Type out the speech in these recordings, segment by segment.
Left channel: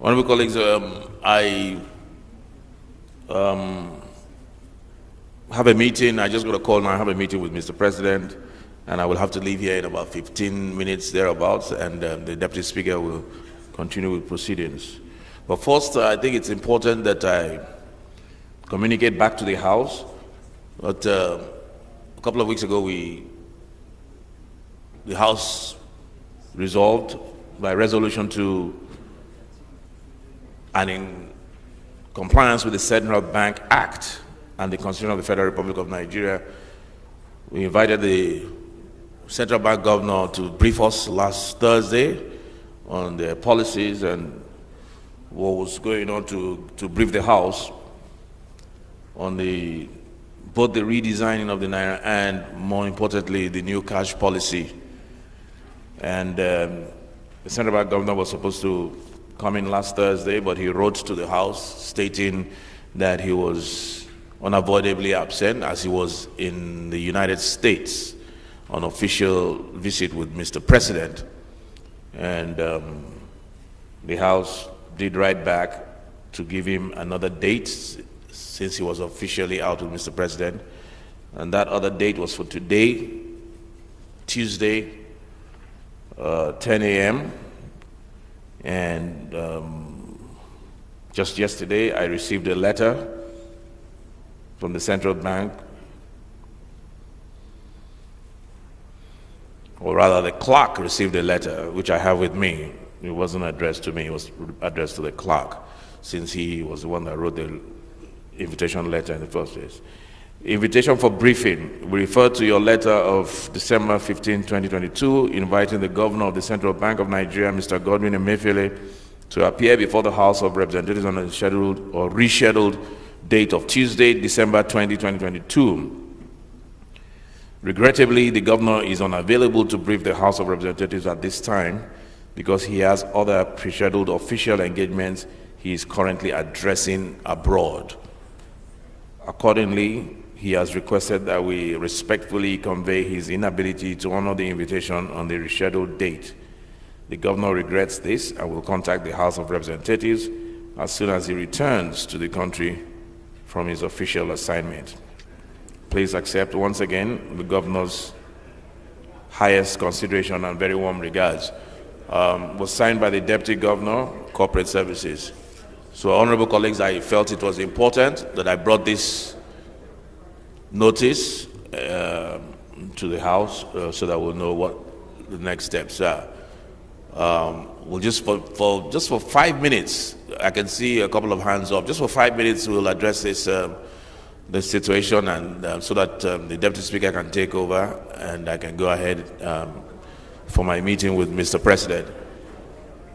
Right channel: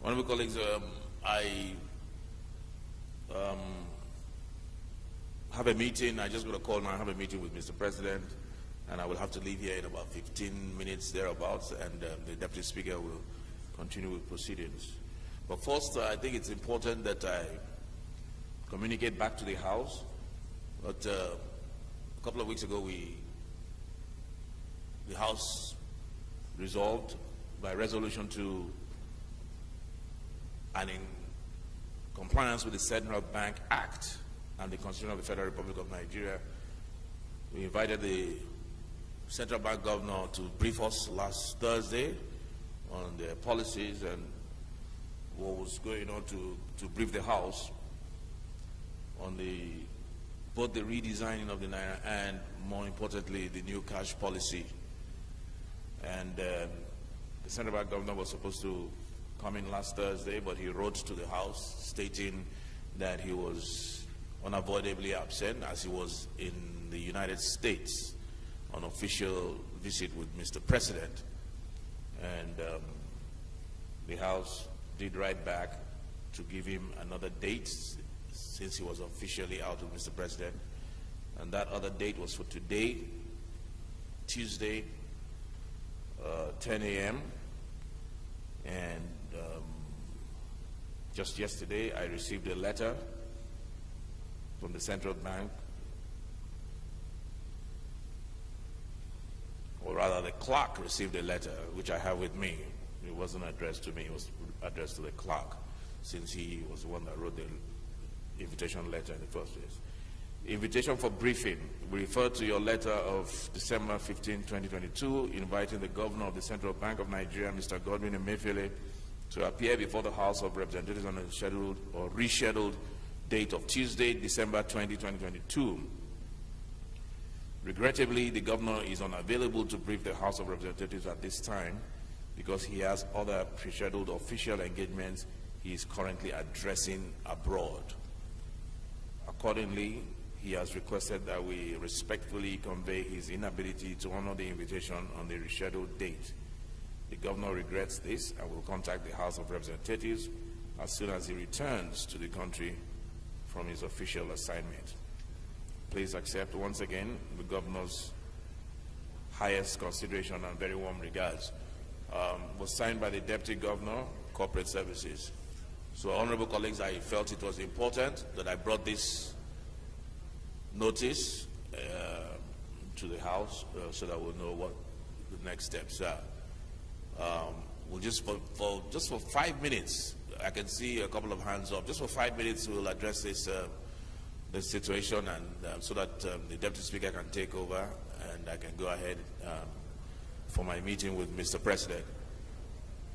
Honorable colleagues, I have a meeting. I just got a call now. I have a meeting with Mr. President, and I will have to leave here in about 15 minutes thereabouts, and the Deputy Speaker will continue with proceedings. But first, I think it's important that I communicate back to the House. But a couple of weeks ago, the House resolved by resolution to, and in compliance with the Central Bank Act and the Constitution of the Federal Republic of Nigeria, we invited the Central Bank Governor to brief us last Thursday on their policies and what was going on, to brief the House on both the redesigning of the Naira and, more importantly, the new cash policy. And the Central Bank Governor was supposed to come in last Thursday, but he wrote to the House stating that he was unavoidably absent as he was in the United States on official visit with Mr. President. And the House did write back to give him another date since he was officially out with Mr. President. And that other date was for today, Tuesday, 10 a.m. And just yesterday, I received a letter from the Central Bank, or rather the clerk received a letter, which I have with me. It wasn't addressed to me, it was addressed to the clerk, since he was the one that wrote the invitation letter in the first place. Invitation for briefing. We refer to your letter of December 15, 2022, inviting the Governor of the Central Bank of Nigeria, Mr. Godwin Emefiele, to appear before the House of Representatives on a scheduled or rescheduled date of Tuesday, December 20, 2022. Regrettably, the Governor is unavailable to brief the House of Representatives at this time because he has other pre-scheduled official engagements he is currently addressing abroad. Accordingly, he has requested that we respectfully convey his inability to honor the invitation on the rescheduled date. The Governor regrets this and will contact the House of Representatives as soon as he returns to the country from his official assignment. Please accept once again the Governor's highest consideration and very warm regards. Was signed by the Deputy Governor, Corporate Services. So, honorable colleagues, I felt it was important that I brought this notice to the House so that we'll know what the next steps are. We'll just for 5 minutes, I can see a couple of hands up. Just for 5 minutes, we'll address this situation, and so that the Deputy Speaker can take over and I can go ahead for my meeting with Mr. President.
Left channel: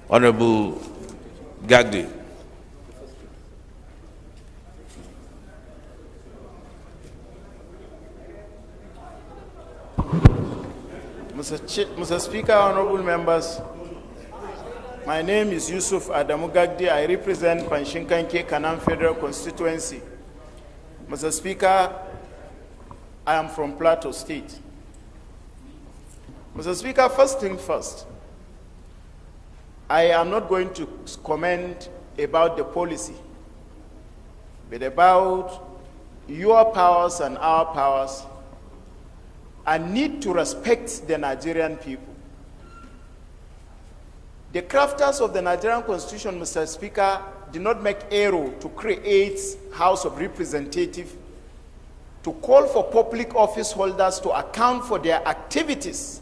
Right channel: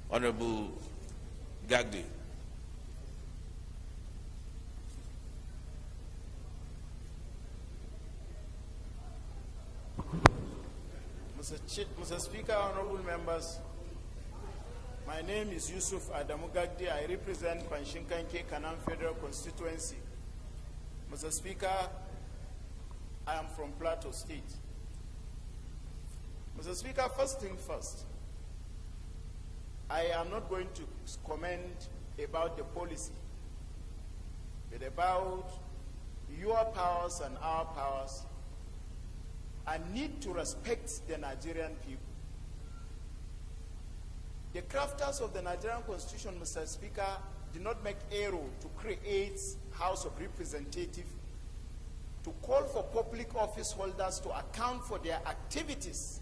Honorable Gagdi. Mr. Speaker, honorable members, my name is Yusuf Adamu Gagdi. I represent Panshinkanke Kanam Federal Constituency. Mr. Speaker, I am from Plateau State. Mr. Speaker, first thing first, I am not going to comment about the policy, but about your powers and our powers, and need to respect the Nigerian people. The crafters of the Nigerian Constitution, Mr. Speaker, did not make error to create House of Representatives to call for public office holders to account for their activities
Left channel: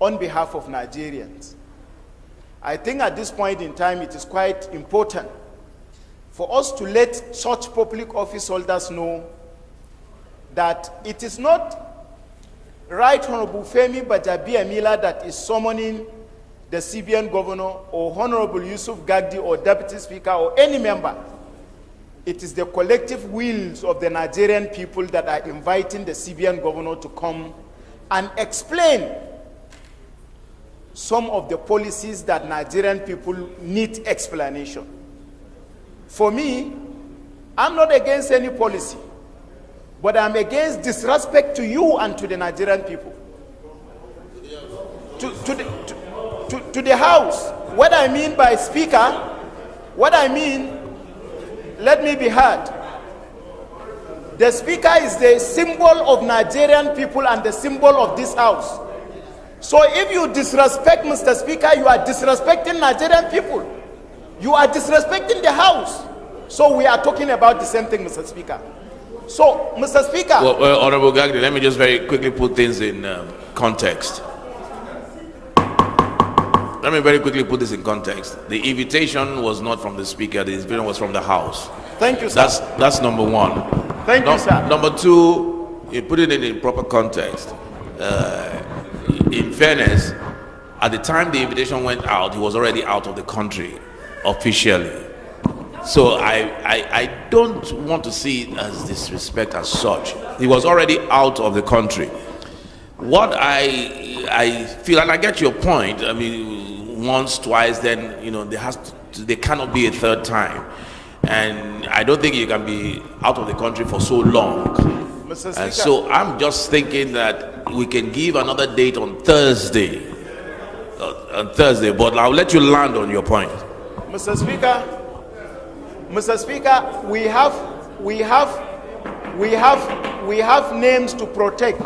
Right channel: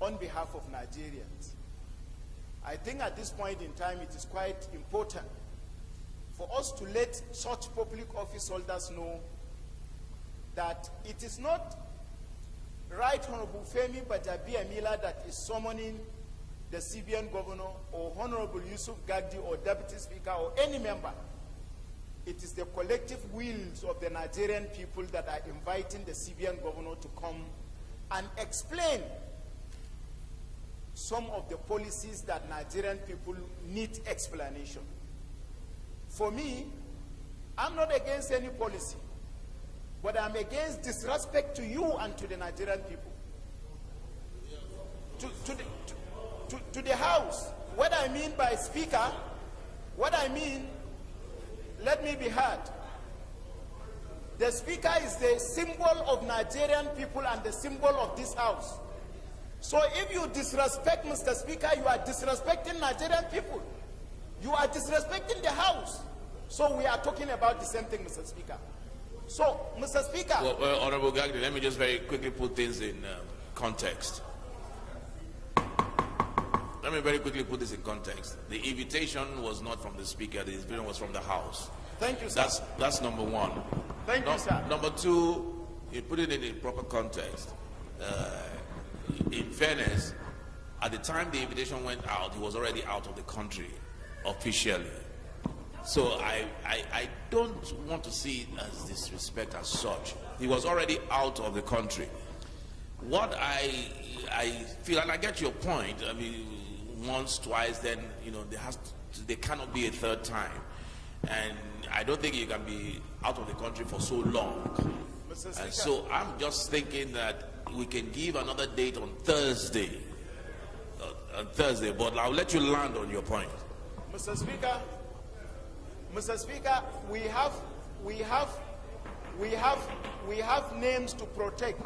on behalf of Nigerians. I think at this point in time it is quite important for us to let such public office holders know that it is not Right Honorable Femi Bajabiamila that is summoning the CBN Governor or Honorable Yusuf Gagdi or Deputy Speaker or any member. It is the collective wills of the Nigerian people that are inviting the CBN Governor to come and explain some of the policies that Nigerian people need explanation. For me, I'm not against any policy, but I'm against disrespect to you and to the Nigerian people. To the House. What I mean by speaker, What I mean, let me be heard. The speaker is the symbol of Nigerian people and the symbol of this house. So if you disrespect Mr. Speaker, you are disrespecting Nigerian people. You are disrespecting the house. So we are talking about the same thing, Mr. Speaker. So, Mr. Speaker. Well, Honorable Gagdi, let me just very quickly put things in context. Let me very quickly put this in context. The invitation was not from the Speaker, the invitation was from the House. Thank you, sir. That's number one. Thank you, sir. Number two, you put it in proper context. In fairness, at the time the invitation went out, he was already out of the country officially. So I don't want to see it as disrespect as such. He was already out of the country. What I feel, and I get your point, I mean, once, twice, then, you know, there cannot be a third time. And I don't think you can be out of the country for so long. Mr. Speaker. And so I'm just thinking that we can give another date on Thursday. But I'll let you land on your point. Mr. Speaker, we have names to protect.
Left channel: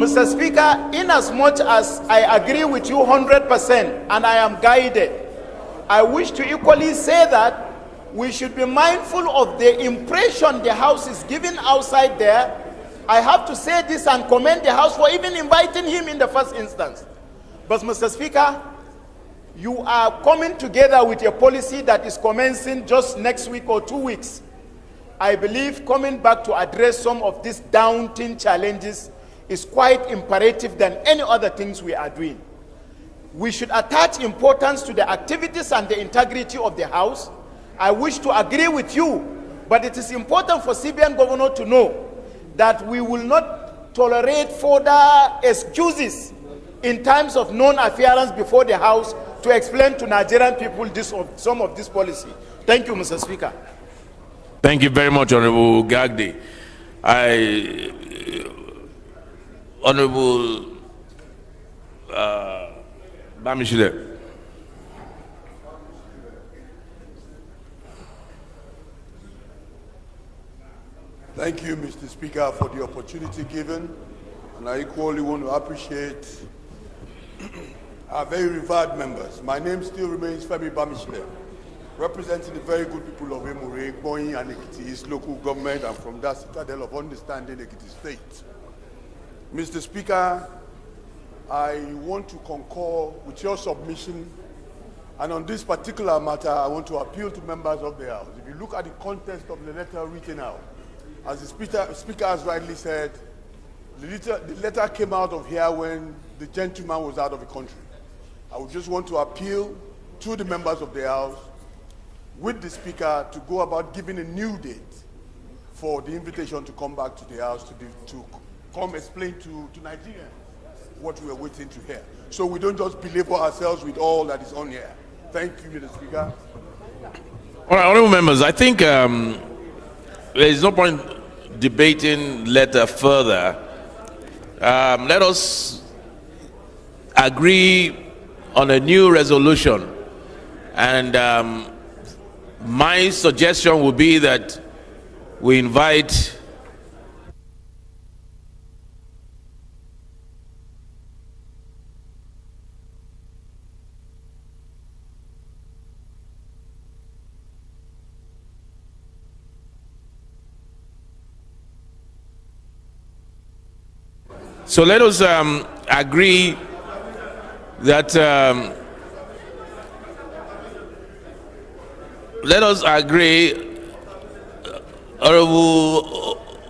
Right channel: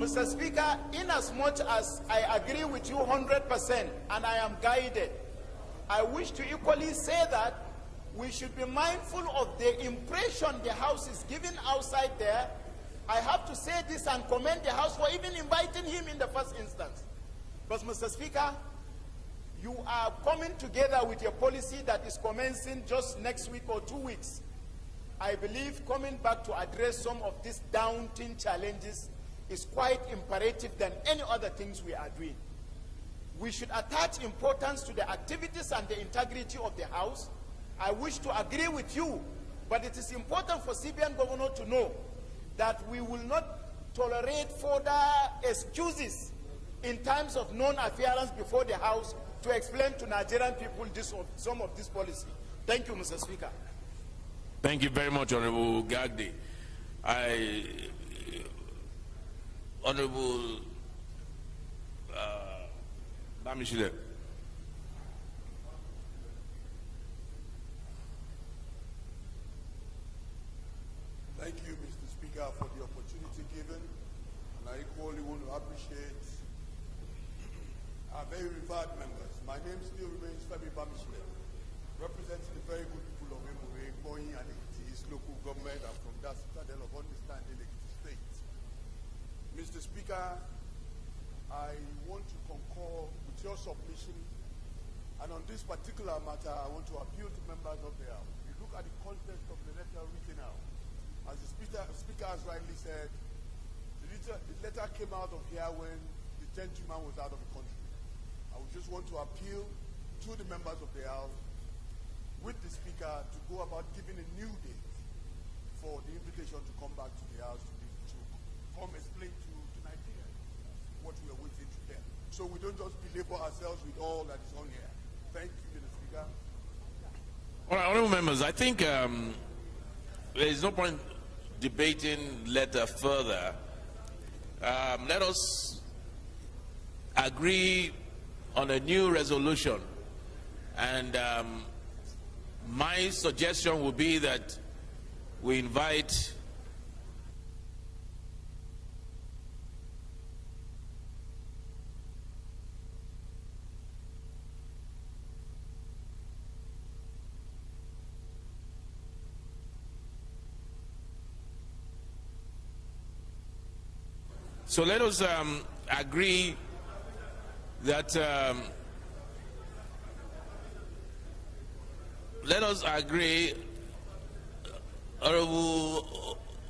Mr. Speaker, in as much as I agree with you 100% and I am guided, I wish to equally say that we should be mindful of the impression the House is giving outside there. I have to say this and commend the House for even inviting him in the first instance. But Mr. Speaker, you are coming together with a policy that is commencing just next week or 2 weeks. I believe coming back to address some of these daunting challenges is quite imperative than any other things we are doing. We should attach importance to the activities and the integrity of the House. I wish to agree with you, but it is important for CBN Governor to know that we will not tolerate further excuses in times of non-appearance before the House to explain to Nigerian people some of this policy. Thank you, Mr. Speaker. Thank you very much, Honorable Gagdi. Honorable Bamishile. Thank you, Mr. Speaker, for the opportunity given, and I equally want to appreciate our very revered members. My name still remains Femi Bamishile, representing the very good people of Emure, Boyin and Ekiti East local government, and from that citadel of understanding, Ekiti State. Mr. Speaker, I want to concur with your submission, and on this particular matter, I want to appeal to members of the House. If you look at the context of the letter written out, as the Speaker has rightly said, the letter came out of here when the gentleman was out of the country. I would just want to appeal to the members of the House with the Speaker to go about giving a new date for the invitation to come back to the House to come explain to Nigerians what we are waiting to hear. So we don't just belabor ourselves with all that is on here. Thank you, Mr. Speaker. All right, honorable members, I think there is no point debating letter further. Let us agree on a new resolution, and my suggestion would be that we invite So let us agree that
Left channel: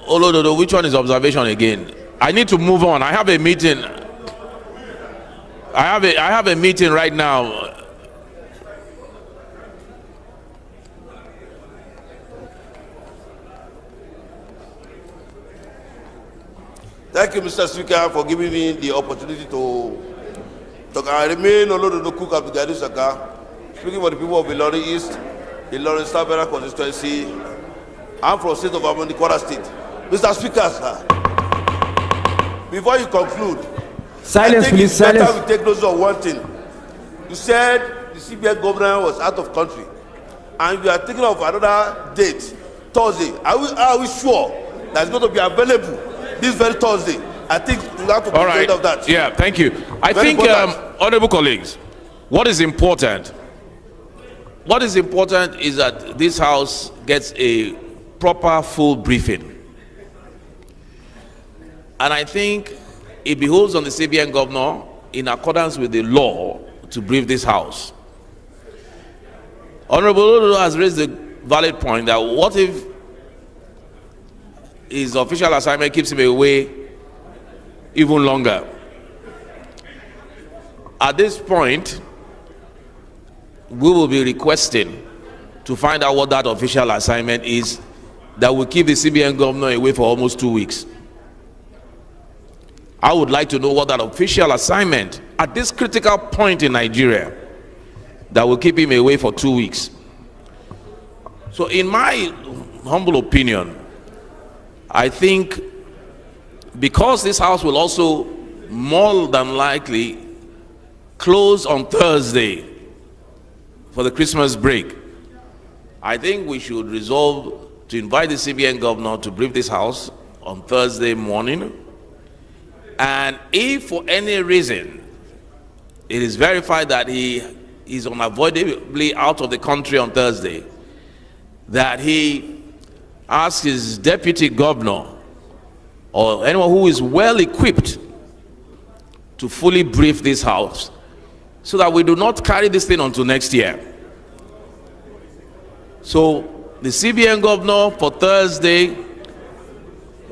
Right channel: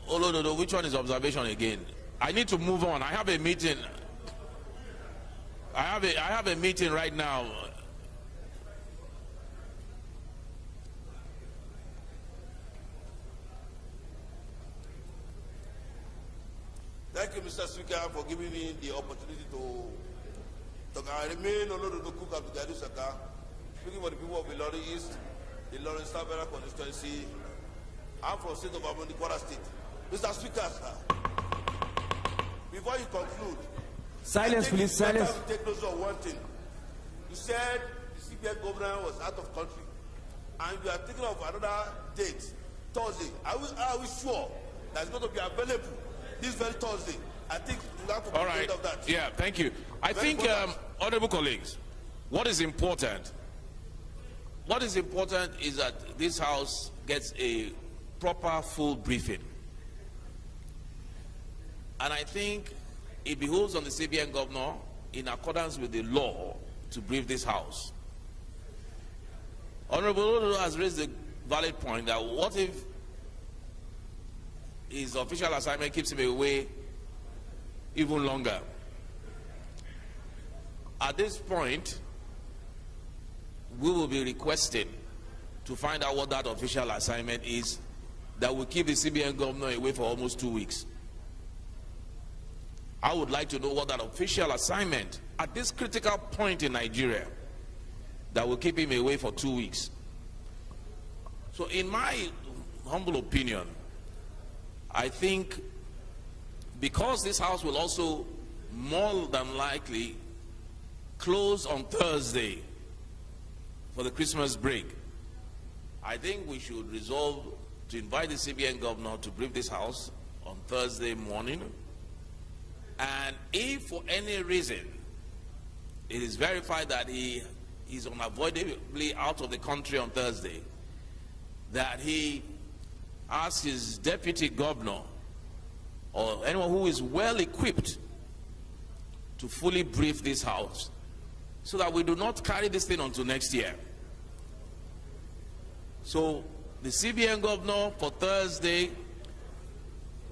Olododo, which one is observation again? I need to move on. I have a meeting. I have a meeting right now. Thank you, Mr. Speaker, for giving me the opportunity to talk. I remain Olododo Cook Abdugadi Saka, speaking for the people of Ilorin East, Ilorin Sabera constituency. I'm from the state of Amoni, Kwara State. Mr. Speaker, sir, before you conclude, silence, please, silence. Better we take notice of one thing. You said the CBN governor was out of country, and we are thinking of another date, Thursday. Are we sure that it's going to be available this very Thursday? I think we have to be afraid of that. Yeah, thank you. I Very think, important. honorable colleagues, what is important is that this House gets a proper full briefing. And I think it behooves on the CBN governor, in accordance with the law, to brief this House. Honorable Ododo has raised the valid point that what if his official assignment keeps him away even longer? At this point, we will be requesting to find out what that official assignment is that will keep the CBN governor away for almost 2 weeks. I would like to know what that official assignment at this critical point in Nigeria that will keep him away for 2 weeks. So in my humble opinion, I think because this House will also more than likely close on Thursday for the Christmas break, I think we should resolve to invite the CBN governor to brief this House on Thursday morning. And if for any reason it is verified that he is unavoidably out of the country on Thursday, that he asks his deputy governor or anyone who is well equipped to fully brief this House so that we do not carry this thing onto next year. So the CBN governor for Thursday,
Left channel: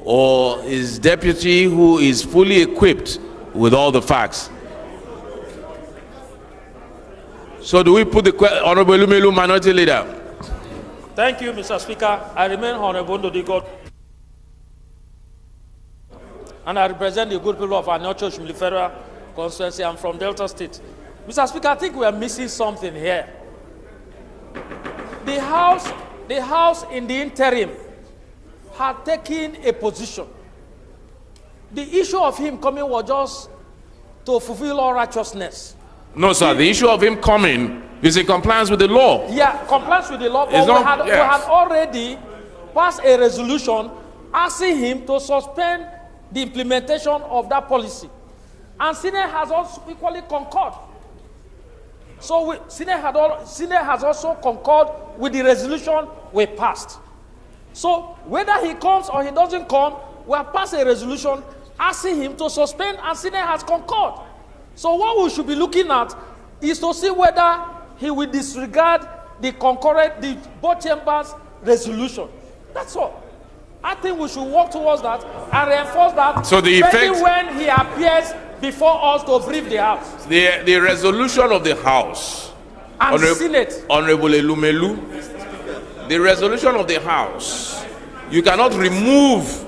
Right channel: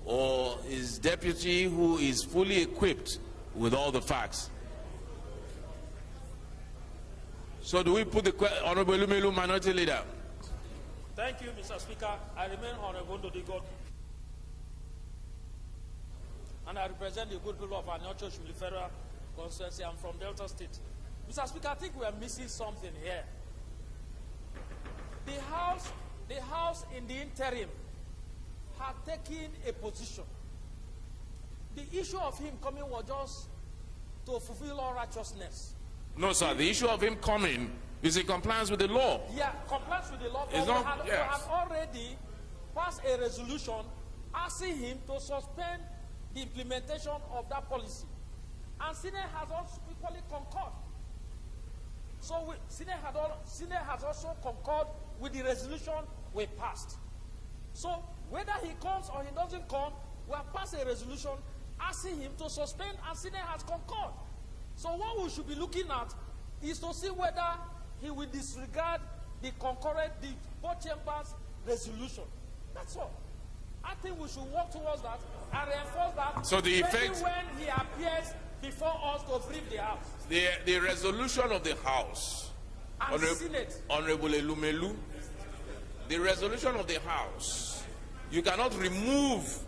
or his deputy who is fully equipped with all the facts. So do we put the Honorable Lumelu, Minority Leader? Thank you, Mr. Speaker. I remain Honorable Ndodigo, and I represent the good people of our North Church Federal Constituency. I'm from Delta State. Mr. Speaker, I think we are missing something here. The House in the interim had taken a position. The issue of him coming was just to fulfill all righteousness. No, sir. The issue of him coming is in compliance with the law. Yeah, compliance with the law. It's But we yes. had already passed a resolution asking him to suspend the implementation of that policy. And Senate has also equally concurred. So Senate has also concurred with the resolution we passed. So whether he comes or he doesn't come, we have passed a resolution asking him to suspend, and Senate has concurred. So what we should be looking at is to see whether he will disregard the both chambers' resolution. That's all. I think we should work towards that and reinforce that. So the effect, especially when he appears before us to brief the House. the resolution of the House, And the Senate. Honorable Elumelu, the resolution of the House, you cannot remove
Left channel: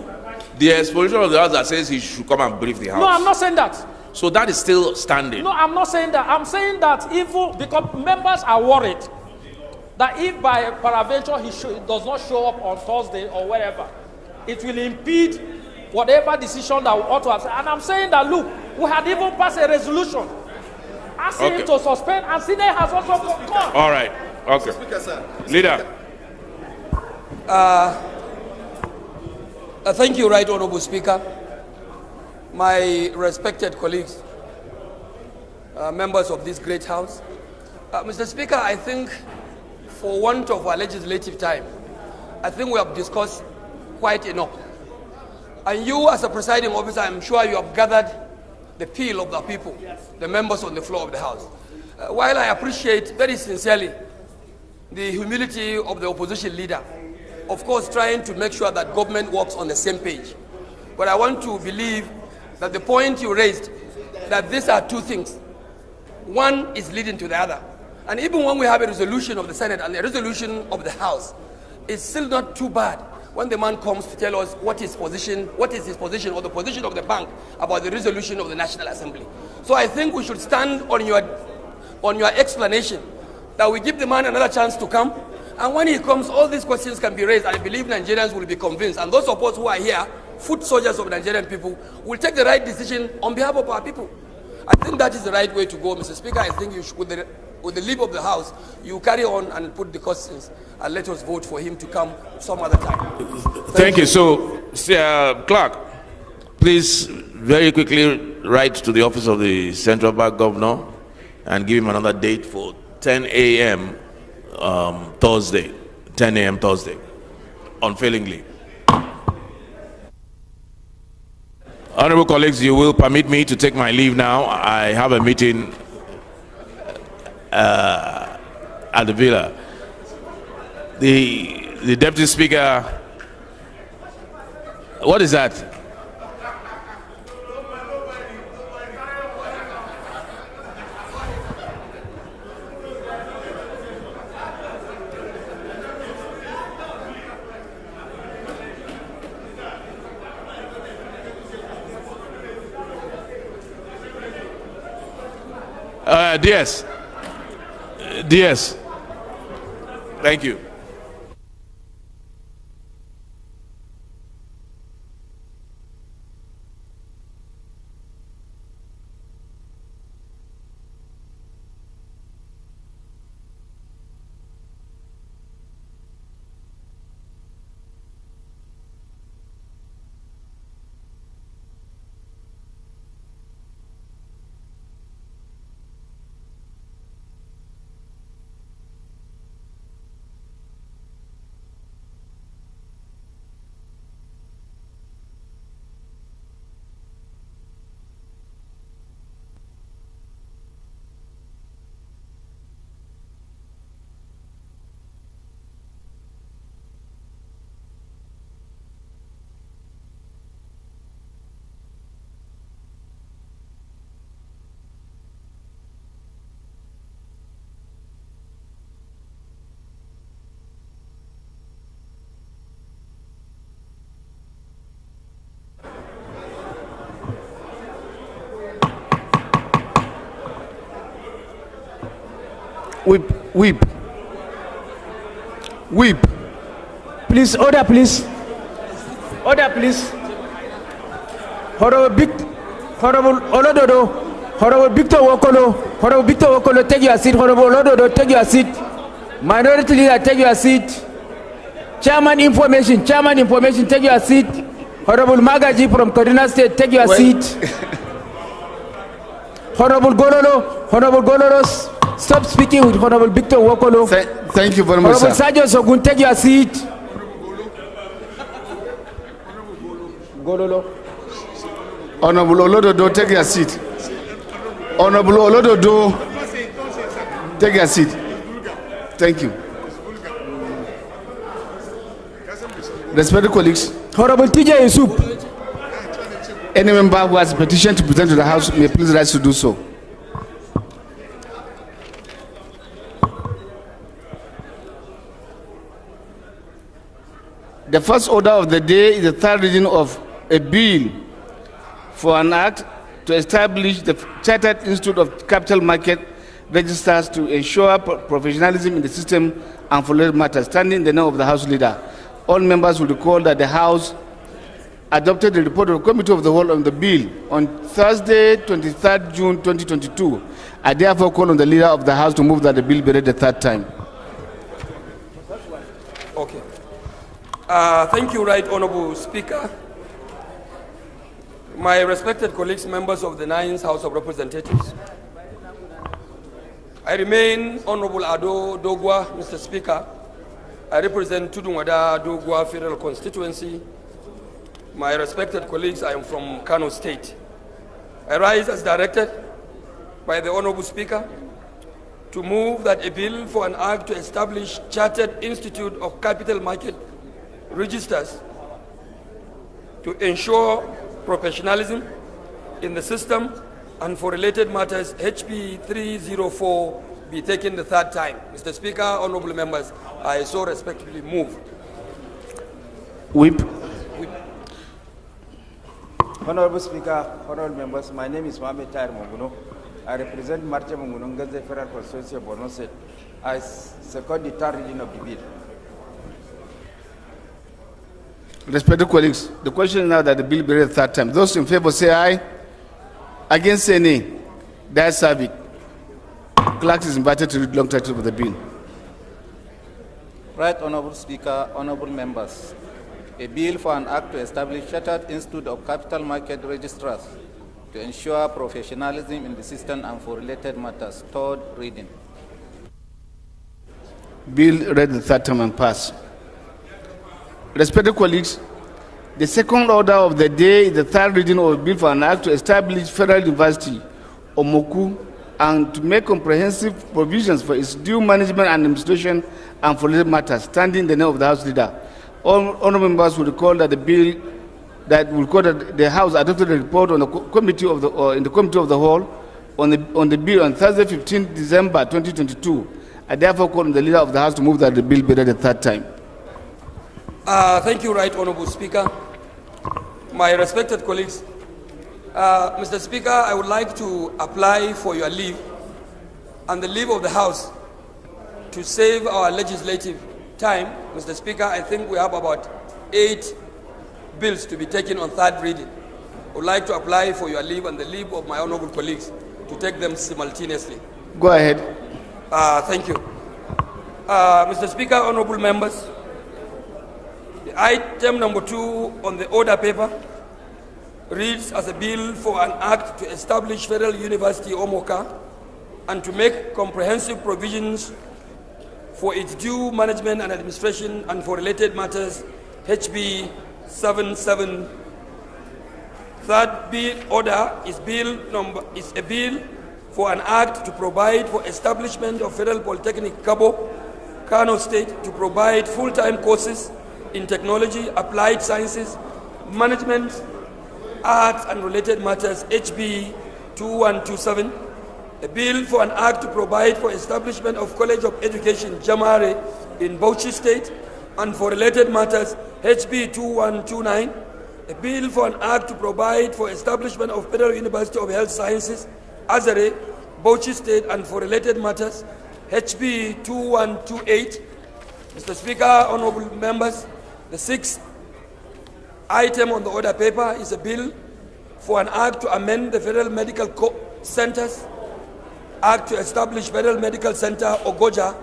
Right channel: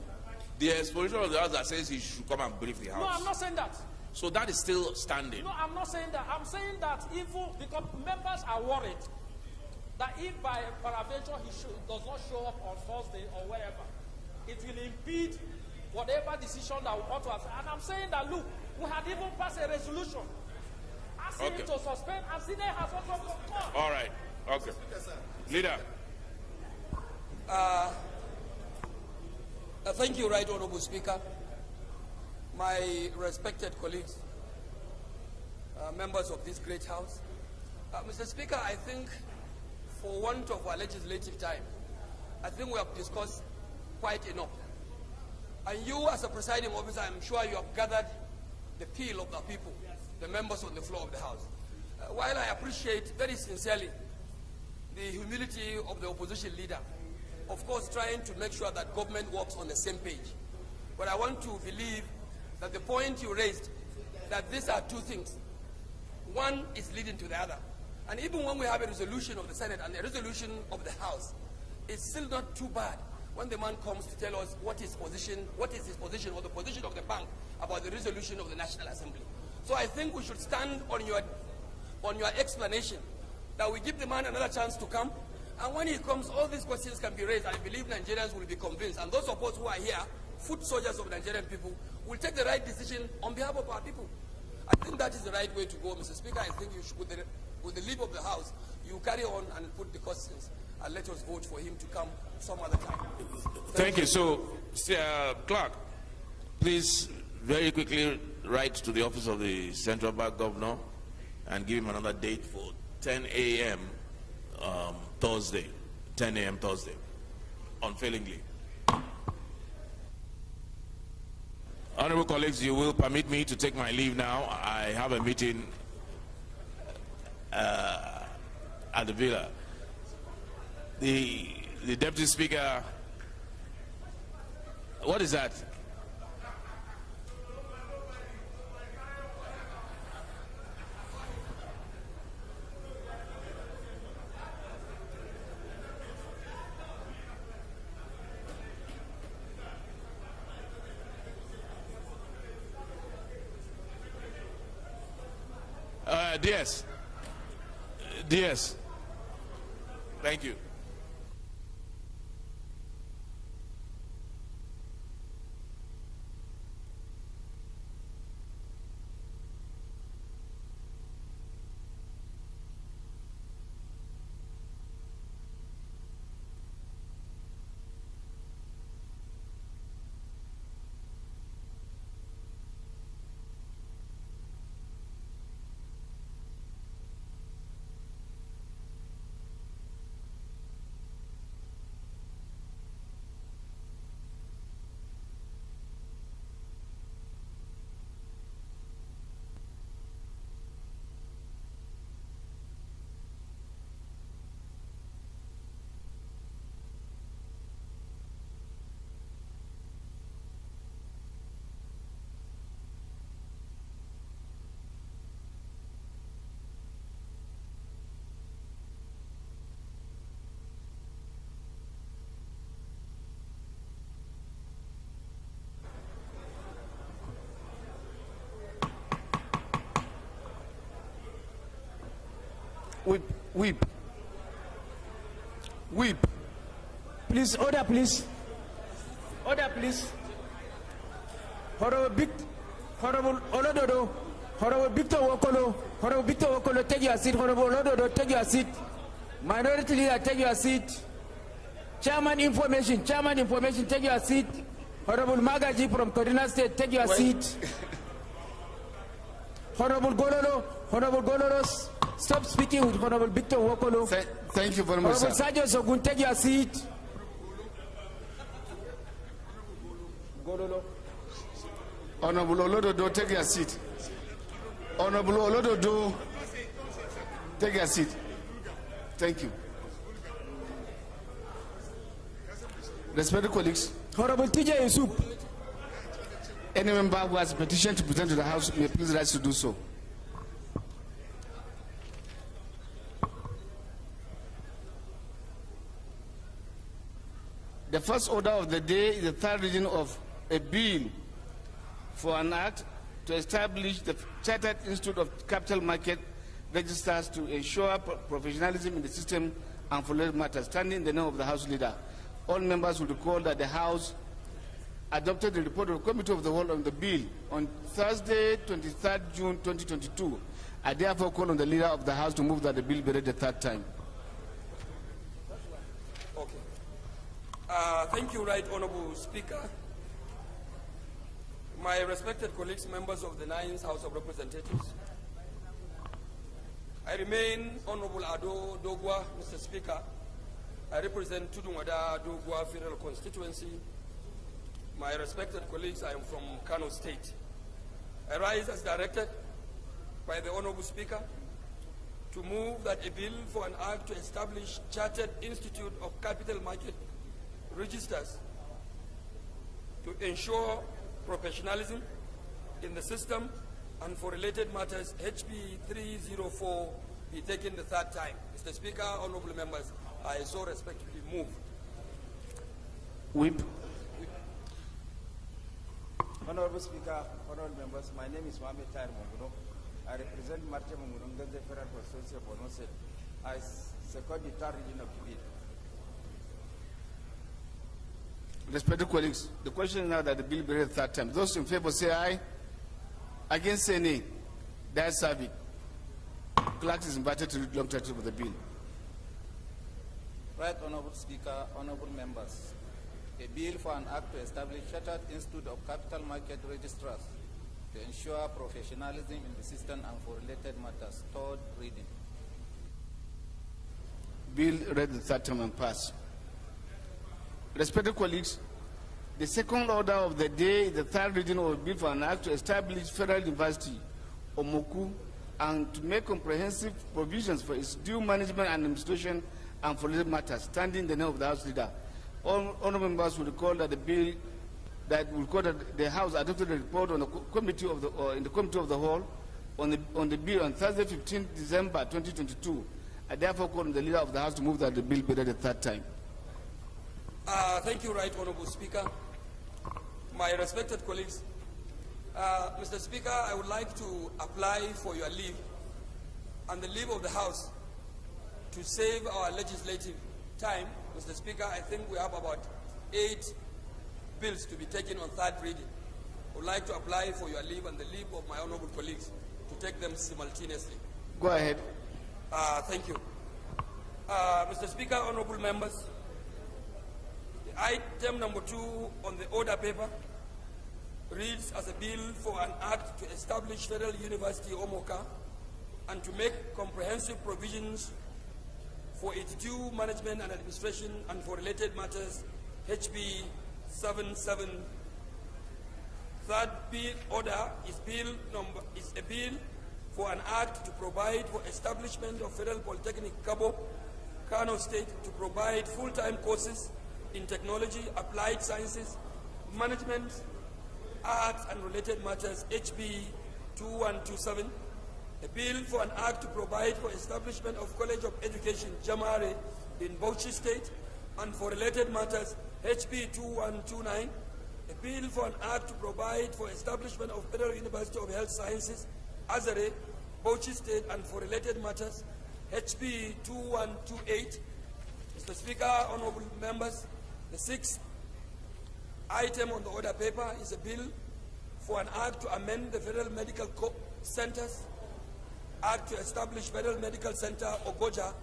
the exposition of the House that says he should come and brief the House. No, I'm not saying that. So that is still standing. No, I'm not saying that. I'm saying that even because members are worried that if by peradventure he does not show up on Thursday or wherever, it will impede whatever decision that we ought to have. And I'm saying that, look, we had even passed a resolution asking him to suspend, and Senate has also concurred. All right. Okay. Leader. Thank you, Right Honorable Speaker. My respected colleagues, members of this great House. Mr. Speaker, I think for want of our legislative time, I think we have discussed quite enough. And you as a presiding officer, I'm sure you have gathered the appeal of the people, the members on the floor of the House. While I appreciate very sincerely the humility of the opposition leader, of course trying to make sure that government works on the same page. But I want to believe that the point you raised, that these are two things. One is leading to the other. And even when we have a resolution of the Senate and a resolution of the House, it's still not too bad when the man comes to tell us what is his position or the position of the bank about the resolution of the National Assembly. So I think we should stand on your explanation that we give the man another chance to come. And when he comes, all these questions can be raised. I believe Nigerians will be convinced. And those of us who are here, foot soldiers of Nigerian people, will take the right decision on behalf of our people. I think that is the right way to go, Mr. Speaker. I think you should, with the with the leave of the House, you carry on and put the questions and let us vote for him to come some other time. Thank you. So, Clerk, please very quickly write to the office of the Central Bank Governor and give him another date for 10 a.m. Thursday, 10 a.m. Thursday, unfailingly. Honorable colleagues, you will permit me to take my leave now. I have a meeting at the villa. The Deputy Speaker, what is that? DS. DS. Thank you. Whip. Please, order, please. Order, please. Honorable Olododo, Honorable Victor Wokolo, take your seat. Honorable Olododo, take your seat. Minority Leader, take your seat. Chairman Information, take your seat. Honorable Magaji from Kaduna State, take your seat. Honorable Gololo, stop speaking with Honorable Victor Wokolo. Thank you very much, Honorable sir. Sergio Sogun, take your seat. Gololo. Honorable Olododo, take your seat. Honorable Olododo, take your seat. Thank you. Respected colleagues, Honorable TJ Yusuf. any member who has a petition to present to the House may please rise to do so. The first order of the day is the third reading of a bill for an act to establish the Chartered Institute of Capital Market Registers to ensure professionalism in the system and for related matters. Standing in the name of the House Leader, all members will recall that the House adopted the report of the Committee of the Whole on the bill on Thursday, 23rd June 2022. I therefore call on the Leader of the House to move that the bill be read the third time. Okay. Thank you, Right Honorable Speaker. My respected colleagues, members of the 9th House of Representatives, I remain Honorable Ado Dogwa, Mr. Speaker. I represent Tudunwada Dogwa Federal Constituency. My respected colleagues, I am from Kano State. I rise as directed by the Honorable Speaker to move that a bill for an act to establish Chartered Institute of Capital Market Registers to ensure professionalism in the system and for related matters, HP 304, be taken the third time. Mr. Speaker, honorable members, I so respectfully move. Whip. Honorable Speaker, honorable members, my name is Mohamed Tahir Munguno. I represent Marche Munguno Ngaze Federal Constituency of Borno State. I second the third reading of the bill. Respected colleagues, the question is now that the bill be read the third time. Those in favor say aye. Against say nay. The ayes have it. Clerk is invited to read long title of the bill. Right Honorable Speaker, honorable members, a bill for an act to establish Chartered Institute of Capital Market Registrars to ensure professionalism in the system and for related matters. Third reading. Bill read the third time and passed. Respected colleagues, the second order of the day is the third reading of a bill for an act to establish Federal University, Omoku, and to make comprehensive provisions for its due management and administration and for related matters, standing in the name of the House Leader. All honourable members will recall that the House adopted a report on the committee of the in the committee of the whole on the bill on Thursday, 15 December 2022. I therefore call on the Leader of the House to move that the bill be read a third time. Thank you, Right Honourable Speaker. My respected colleagues, Mr. Speaker, I would like to apply for your leave and the leave of the House to save our legislative time. Mr. Speaker, I think we have about 8 bills to be taken on third reading. I would like to apply for your leave and the leave of my honourable colleagues to take them simultaneously. Go ahead. Thank you. Mr. Speaker, honourable members, the item number 2 on the order paper reads as a bill for an act to establish Federal University Omoka and to make comprehensive provisions for its due management and administration and for related matters, HB 77. Third bill order is a bill for an act to provide for establishment of Federal Polytechnic Cabo, Kano State, to provide full-time courses in technology, applied sciences, management, arts and related matters, HB 2127. A bill for an act to provide for establishment of College of Education, Jamare, in Bauchi State, and for related matters, HB 2129. A bill for an act to provide for establishment of Federal University of Health Sciences, Azare, Bauchi State, and for related matters, HB 2128. Mr. Speaker, honourable members, the 6th item on the order paper is a bill for an act to amend the Federal Medical Centers Act to establish Federal Medical Center, Ogoja,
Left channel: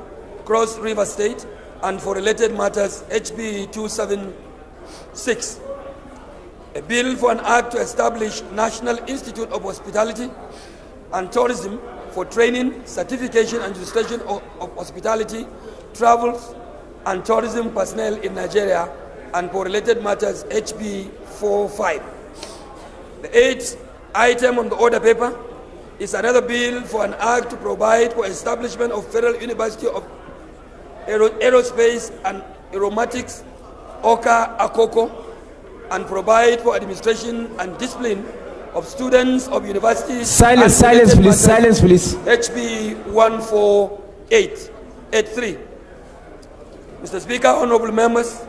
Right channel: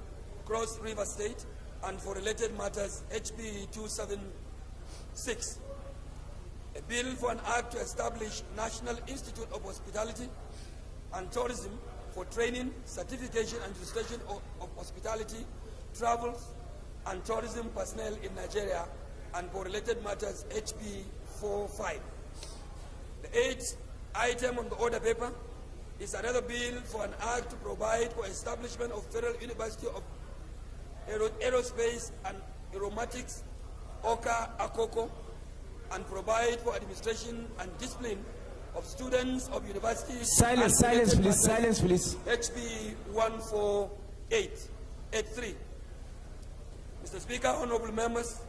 Cross River State, and for related matters, HB 276. A bill for an act to establish National Institute of Hospitality and Tourism for training, certification, and registration of hospitality, travels, and tourism personnel in Nigeria, and for related matters, HB 45. The 8th item on the order paper is another bill for an act to provide for establishment of Federal University of Aerospace and Aeronautics, Oka Akoko, and provide for administration and discipline of students of universities. Silence, please. Silence, please. HB 14883. Mr. Speaker, honourable members,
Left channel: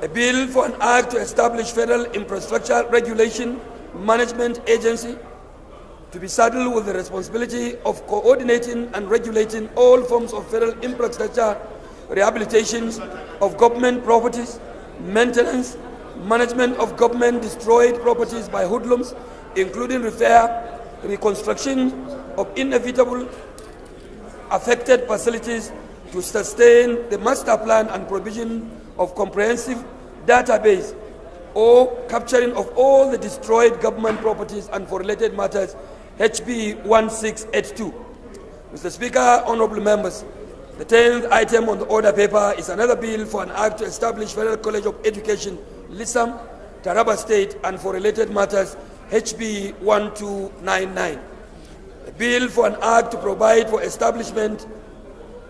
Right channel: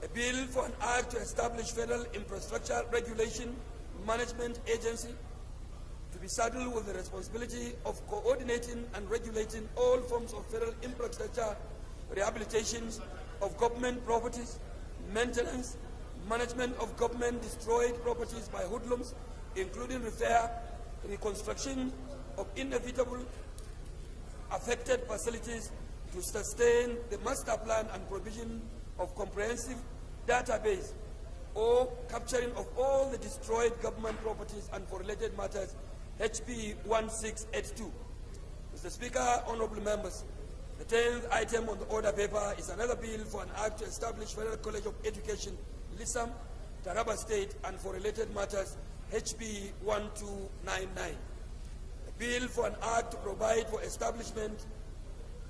a bill for an act to establish Federal Infrastructure Regulation Management Agency to be saddled with the responsibility of coordinating and regulating all forms of federal infrastructure, rehabilitations of government properties, maintenance, management of government-destroyed properties by hoodlums, including repair, reconstruction of inevitable affected facilities to sustain the master plan and provision of comprehensive database or capturing of all the destroyed government properties and for related matters, HB 1682. Mr. Speaker, honourable members, the 10th item on the order paper is another bill for an act to establish Federal College of Education, Lissam, Taraba State, and for related matters, HB 1299. A bill for an act to provide for establishment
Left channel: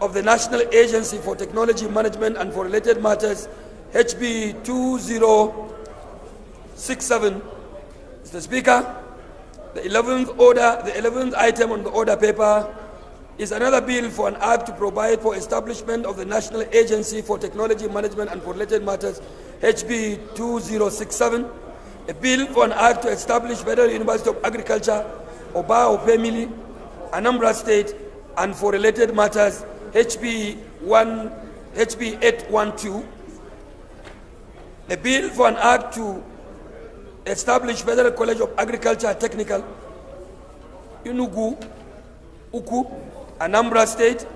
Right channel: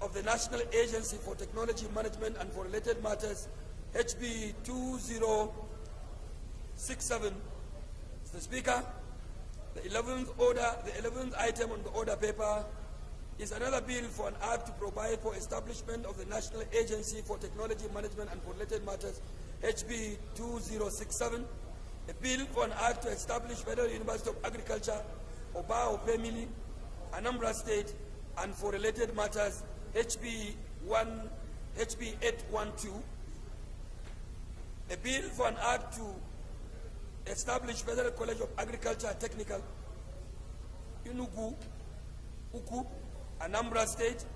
of the National Agency for Technology Management and for related matters, HB 2067. Mr. Speaker, the 11th item on the order paper is another bill for an act to provide for establishment of the National Agency for Technology Management and for related matters, HB 2067. A bill for an act to establish Federal University of Agriculture, Oba Opemili, Anambra State, and for related matters, HB 812. A bill for an act to establish Federal College of Agriculture Technical, Uku, Anambra State,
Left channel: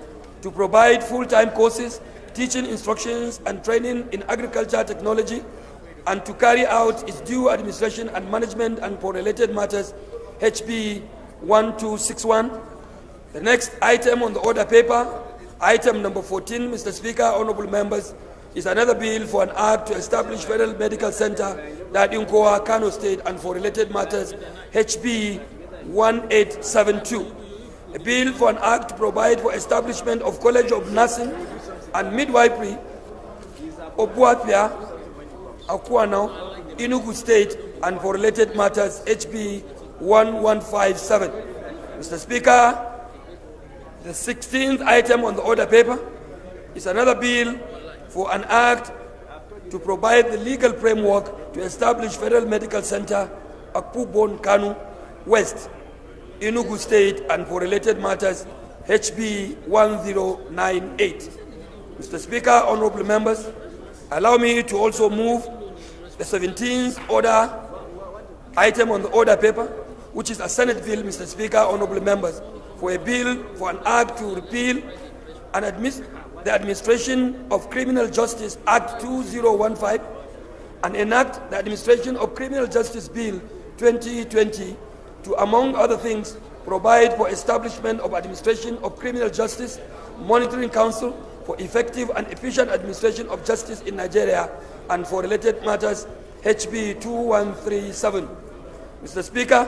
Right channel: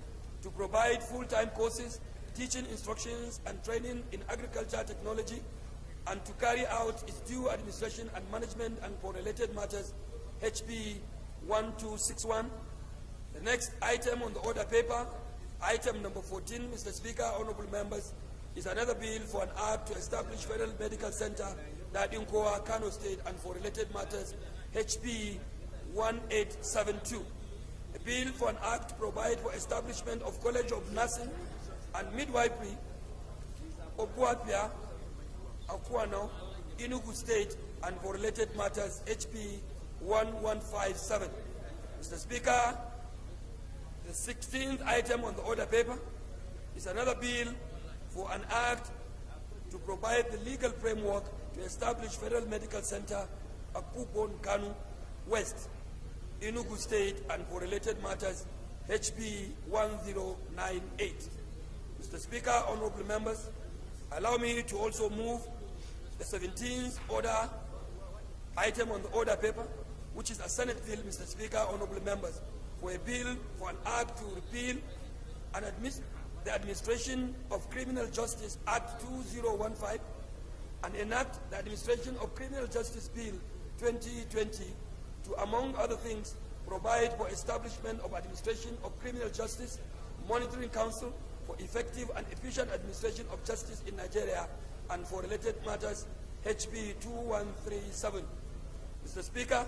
to provide full-time courses, teaching instructions and training in agriculture technology, and to carry out its due administration and management and for related matters, HB 1261. The next item on the order paper, item number 14, Mr. Speaker, honorable members, is another bill for an act to establish Federal Medical Center, Dadinkoa, Kano State, and for related matters, HB 1872. A bill for an act to provide for establishment of College of Nursing and Midwifery, Obuatia, Akuano, Enugu State, and for related matters, HB 1157. Mr. Speaker, the 16th item on the order paper is another bill for an act to provide the legal framework to establish Federal Medical Center, Akpubon, Kanu, West, Enugu State, and for related matters, HB 1098. Mr. Speaker, honorable members, allow me to also move the 17th order item on the order paper, which is a Senate bill, Mr. Speaker, honorable members, for a bill for an act to repeal and the Administration of Criminal Justice Act 2015 and enact the Administration of Criminal Justice Bill 2020 to, among other things, provide for establishment of Administration of Criminal Justice Monitoring Council for effective and efficient administration of justice in Nigeria and for related matters, HB 2137. Mr. Speaker,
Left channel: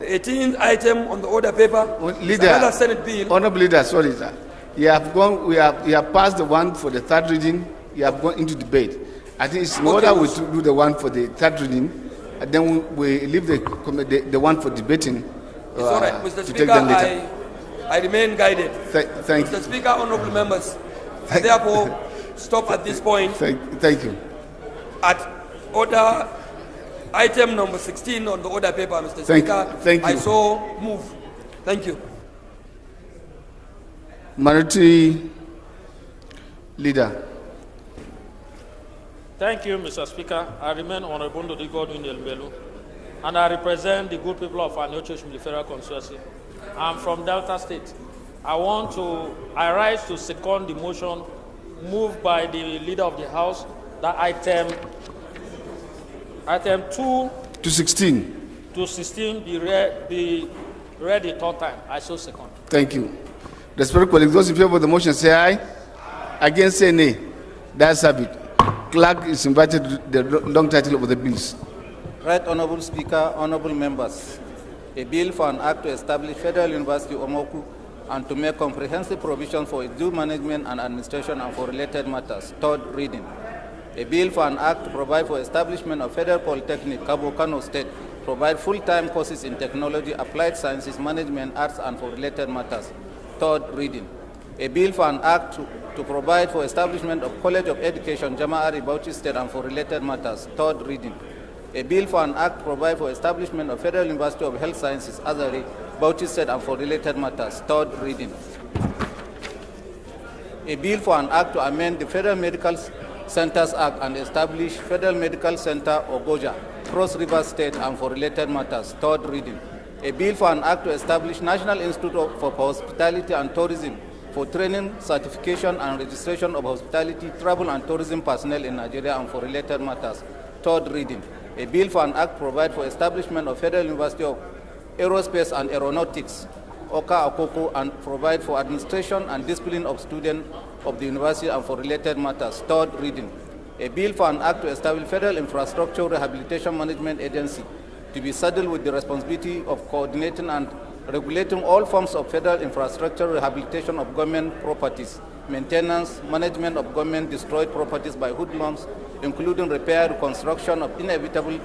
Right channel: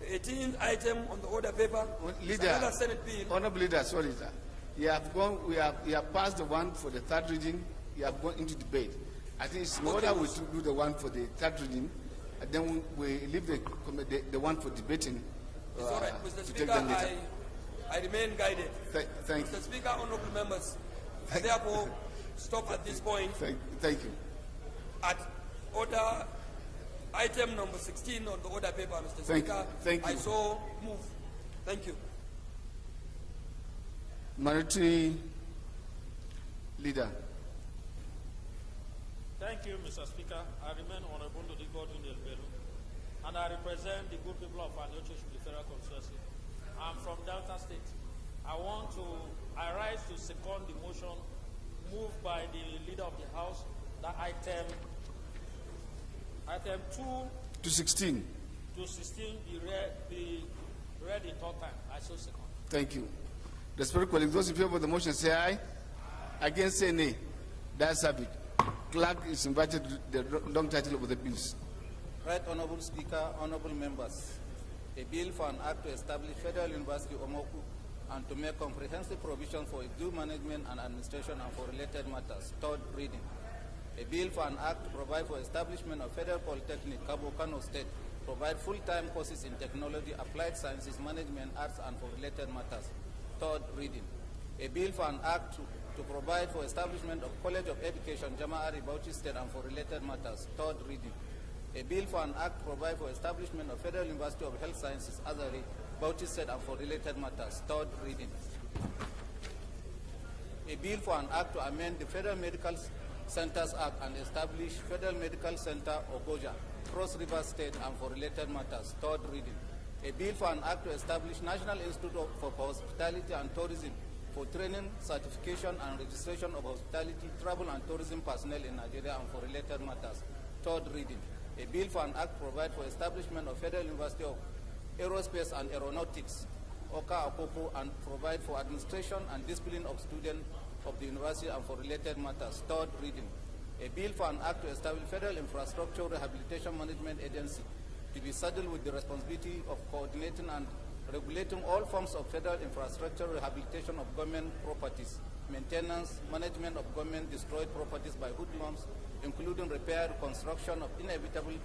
the 18th item on the order paper is another Senate bill. Honorable Leader, sorry, sir. You have passed the one for the third reading. You have gone into debate. I think it's in order we to do the one for the third reading, and then we leave the one for debating. It's all right, Mr. Speaker. I remain guided. Thank you. Mr. Speaker, honorable members, I therefore stop at this point. Thank you. At order item number 16 on the order paper, Mr. Speaker. Thank you. I so move. Thank you. Minority Leader. Thank you, Mr. Speaker. I remain Honorable Ndodi Godwin Elbelu, and I represent the good people of Aniocho from the Federal Constituency. I'm from Delta State. I rise to second the motion moved by the Leader of the House that item 2 to 16 be read the third time. I so second. Thank you. Respected colleagues, those in favor of the motion say aye. Against say nay. That's it. Clerk is invited to the long title of the bills. Right Honorable Speaker, honorable members, a bill for an act to establish Federal University Omoku and to make comprehensive provision for its due management and administration and for related matters. Third reading. A bill for an act to provide for establishment of Federal Polytechnic, Cabo Kano State, provide full-time courses in technology, applied sciences, management, arts, and for related matters. Third reading. A bill for an act to provide for establishment of College of Education, Jama'ari, Bauchi State, and for related matters. Third reading. A bill for an act to provide for establishment of Federal University of Health Sciences, Azari, Bauchi State, and for related matters. Third reading. A bill for an act to amend the Federal Medical Centers Act and establish Federal Medical Center, Ogoja, Cross River State, and for related matters. Third reading. A bill for an act to establish National Institute for Hospitality and Tourism for training, certification, and registration of hospitality, travel, and tourism personnel in Nigeria and for related matters. Third reading. A bill for an act to provide for establishment of Federal University of Aerospace and Aeronautics, Oka Akoko, and provide for administration and discipline of students of the university and for related matters. Third reading. A bill for an act to establish Federal Infrastructure Rehabilitation Management Agency to be saddled with the responsibility of coordinating and regulating all forms of federal infrastructure rehabilitation of government properties, maintenance, management of government destroyed properties by hoodlums, including repair, reconstruction of inevitable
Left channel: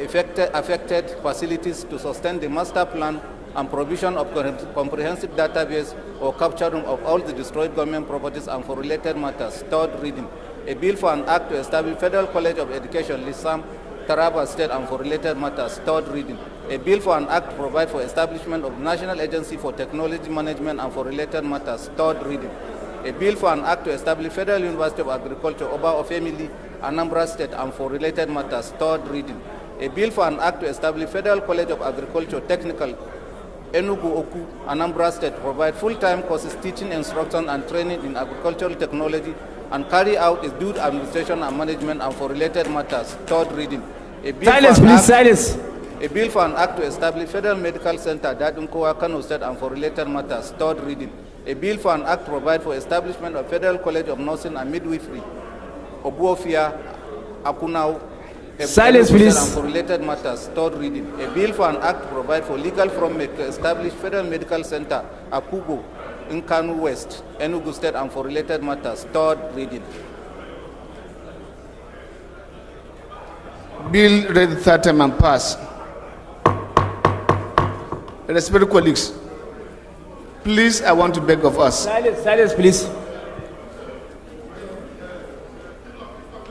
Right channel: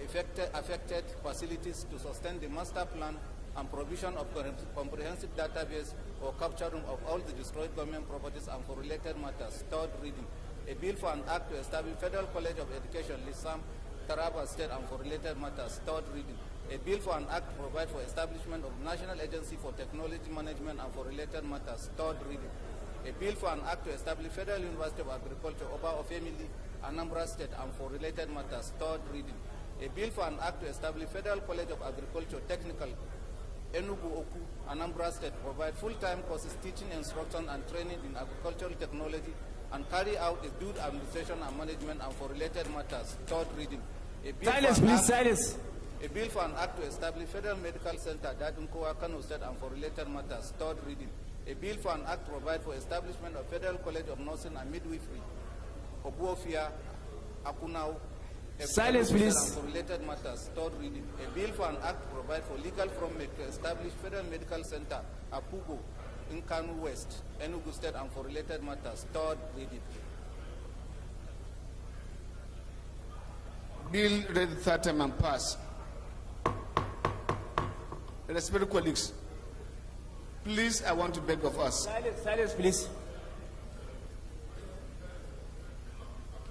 affected facilities to sustain the master plan and provision of comprehensive database or capturing of all the destroyed government properties and for related matters. Third reading. A bill for an act to establish Federal College of Education, Lisam, Taraba State, and for related matters. Third reading. A bill for an act to provide for establishment of National Agency for Technology Management and for related matters. Third reading. A bill for an act to establish Federal University of Agriculture, Oba Ofemili, Anambra State, and for related matters. Third reading. A bill for an act to establish Federal College of Agriculture, Technical, Enugu Oku, Anambra State, provide full-time courses, teaching, instruction, and training in agricultural technology, and carry out its due administration and management and for related matters. Third reading. Silence, please, silence. A bill for an act to establish Federal Medical Center, Dadunkowa, Kano State, and for related matters. Third reading. A bill for an act to provide for establishment of Federal College of Nursing and Midwifery, Obuofia, Akunau, Silence, please. And for related matters. Third reading. A bill for an act to provide for legal framework to establish Federal Medical Center, Akugo, in Kano West, Enugu State, and for related matters. Third reading. Bill read the third time and pass. Respected colleagues, please, I want to beg of us Silence, please.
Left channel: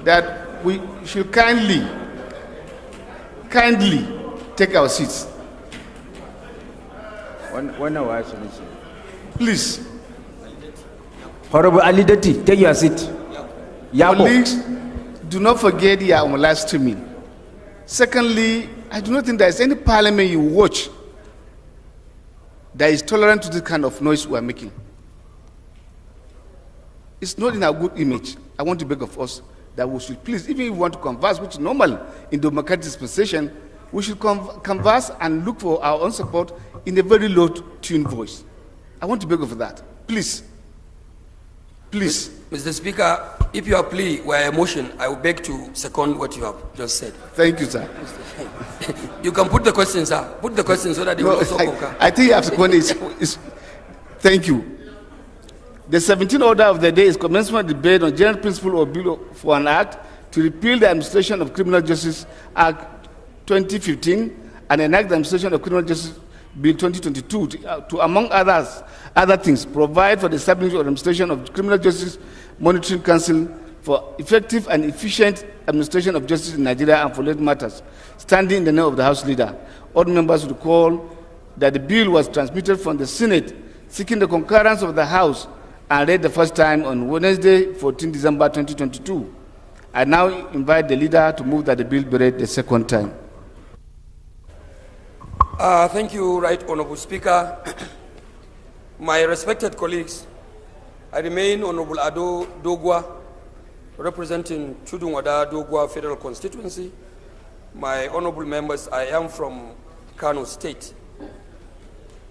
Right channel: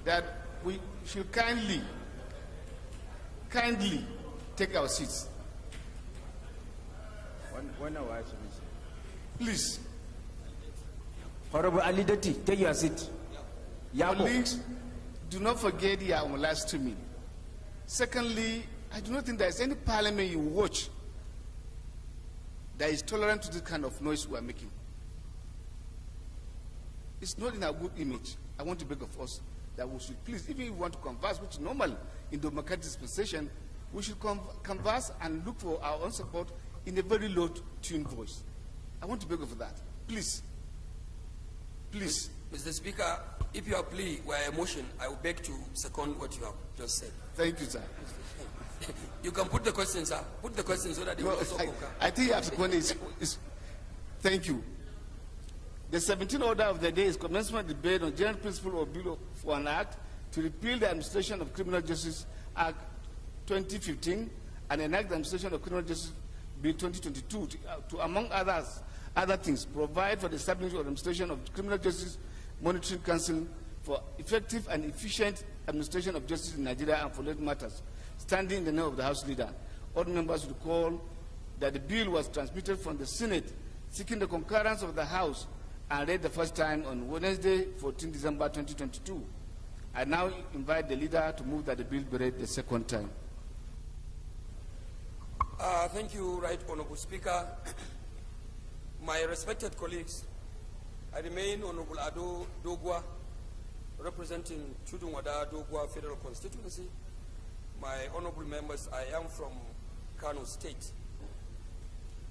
that we should kindly take our seats. One hour. Please, Honorable Ali Dati, take your seat. Yabo. colleagues, do not forget your live streaming. Secondly, I do not think there is any parliament you watch that is tolerant to this kind of noise we are making. It's not in our good image. I want to beg of us that we should please, even if we want to converse, which is normal in democratic dispensation, we should converse and look for our own support in a very low-tuned voice. I want to beg of that. Please. Please. Mr. Speaker, if your plea were a motion, I would beg to second what you have just said. Thank you, sir. You can put the question, sir. Put the question so that they will also concur. I think you have to go is thank you. The 17th order of the day is commencement debate on general principle or bill for an act to repeal the Administration of Criminal Justice Act 2015 and enact the Administration of Criminal Justice Bill 2022 to among other things, provide for the establishment of Administration of Criminal Justice Monitoring Council for effective and efficient administration of justice in Nigeria and for related matters, standing in the name of the House Leader. All members recall that the bill was transmitted from the Senate, seeking the concurrence of the House, and read the first time on Wednesday, 14 December 2022. I now invite the leader to move that the bill be read the second time. Thank you, Right Honorable Speaker. My respected colleagues, I remain Honorable Ado Dogwa, representing Chudunwada Dogwa Federal Constituency. My honorable members, I am from Kano State.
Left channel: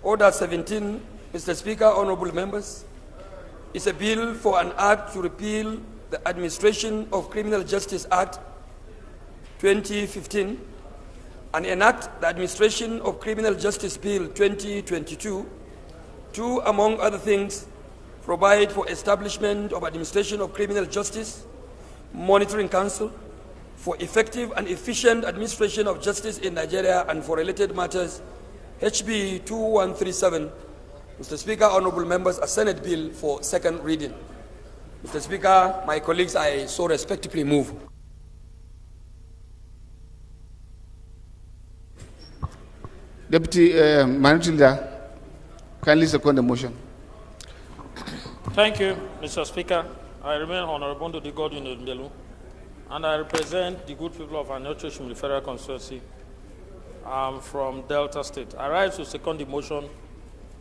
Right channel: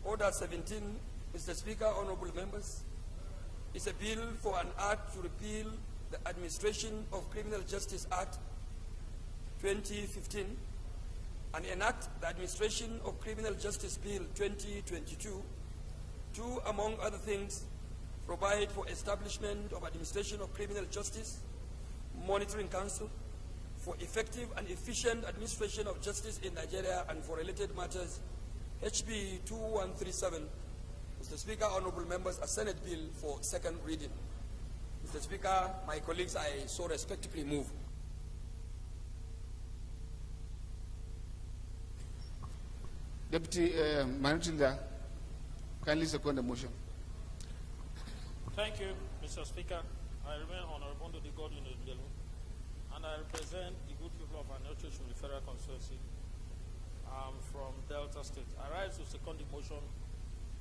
Order 17, Mr. Speaker, honorable members, is a bill for an act to repeal the Administration of Criminal Justice Act 2015 and enact the Administration of Criminal Justice Bill 2022 to, among other things, provide for establishment of Administration of Criminal Justice Monitoring Council for effective and efficient administration of justice in Nigeria and for related matters, HB 2137. Mr. Speaker, honorable members, a Senate bill for second reading. Mr. Speaker, my colleagues, I so respectfully move. Deputy Minority Leader, kindly second the motion. Thank you, Mr. Speaker. I remain Honorable Dodi Godwin Odumelu, and I represent the good people of Anochoshim Federal Constituency. I'm from Delta State. I rise to second the motion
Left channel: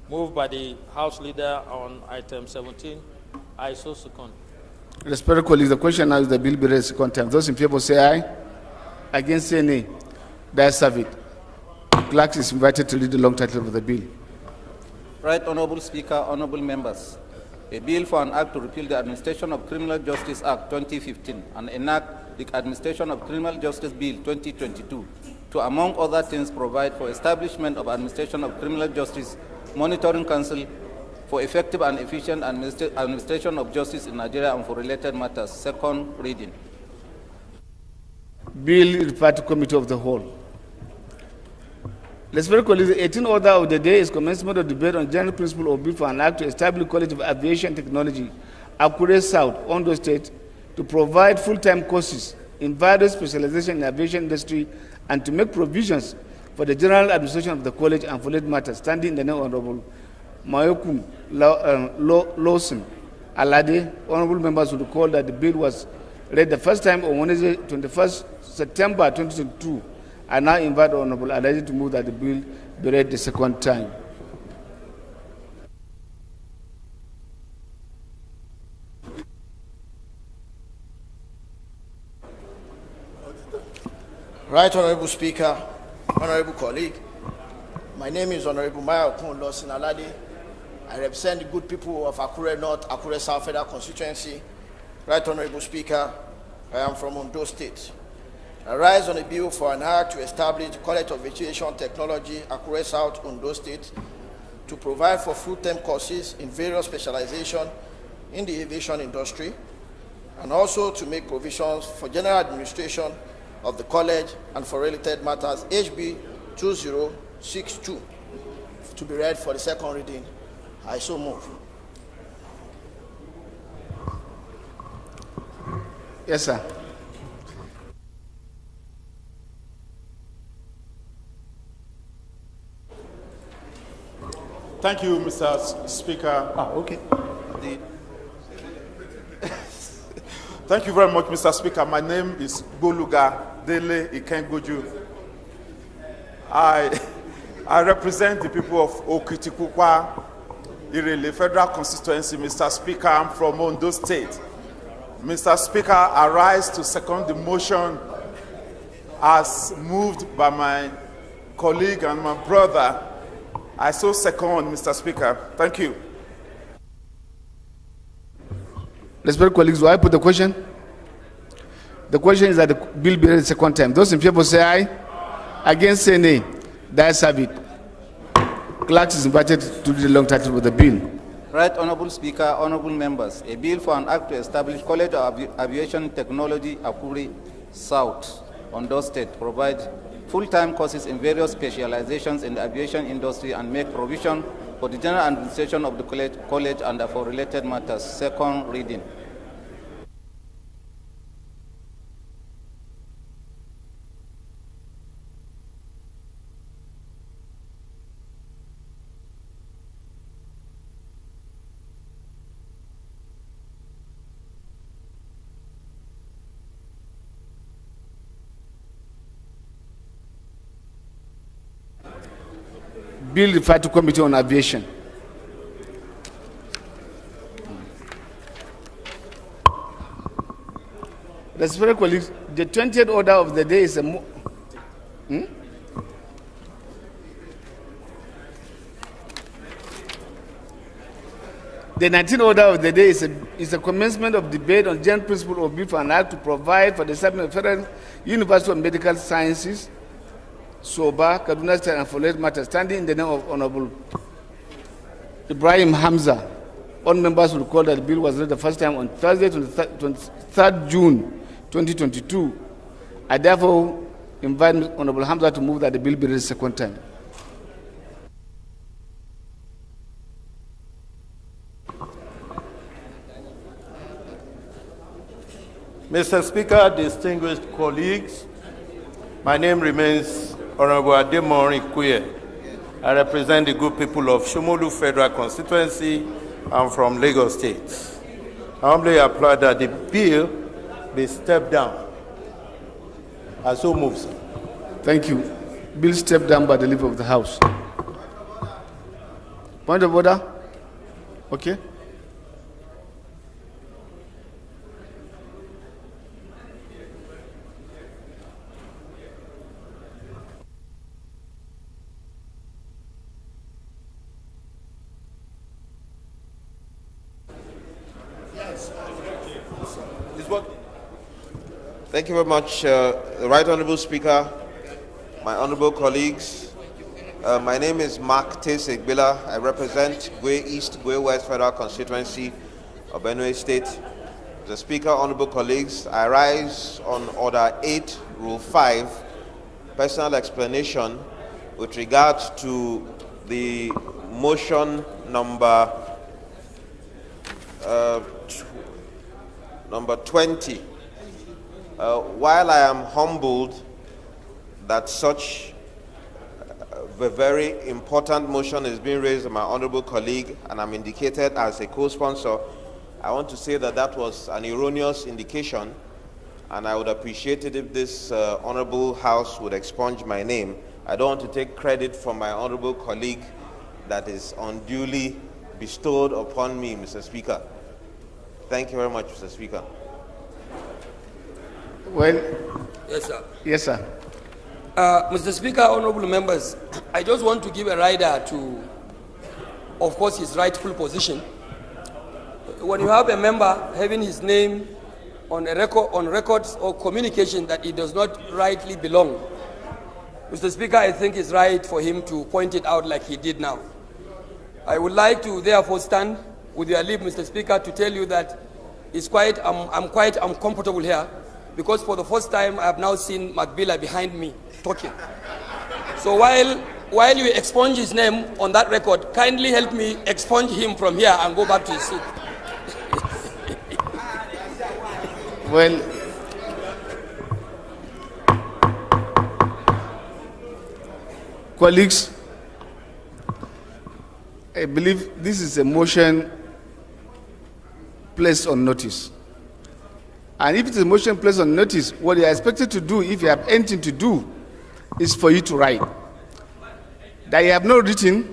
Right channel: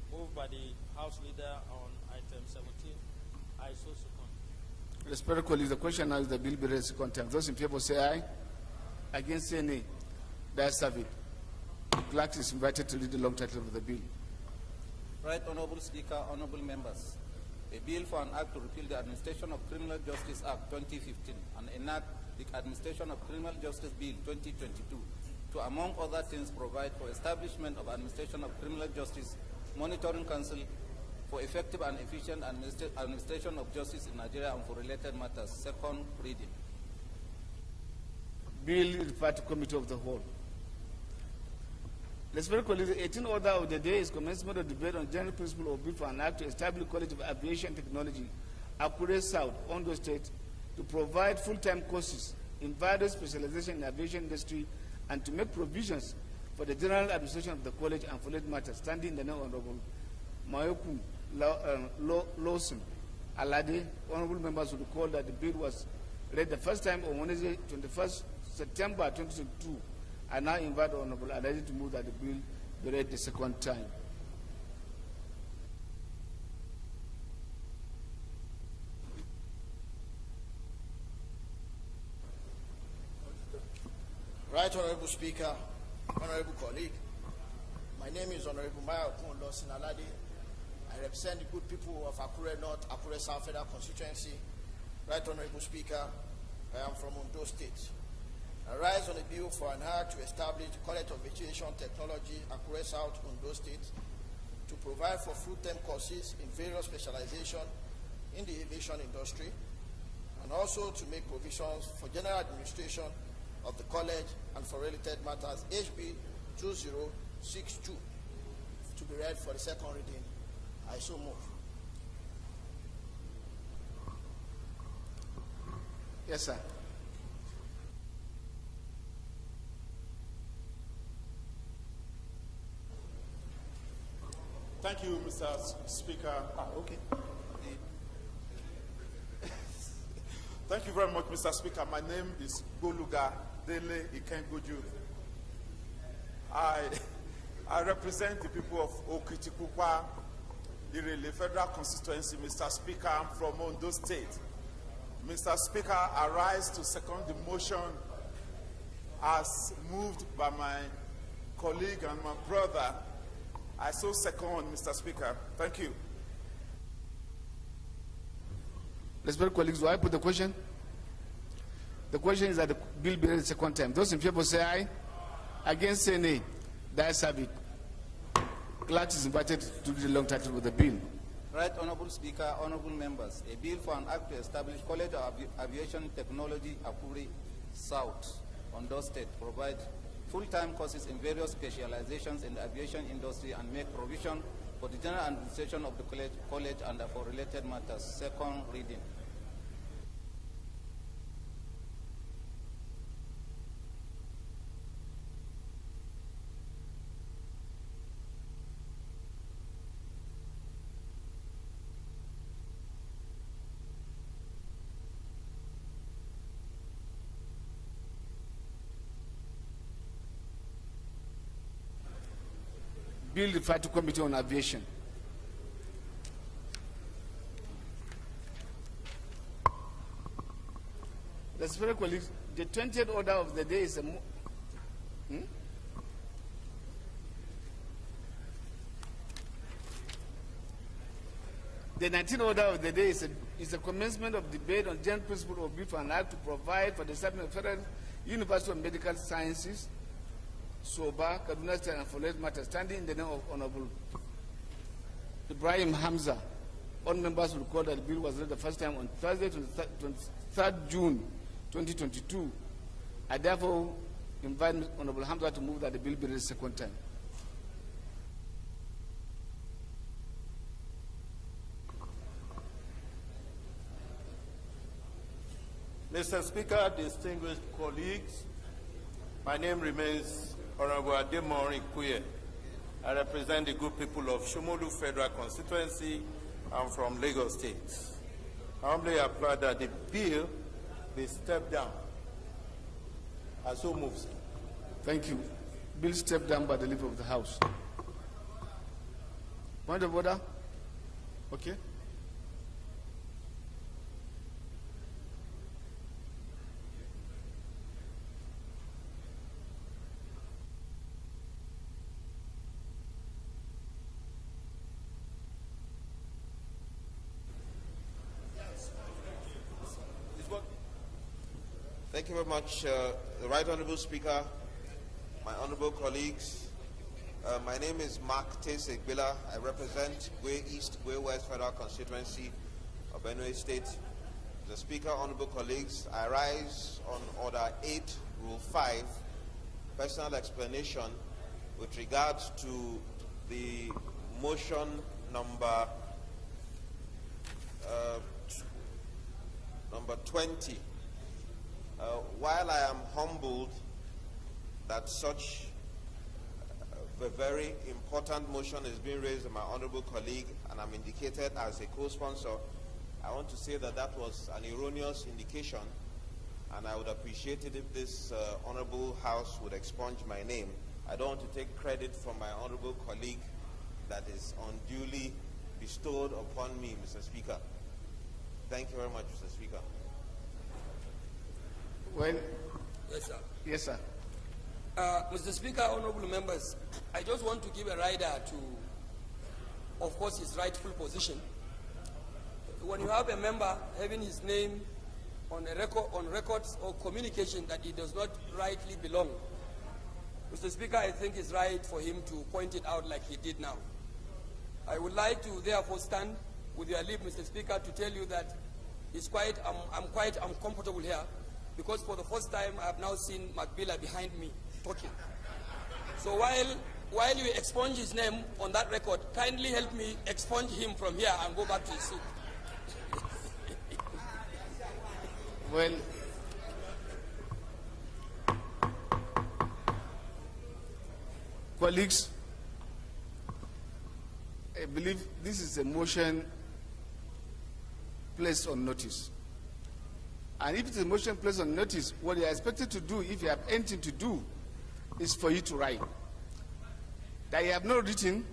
moved by the House Leader on item 17. I so second. Respected colleagues, the question now is the bill be read second time. Those in favor say aye. Against say nay. The ayes have it. Clerk is invited to read the long title of the bill. Right Honorable Speaker, honorable members. A bill for an act to repeal the Administration of Criminal Justice Act 2015 and enact the Administration of Criminal Justice Bill 2022 to, among other things, provide for establishment of Administration of Criminal Justice Monitoring Council for effective and efficient administration of justice in Nigeria and for related matters. Second reading. Bill referred to Committee of the Whole. Respected colleagues, the 18th order of the day is commencement of debate on general principle or bill for an act to establish College of Aviation Technology, Akure South, Ondo State, to provide full-time courses in various specializations in the aviation industry and to make provisions for the general administration of the college and for related matters, standing in the name of Honorable Mayokum Lawson Alade. Honorable members will recall that the bill was read the first time on Wednesday, 21st September 2022. I now invite Honorable Alade to move that the bill be read the second time. Right Honorable Speaker, Honorable colleague, my name is Honorable Maya Okun-Losin Alade. I represent the good people of Akure North, Akure South Federal Constituency. Right Honorable Speaker, I am from Ondo State. I rise on a bill for an act to establish the College of Aviation Technology, Akure South, Ondo State, to provide for full-time courses in various specializations in the aviation industry, and also to make provisions for general administration of the college and for related matters, HB 2062, to be read for the second reading. I so move. Yes, sir. Thank you, Mr. Speaker. Okay. Thank you very much, Mr. Speaker. My name is Boluga Dele Ikengoju. I represent the people of Okitikukwa, Irele Federal Constituency. Mr. Speaker, I'm from Ondo State. Mr. Speaker, I rise to second the motion as moved by my colleague and my brother. I so second, Mr. Speaker. Thank you. Respected colleagues, will I put the question? The question is that the bill be read the second time. Those in favor say aye. Against say nay. The ayes have it. Clerk is invited to read the long title of the bill. Right Honorable Speaker, honorable members, a bill for an act to establish College of Aviation Technology, Akure South, Ondo State, provide full-time courses in various specializations in the aviation industry and make provision for the general administration of the college and for related matters. Second reading. Bill referred to Committee on Aviation. Respected colleagues, the 20th order of the day is a The 19th order of the day is a commencement of debate on general principle of bill for an act to provide for the establishment of Federal University of Medical Sciences, Soba, Kaduna State, and for related matters, standing in the name of Honorable Ibrahim Hamza. All members will recall that the bill was read the first time on Thursday, 23rd June 2022. I therefore invite Honorable Hamza to move that the bill be read the second time. Mr. Speaker, distinguished colleagues, my name remains Honorable Ademori Kuye. I represent the good people of Shomolu Federal Constituency. I'm from Lagos State. I humbly apply that the bill be stepped down. I so move, sir. Thank you. Bill stepped down by the leave of the House. Point of order? Okay. Thank you very much, Right Honorable Speaker, my honorable colleagues. My name is Mark Tesegbila. I represent Gwe East, Gwe West Federal Constituency of Benue State. The Speaker, honorable colleagues, I rise on Order 8, Rule 5, personal explanation with regard to the motion number 20. While I am humbled that such a very important motion is being raised by my honorable colleague and I'm indicated as a co-sponsor, I want to say that that was an erroneous indication, and I would appreciate it if this honorable House would expunge my name. I don't want to take credit from my honorable colleague that is unduly bestowed upon me, Mr. Speaker. Thank you very much, Mr. Speaker. Well, Yes, sir. yes, sir. Mr. Speaker, honorable members, I just want to give a rider to, of course, his rightful position. When you have a member having his name on records or communication that it does not rightly belong, Mr. Speaker, I think it's right for him to point it out like he did now. I would like to therefore stand with your leave, Mr. Speaker, to tell you that I'm quite uncomfortable here, because for the first time I have now seen Macbilla behind me talking. So while you expunge his name on that record, kindly help me expunge him from here and go back to his seat. Well, colleagues, I believe this is a motion placed on notice. And if it is a motion placed on notice, what you are expected to do, if you have anything to do, is for you to write. That you have not written,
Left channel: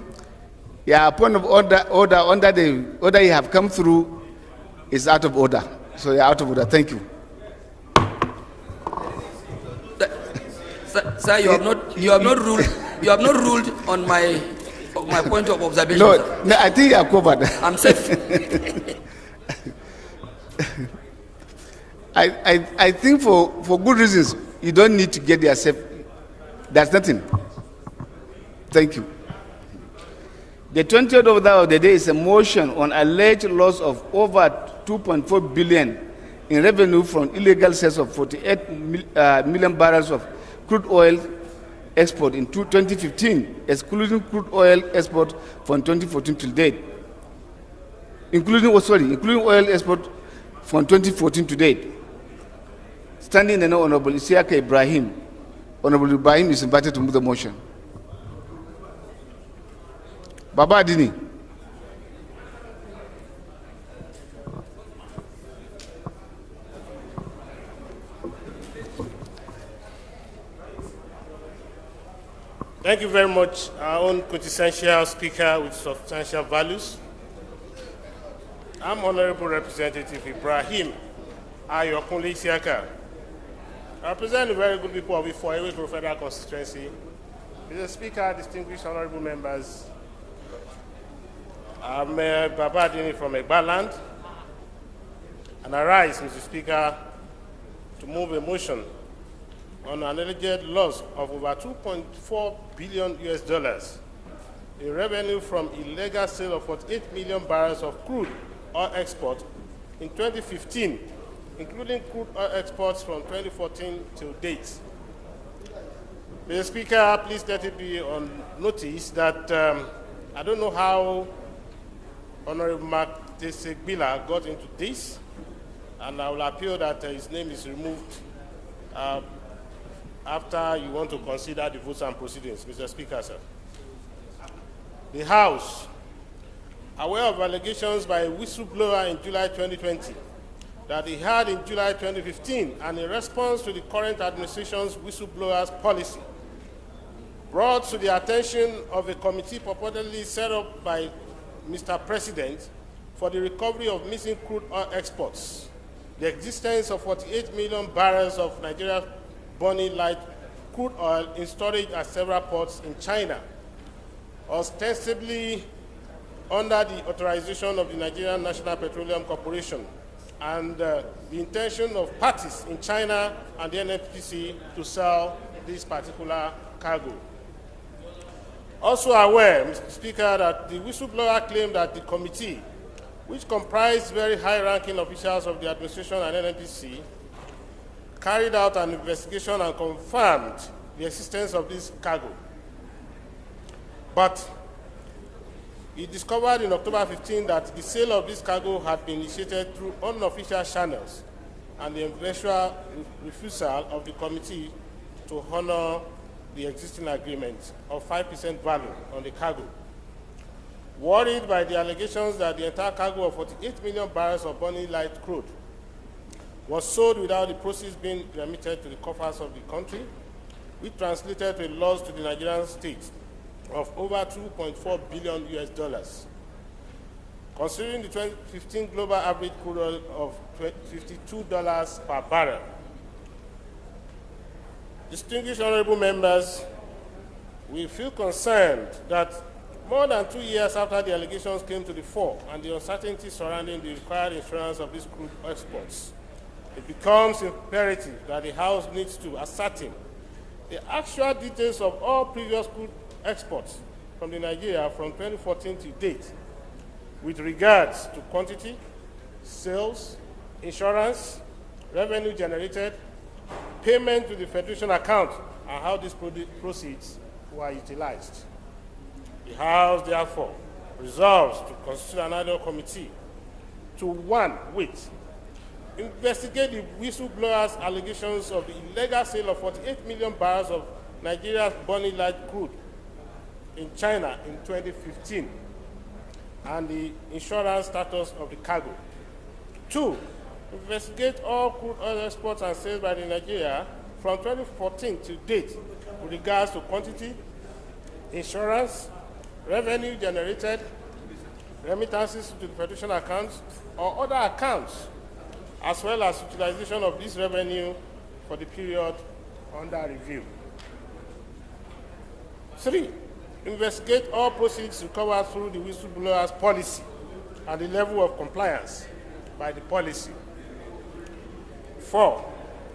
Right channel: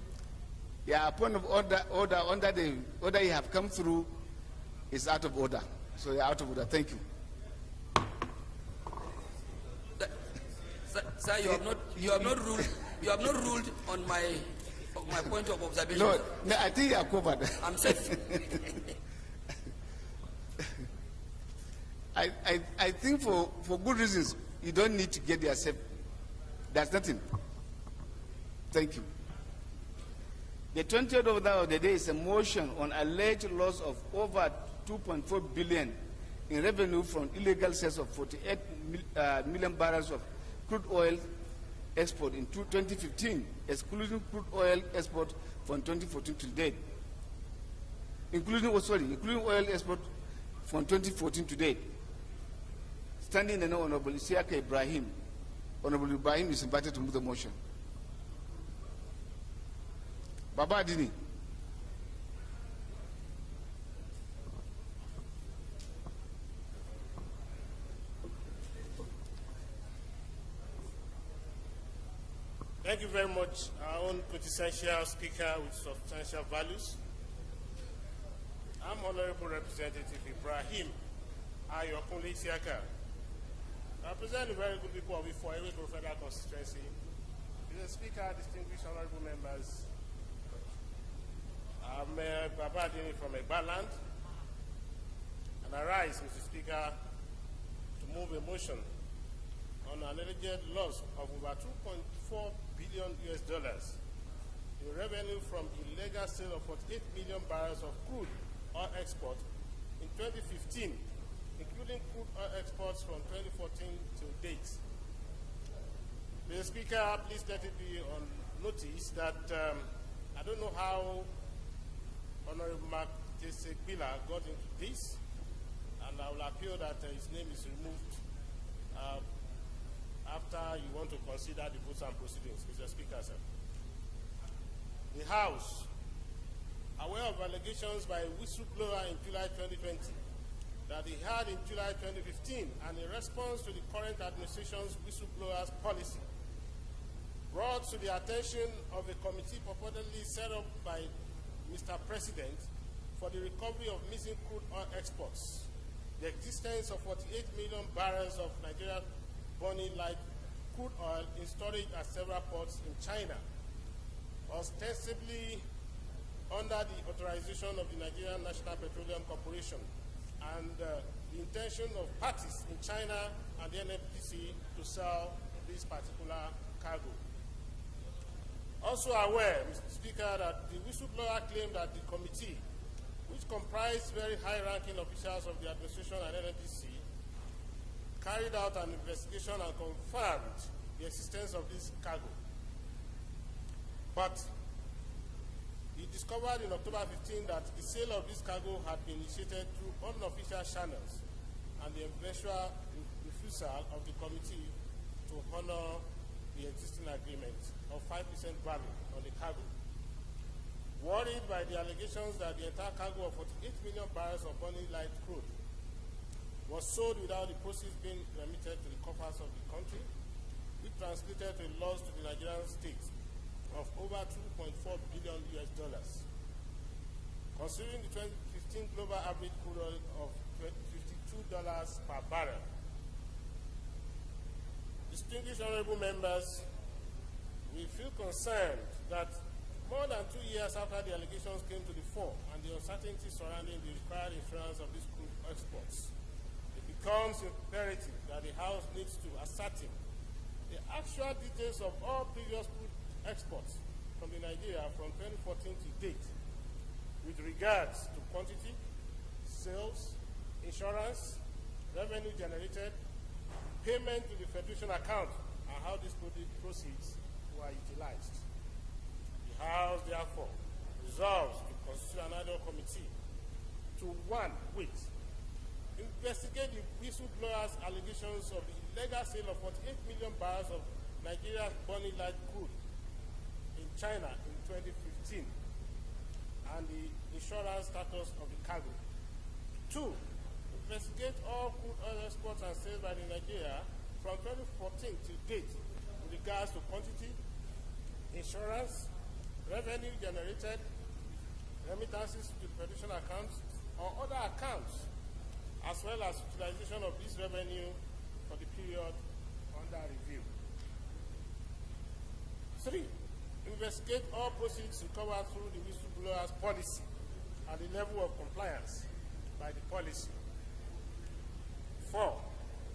your point of order under the order you have come through is out of order. So you're out of order. Thank you. Sir, you have not ruled on my point of observation. No, I think you are covered. I'm safe. I think for good reasons, you don't need to get yourself. There's nothing. Thank you. The 20th order of the day is a motion on alleged loss of over 2.4 billion in revenue from illegal sales of 48 million barrels of crude oil export in 2015, excluding crude oil export from 2014 till date. Including oil export from 2014 to date. Standing in the Honorable Isiaka Ibrahim. Honorable Ibrahim is invited to move the motion. Baba Adini. Thank you very much, our own quintessential speaker with substantial values. I'm Honorable Representative Ibrahim Ayokunle Isiaka. I represent the very good people of Ifoewe Federal Constituency. Mr. Speaker, distinguished honorable members, I'm Baba Adini from Egbaland, and I rise, Mr. Speaker, to move a motion on an alleged loss of over $2.4 billion in revenue from illegal sale of 48 million barrels of crude oil export in 2015, including crude oil exports from 2014 till date. Mr. Speaker, please let it be on notice that I don't know how Honorable Mark Tesegbila got into this, and I will appeal that his name is removed after you want to consider the votes and proceedings. Mr. Speaker, sir. The House, aware of allegations by a whistleblower in July 2020 that he had in July 2015, and in response to the current administration's whistleblower's policy, brought to the attention of a committee purportedly set up by Mr. President for the recovery of missing crude oil exports, the existence of 48 million barrels of Nigeria's burning light crude oil in storage at several ports in China, ostensibly under the authorization of the Nigerian National Petroleum Corporation, and the intention of parties in China and the NNPC to sell this particular cargo. Also aware, Mr. Speaker, that the whistleblower claimed that the committee, which comprised very high-ranking officials of the administration and NNPC, carried out an investigation and confirmed the existence of this cargo. But he discovered in October 15 that the sale of this cargo had been initiated through unofficial channels, and the eventual refusal of the committee to honor the existing agreement of 5% value on the cargo. Worried by the allegations that the entire cargo of 48 million barrels of burning light crude was sold without the proceeds being remitted to the coffers of the country, which translated to a loss to the Nigerian state of over $2.4 billion. Considering the 2015 global average crude oil of $52 per barrel, Distinguished honorable members, we feel concerned that more than 2 years after the allegations came to the fore and the uncertainty surrounding the required insurance of these crude exports, it becomes imperative that the House needs to ascertain the actual details of all previous crude exports from Nigeria from 2014 to date with regards to quantity, sales, insurance, revenue generated, payment to the Federation account, and how these proceeds were utilized. The House, therefore, resolves to constitute an annual committee to, one, investigate the whistleblowers' allegations of the illegal sale of 48 million barrels of Nigeria's burning light crude in China in 2015 and the insurance status of the cargo. 2, investigate all crude oil exports and sales by Nigeria from 2014 to date with regards to quantity, insurance, revenue generated, remittances to the Federation accounts or other accounts, as well as utilization of this revenue for the period under review. 3, investigate all proceeds recovered through the whistleblowers' policy and the level of compliance by the policy. 4,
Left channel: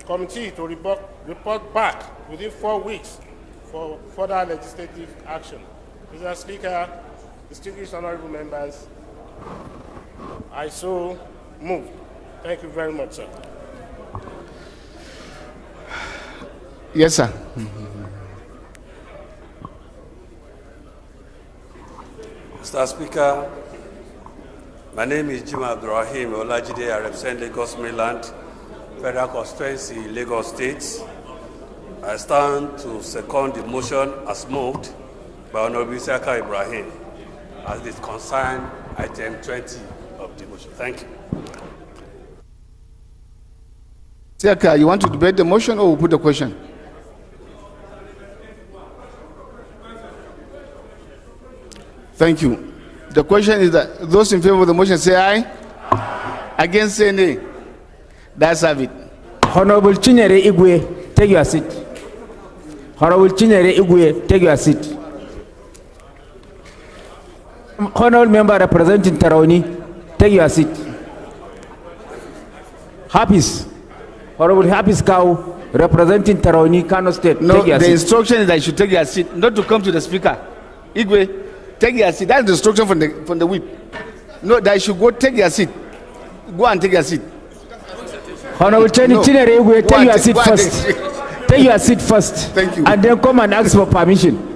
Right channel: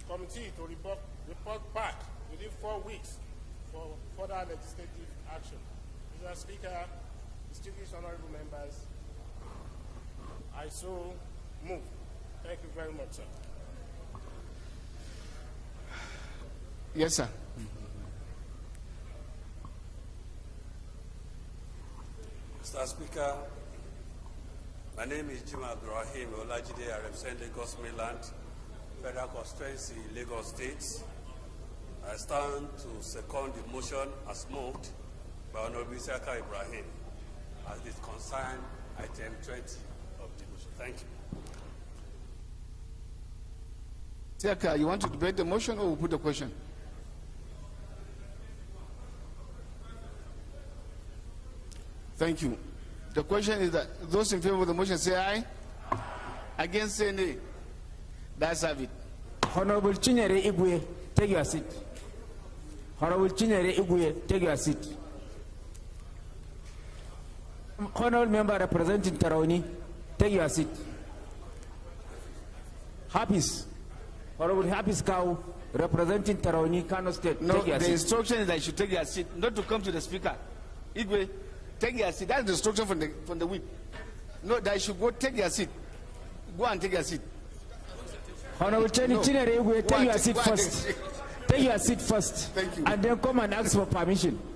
committee to report back within 4 weeks for further legislative action. Mr. Speaker, distinguished honorable members, I so move. Thank you very much, sir. Yes, sir. Mr. Speaker, my name is Jim Abdurrahim Olajide. I represent Lagos Mainland Federal Constituency, Lagos State. I stand to second the motion as moved by Honorable Isiaka Ibrahim as it concerns item 20 of the motion. Thank you. Isiaka, you want to debate the motion or put the question? Thank you. The question is that those in favor of the motion say aye. Against say nay. That's have it. Honorable Chinyere Igwe, take your seat. Honorable Chinyere Igwe, take your seat. Honorable member representing Taraoni, take your seat. Hafiz, Honorable Hafiz Kau, representing Taraoni, Kano State, No, take your the seat. instruction is that you should take your seat, not to come to the speaker. Igwe, take your seat. That's the instruction from the whip. No, that you should go take your seat. Go and take your seat. Honorable Chinyere Igwe, take your seat first. Take your seat first. Thank you. And then come and ask for permission.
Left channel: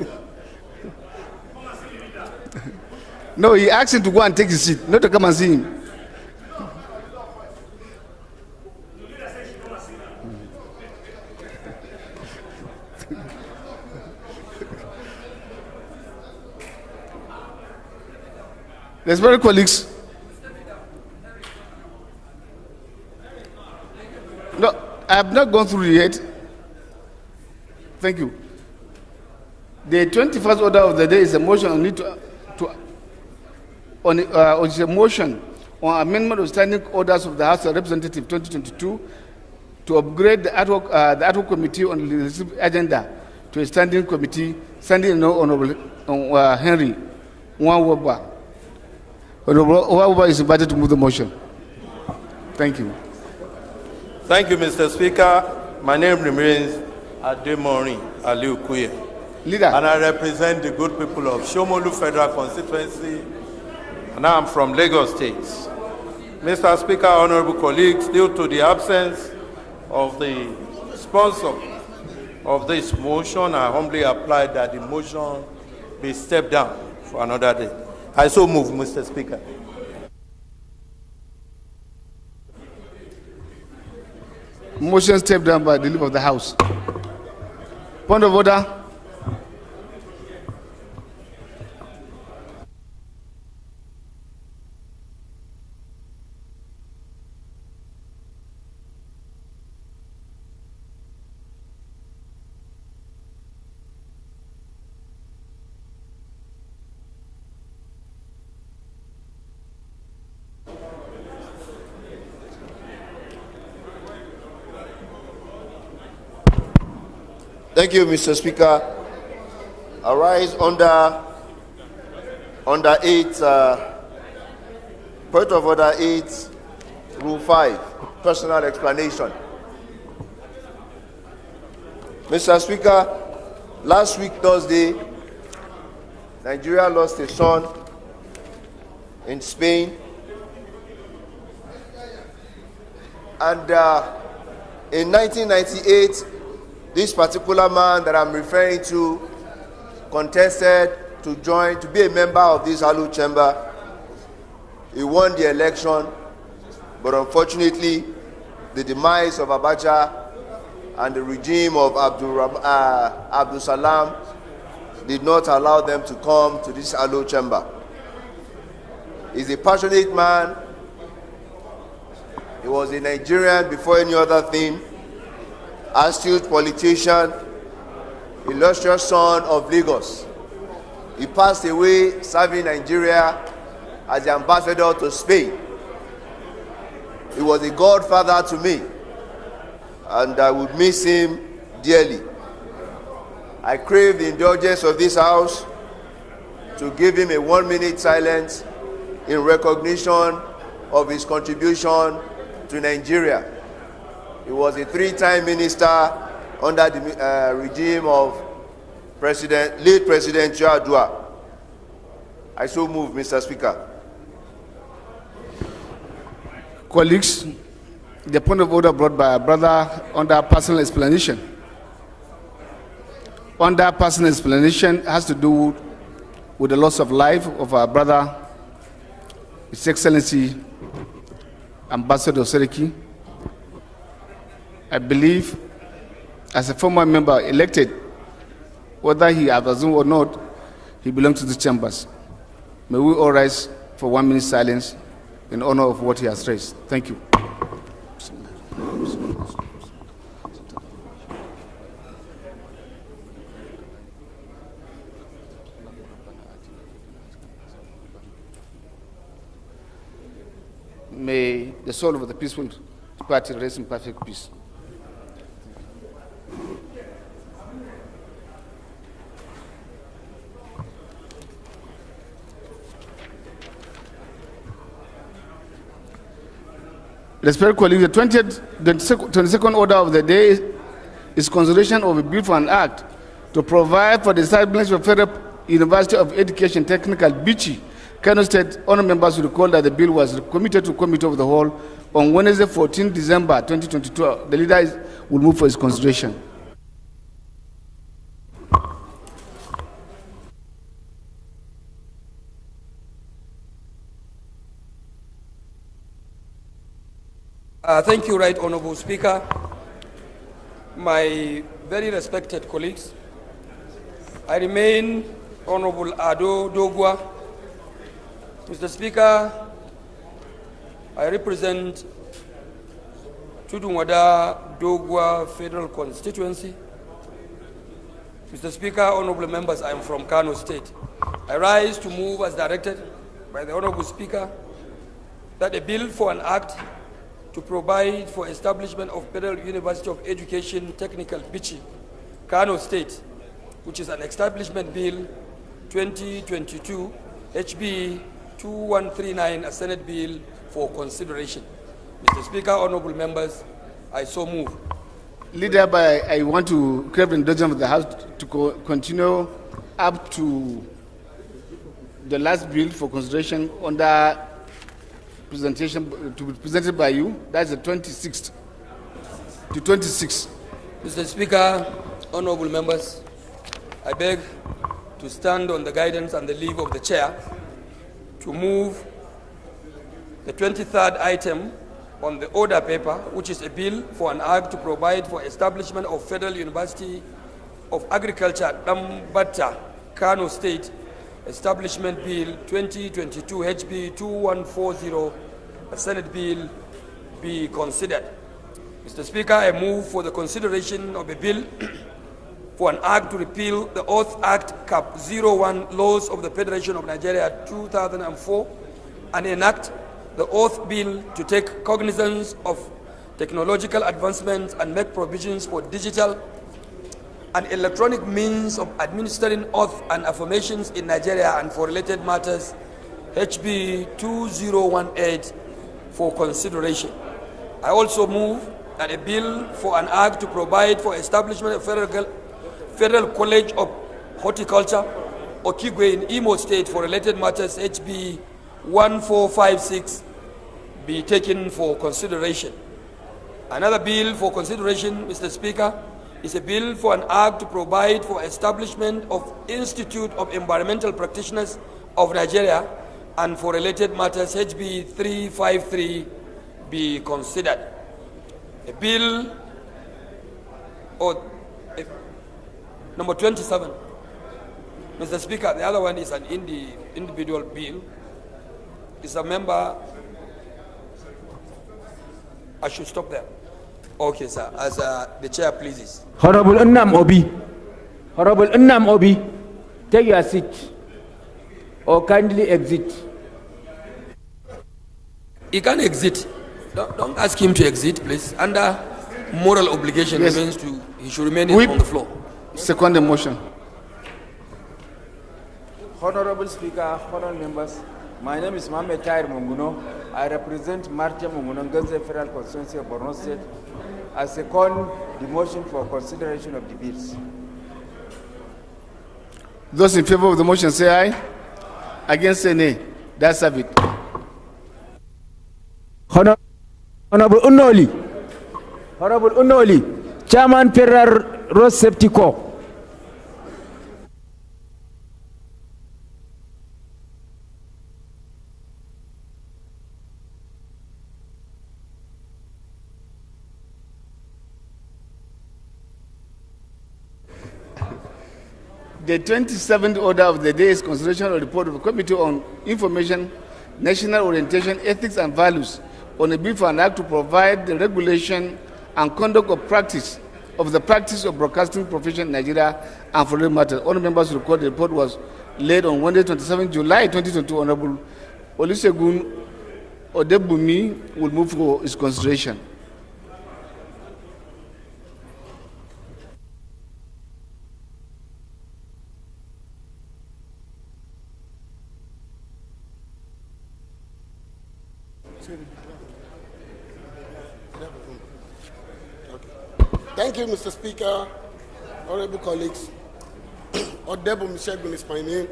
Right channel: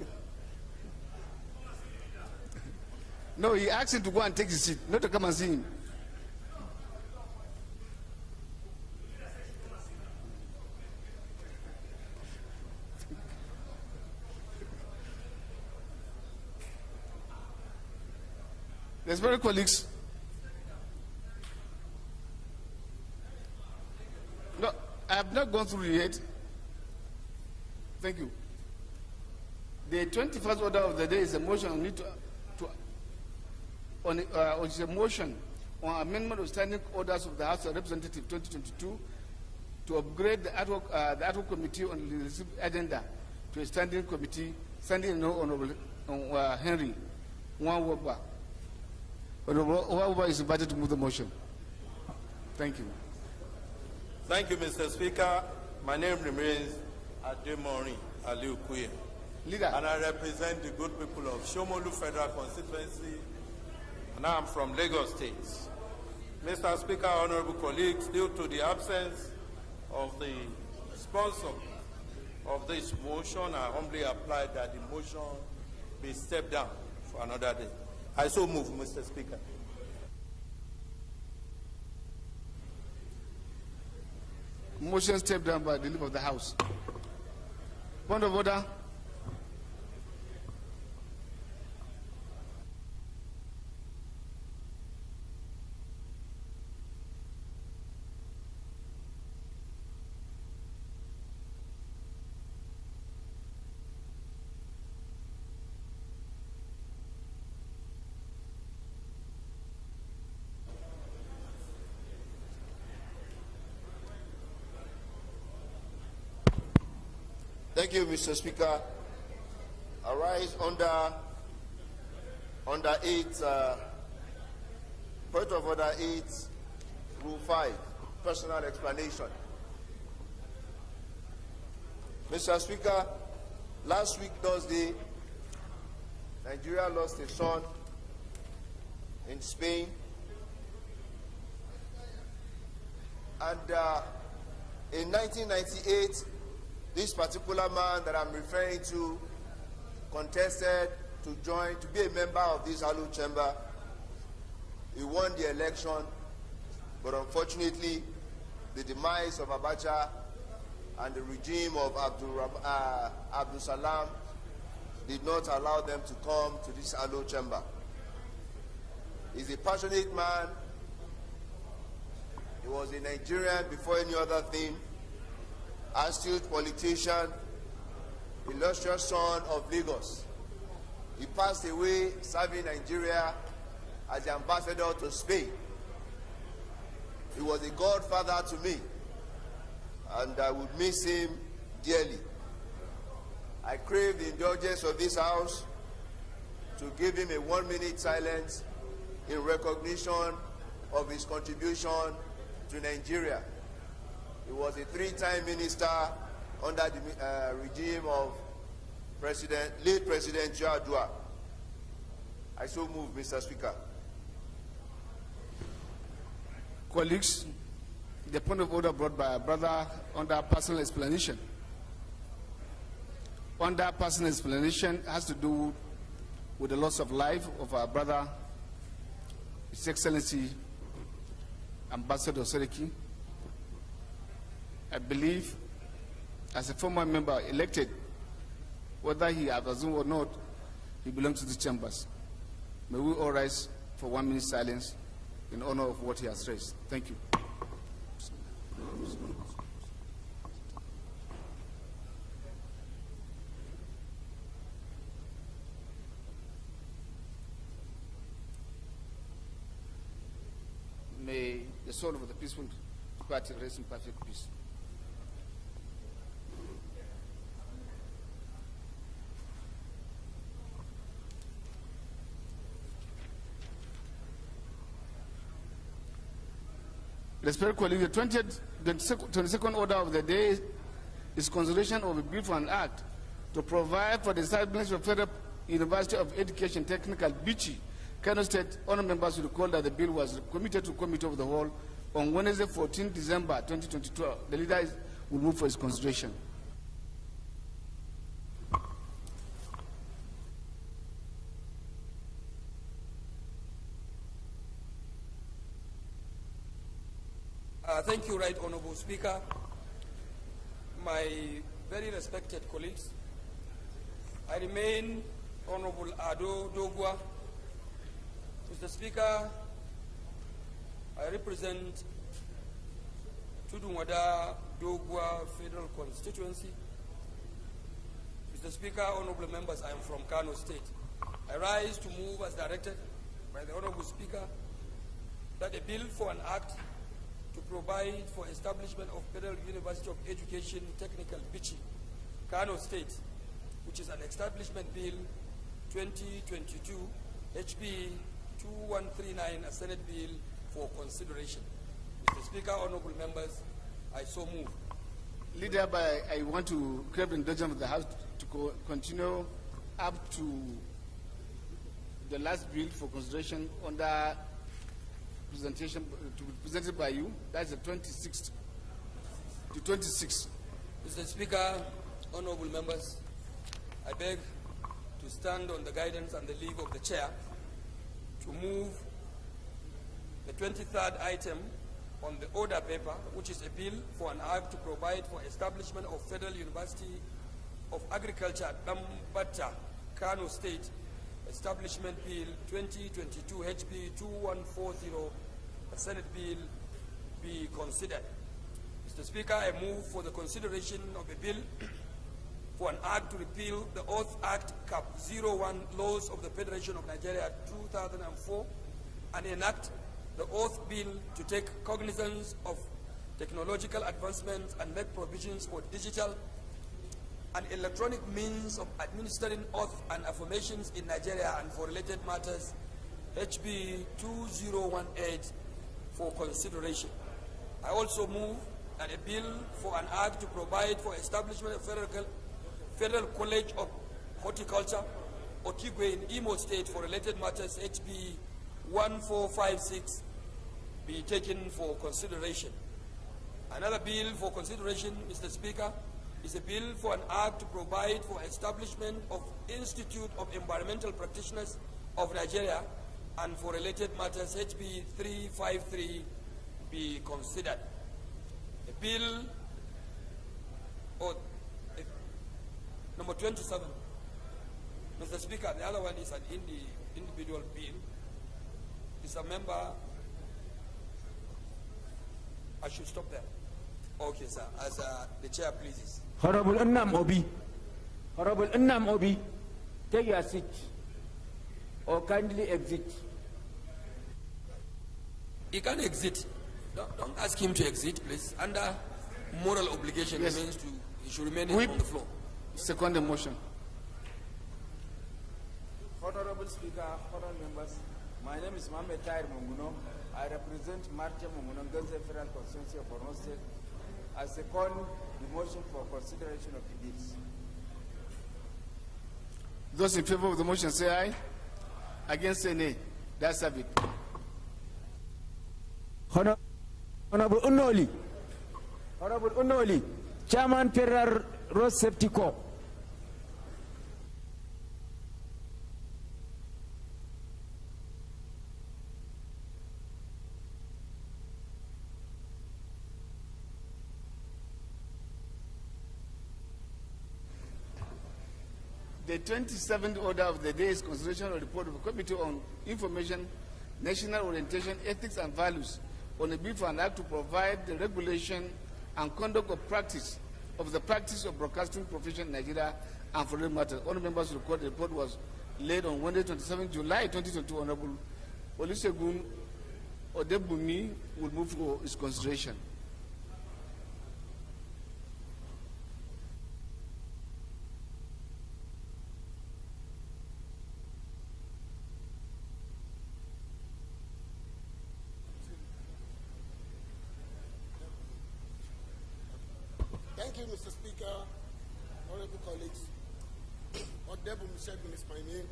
No, he asked him to go and take his seat, not to come and see him. Respected colleagues, no, I have not gone through it yet. Thank you. The 21st order of the day is a motion on it is a motion on amendment of standing orders of the House of Representatives 2022 to upgrade the ad hoc committee on the legislative agenda to a standing committee, standing no Honorable Henry Nwawoba. Honorable Nwawoba is invited to move the motion. Thank you. Thank you, Mr. Speaker. My name remains Ademori Aliu Kuye. Leader. And I represent the good people of Shomolu Federal Constituency, and I'm from Lagos State. Mr. Speaker, honorable colleagues, due to the absence of the sponsor of this motion, I humbly apply that the motion be stepped down for another day. I so move, Mr. Speaker. Motion stepped down by the leader of the House. Point of order. Thank you, Mr. Speaker. I rise under 8, point of order 8, Rule 5, personal explanation. Mr. Speaker, last week, Thursday, Nigeria lost a son in Spain. And in 1998, this particular man that I'm referring to contested to be a member of this hallowed chamber. He won the election, but unfortunately, the demise of Abacha and the regime of Abdul Salam did not allow them to come to this hallowed chamber. He's a passionate man. He was a Nigerian before any other thing, astute politician, illustrious son of Lagos. He passed away serving Nigeria as the ambassador to Spain. He was a godfather to me, and I would miss him dearly. I crave the indulgence of this House to give him a 1-minute silence in recognition of his contribution to Nigeria. He was a 3-time minister under the regime of late President Yar'Adua. I so move, Mr. Speaker. Colleagues, the point of order brought by our brother under personal explanation. Under personal explanation has to do with the loss of life of our brother, His Excellency Ambassador Seriki. I believe, as a former member elected, whether he has assumed or not, he belongs to the chambers. May we all rise for 1 minute silence in honor of what he has raised. Thank you. May the soul of the peaceful party rest in perfect peace. Respected colleagues, the 22nd order of the day is consideration of a bill for an act to provide for the establishment of Federal University of Education Technical, Bichi, Kano State. Honour members will recall that the bill was committed to Committee of the Whole on Wednesday, 14 December 2022. The leader will move for its consideration. Thank you, Right Honourable Speaker. My very respected colleagues, I remain Honourable Ado Dogwa. Mr. Speaker, I represent Tudunwada Dogwa Federal Constituency. Mr. Speaker, honourable members, I am from Kano State. I rise to move as directed by the Honourable Speaker that a bill for an act to provide for establishment of Federal University of Education Technical, Bichi, Kano State, which is an establishment bill 2022 HB 2139, a Senate bill for consideration. Mr. Speaker, honourable members, I so move. Leader, I want to crave the indulgence of the House to continue up to the last bill for consideration under presentation to be presented by you. That's the 26th to 26th. Mr. Speaker, honourable members, I beg to stand on the guidance and the leave of the chair to move the 23rd item on the order paper, which is a bill for an act to provide for establishment of Federal University of Agriculture, Dambata, Kano State, Establishment Bill 2022 HB 2140, a Senate bill, be considered. Mr. Speaker, I move for the consideration of a bill for an act to repeal the Oath Act Cap 01 laws of the Federation of Nigeria 2004 and enact the Oath Bill to take cognizance of technological advancements and make provisions for digital an electronic means of administering oath and affirmations in Nigeria and for related matters, HB 2018, for consideration. I also move that a bill for an act to provide for establishment of Federal College of Horticulture, Okigwe in Imo State for related matters, HB 1456, be taken for consideration. Another bill for consideration, Mr. Speaker, is a bill for an act to provide for establishment of Institute of Environmental Practitioners of Nigeria and for related matters, HB 353, be considered. A bill, number 27. Mr. Speaker, the other one is an individual bill. Is a member, I should stop there. Okay, sir, as the chair pleases. Honorable Nnam Obi. Honorable Nnam Obi, take your seat or kindly exit. He can exit. Don't ask him to exit, please. Under moral obligation, Yes. remains to, he should remain Whip. on the floor. Second the motion. Honorable Speaker, honorable members, my name is Mohamed Tahir Munguno. I represent Martia Munguno, Gaza Federal Constituency of Borno State. I second the motion for consideration of the bills. Those in favor of the motion say aye. Against say nay. That's have it. Honorable Unoli. Honorable Unoli, Chairman Federal Road Safety Corps. The 27th order of the day is consideration of the report of the Committee on Information, National Orientation, Ethics and Values on a bill for an act to provide the regulation and conduct of practice of the practice of broadcasting profession in Nigeria and for related matters. All members record the report was laid on Wednesday, 27 July 2022. Honorable Olusegun Odebumi will move for its consideration. Thank you, Mr. Speaker, honorable colleagues. Odebo Mishegun is my name.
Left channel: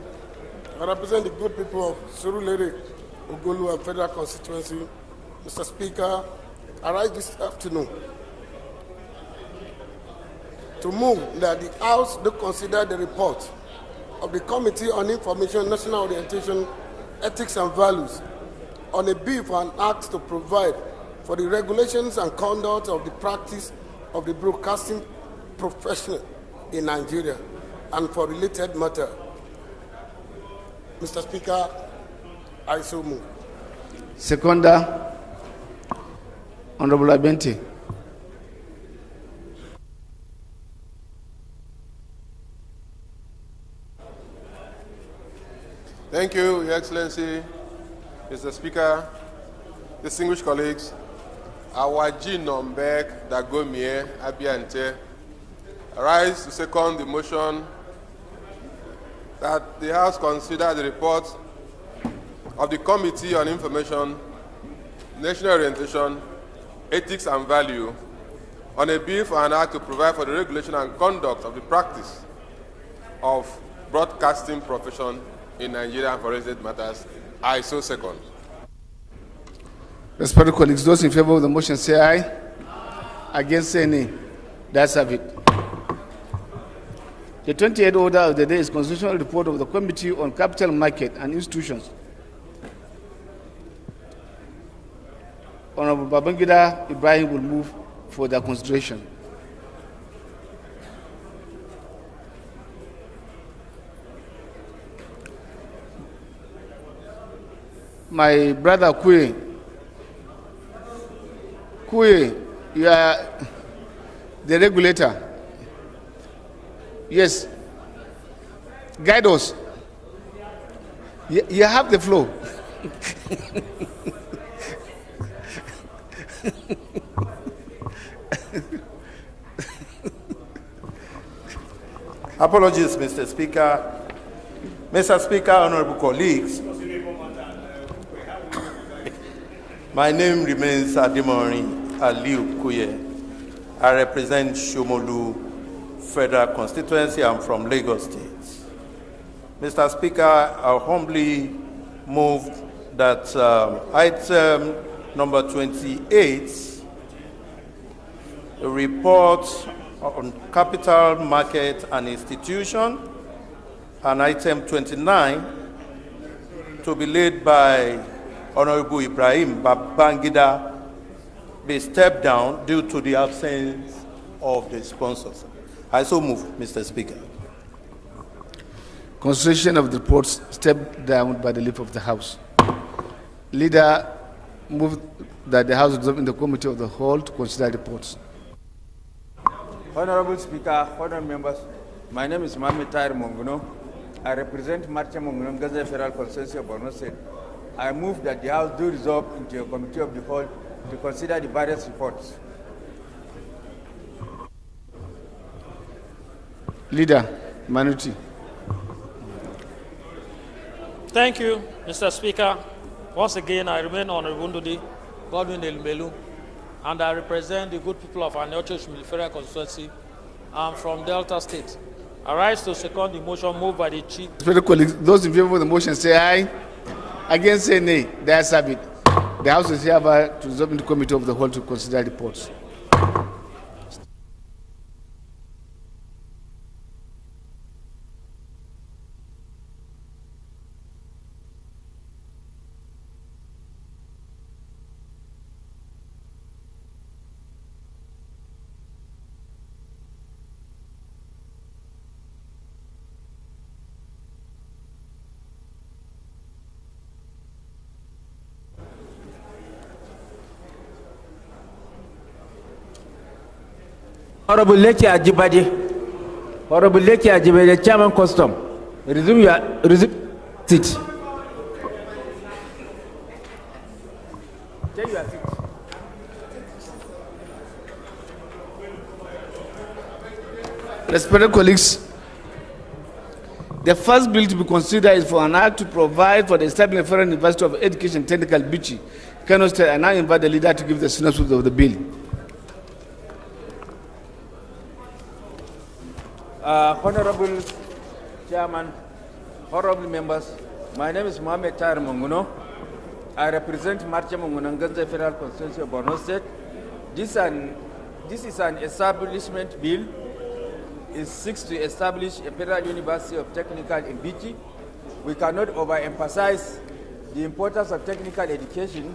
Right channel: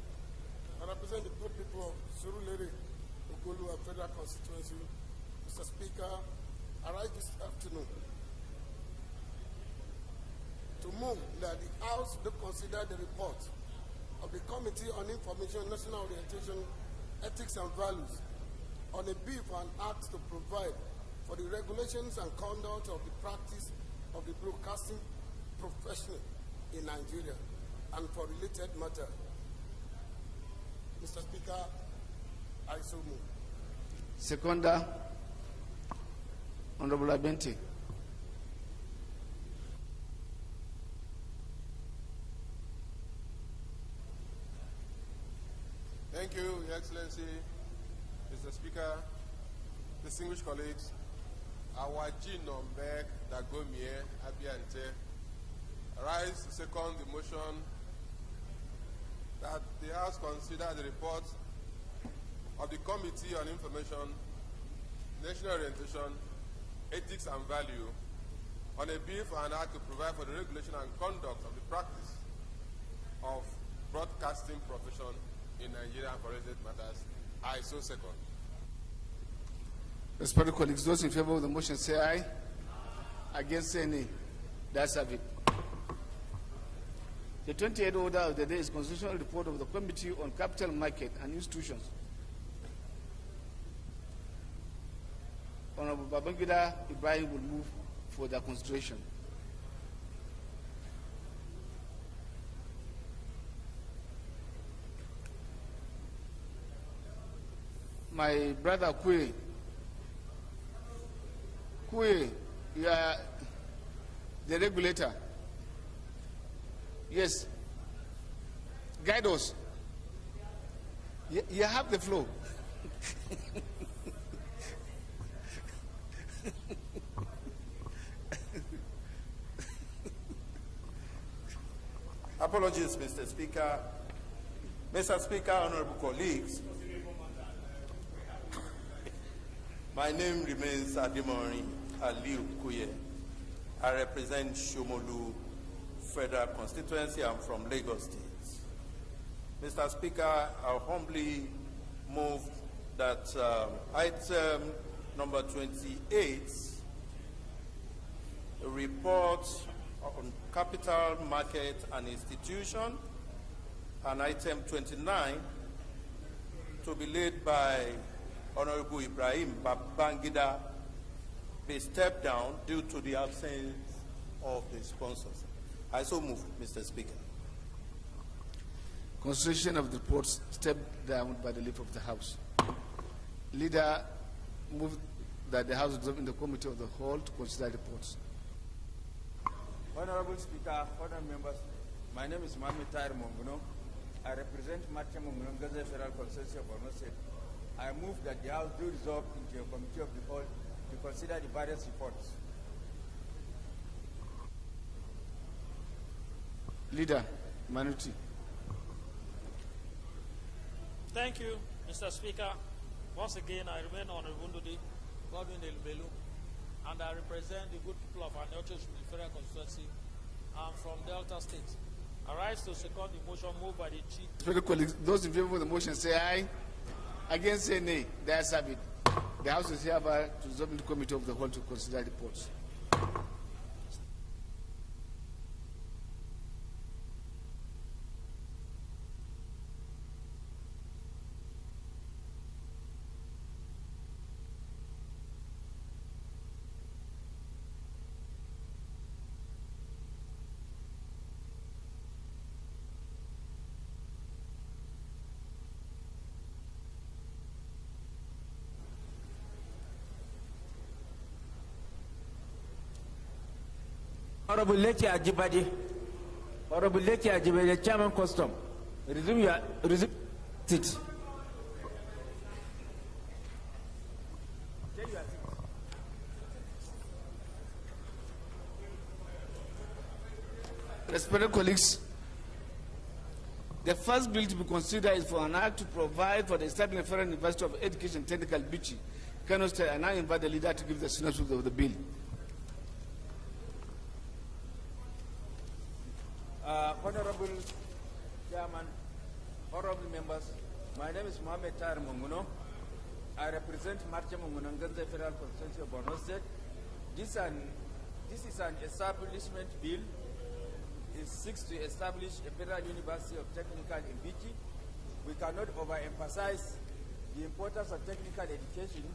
I represent the good people of Surulere, Ogulu, and Federal Constituency. Mr. Speaker, I rise this afternoon to move that the House do consider the report of the Committee on Information, National Orientation, Ethics and Values on a bill for an act to provide for the regulations and conduct of the practice of the broadcasting profession in Nigeria and for related matter. Mr. Speaker, I so move. Seconder, Honorable Abente. Thank you, Your Excellency, Mr. Speaker, distinguished colleagues. Awaji Nombek Dagomie Abiante, rise to second the motion that the House consider the report of the Committee on Information, National Orientation, Ethics and Value on a bill for an act to provide for the regulation and conduct of the practice of broadcasting profession in Nigeria and for related matters. I so second. Respected colleagues, those in favor of the motion say aye. Against say nay. That's have it. The 28th order of the day is constitutional report of the Committee on Capital Market and Institutions. Honorable Babangida Ibrahim will move for their consideration. My brother Kwe, you are the regulator. Yes. Guide us. You have the floor. Apologies, Mr. Speaker. Mr. Speaker, honorable colleagues, my name remains Ademori Aliu Kuye. I represent Shomolu Federal Constituency. I'm from Lagos State. Mr. Speaker, I humbly move that item number 28, the report on capital market and institution, and item 29 to be laid by Honorable Ibrahim Babangida be stepped down due to the absence of the sponsors. I so move, Mr. Speaker. Consideration of the reports stepped down by the leave of the House. Leader moved that the House resolve in the Committee of the Whole to consider reports. Honorable Speaker, honorable members, my name is Mohamed Tahir Monguno. I represent Marcha Monguno, Gaza Federal Constituency of Borno State. I move that the House do resolve into a Committee of the Whole to consider the various reports. Leader, minority. Thank you, Mr. Speaker. Once again, I remain Honorable Ndudi Godwin Elmelu, and I represent the good people of Aniocho Federal Constituency. I'm from Delta State. I rise to second the motion moved by the Chief. Fellow colleagues, those in favor of the motion say aye. Against say nay. The ayes have it. The House is hereby to resolve in the Committee of the Whole to consider reports. Honorable Leki Ajibade, Honorable Leki Ajibade, Chairman Custom, resume your seat. Take your seat. Respected colleagues, the first bill to be considered is for an act to provide for the establishment of Federal University of Education Technical Bichi, Kano State. I now invite the leader to give the synopsis of the bill. Honorable Chairman, honorable members, my name is Mohamed Tahir Monguno. I represent Marcha Monguno Ganze Federal Constituency of Borno State. This is an establishment bill. It seeks to establish a Federal University of Technical in Bichi. We cannot overemphasize the importance of technical education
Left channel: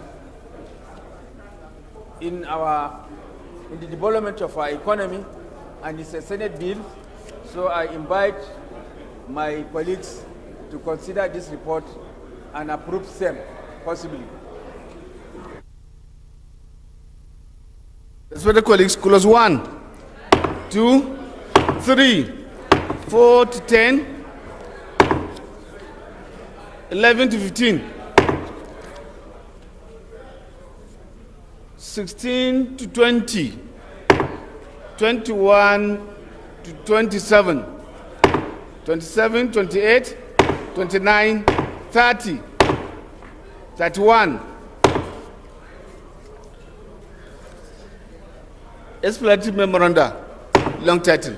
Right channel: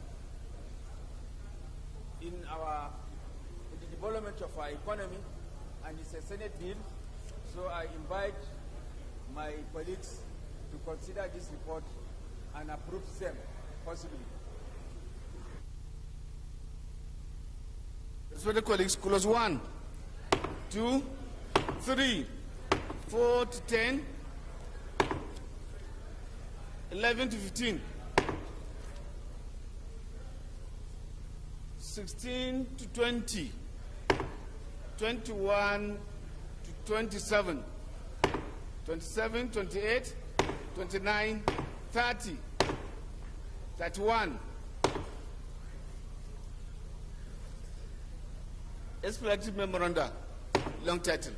in the development of our economy, and it's a Senate bill. So I invite my colleagues to consider this report and approve same, possibly. Respected colleagues, clause 1, 2, 3, 4 to 10, 11 to 15, 16 to 20, 21 to 27, 27, 28, 29, 30, 31. Explanatory memoranda, long title.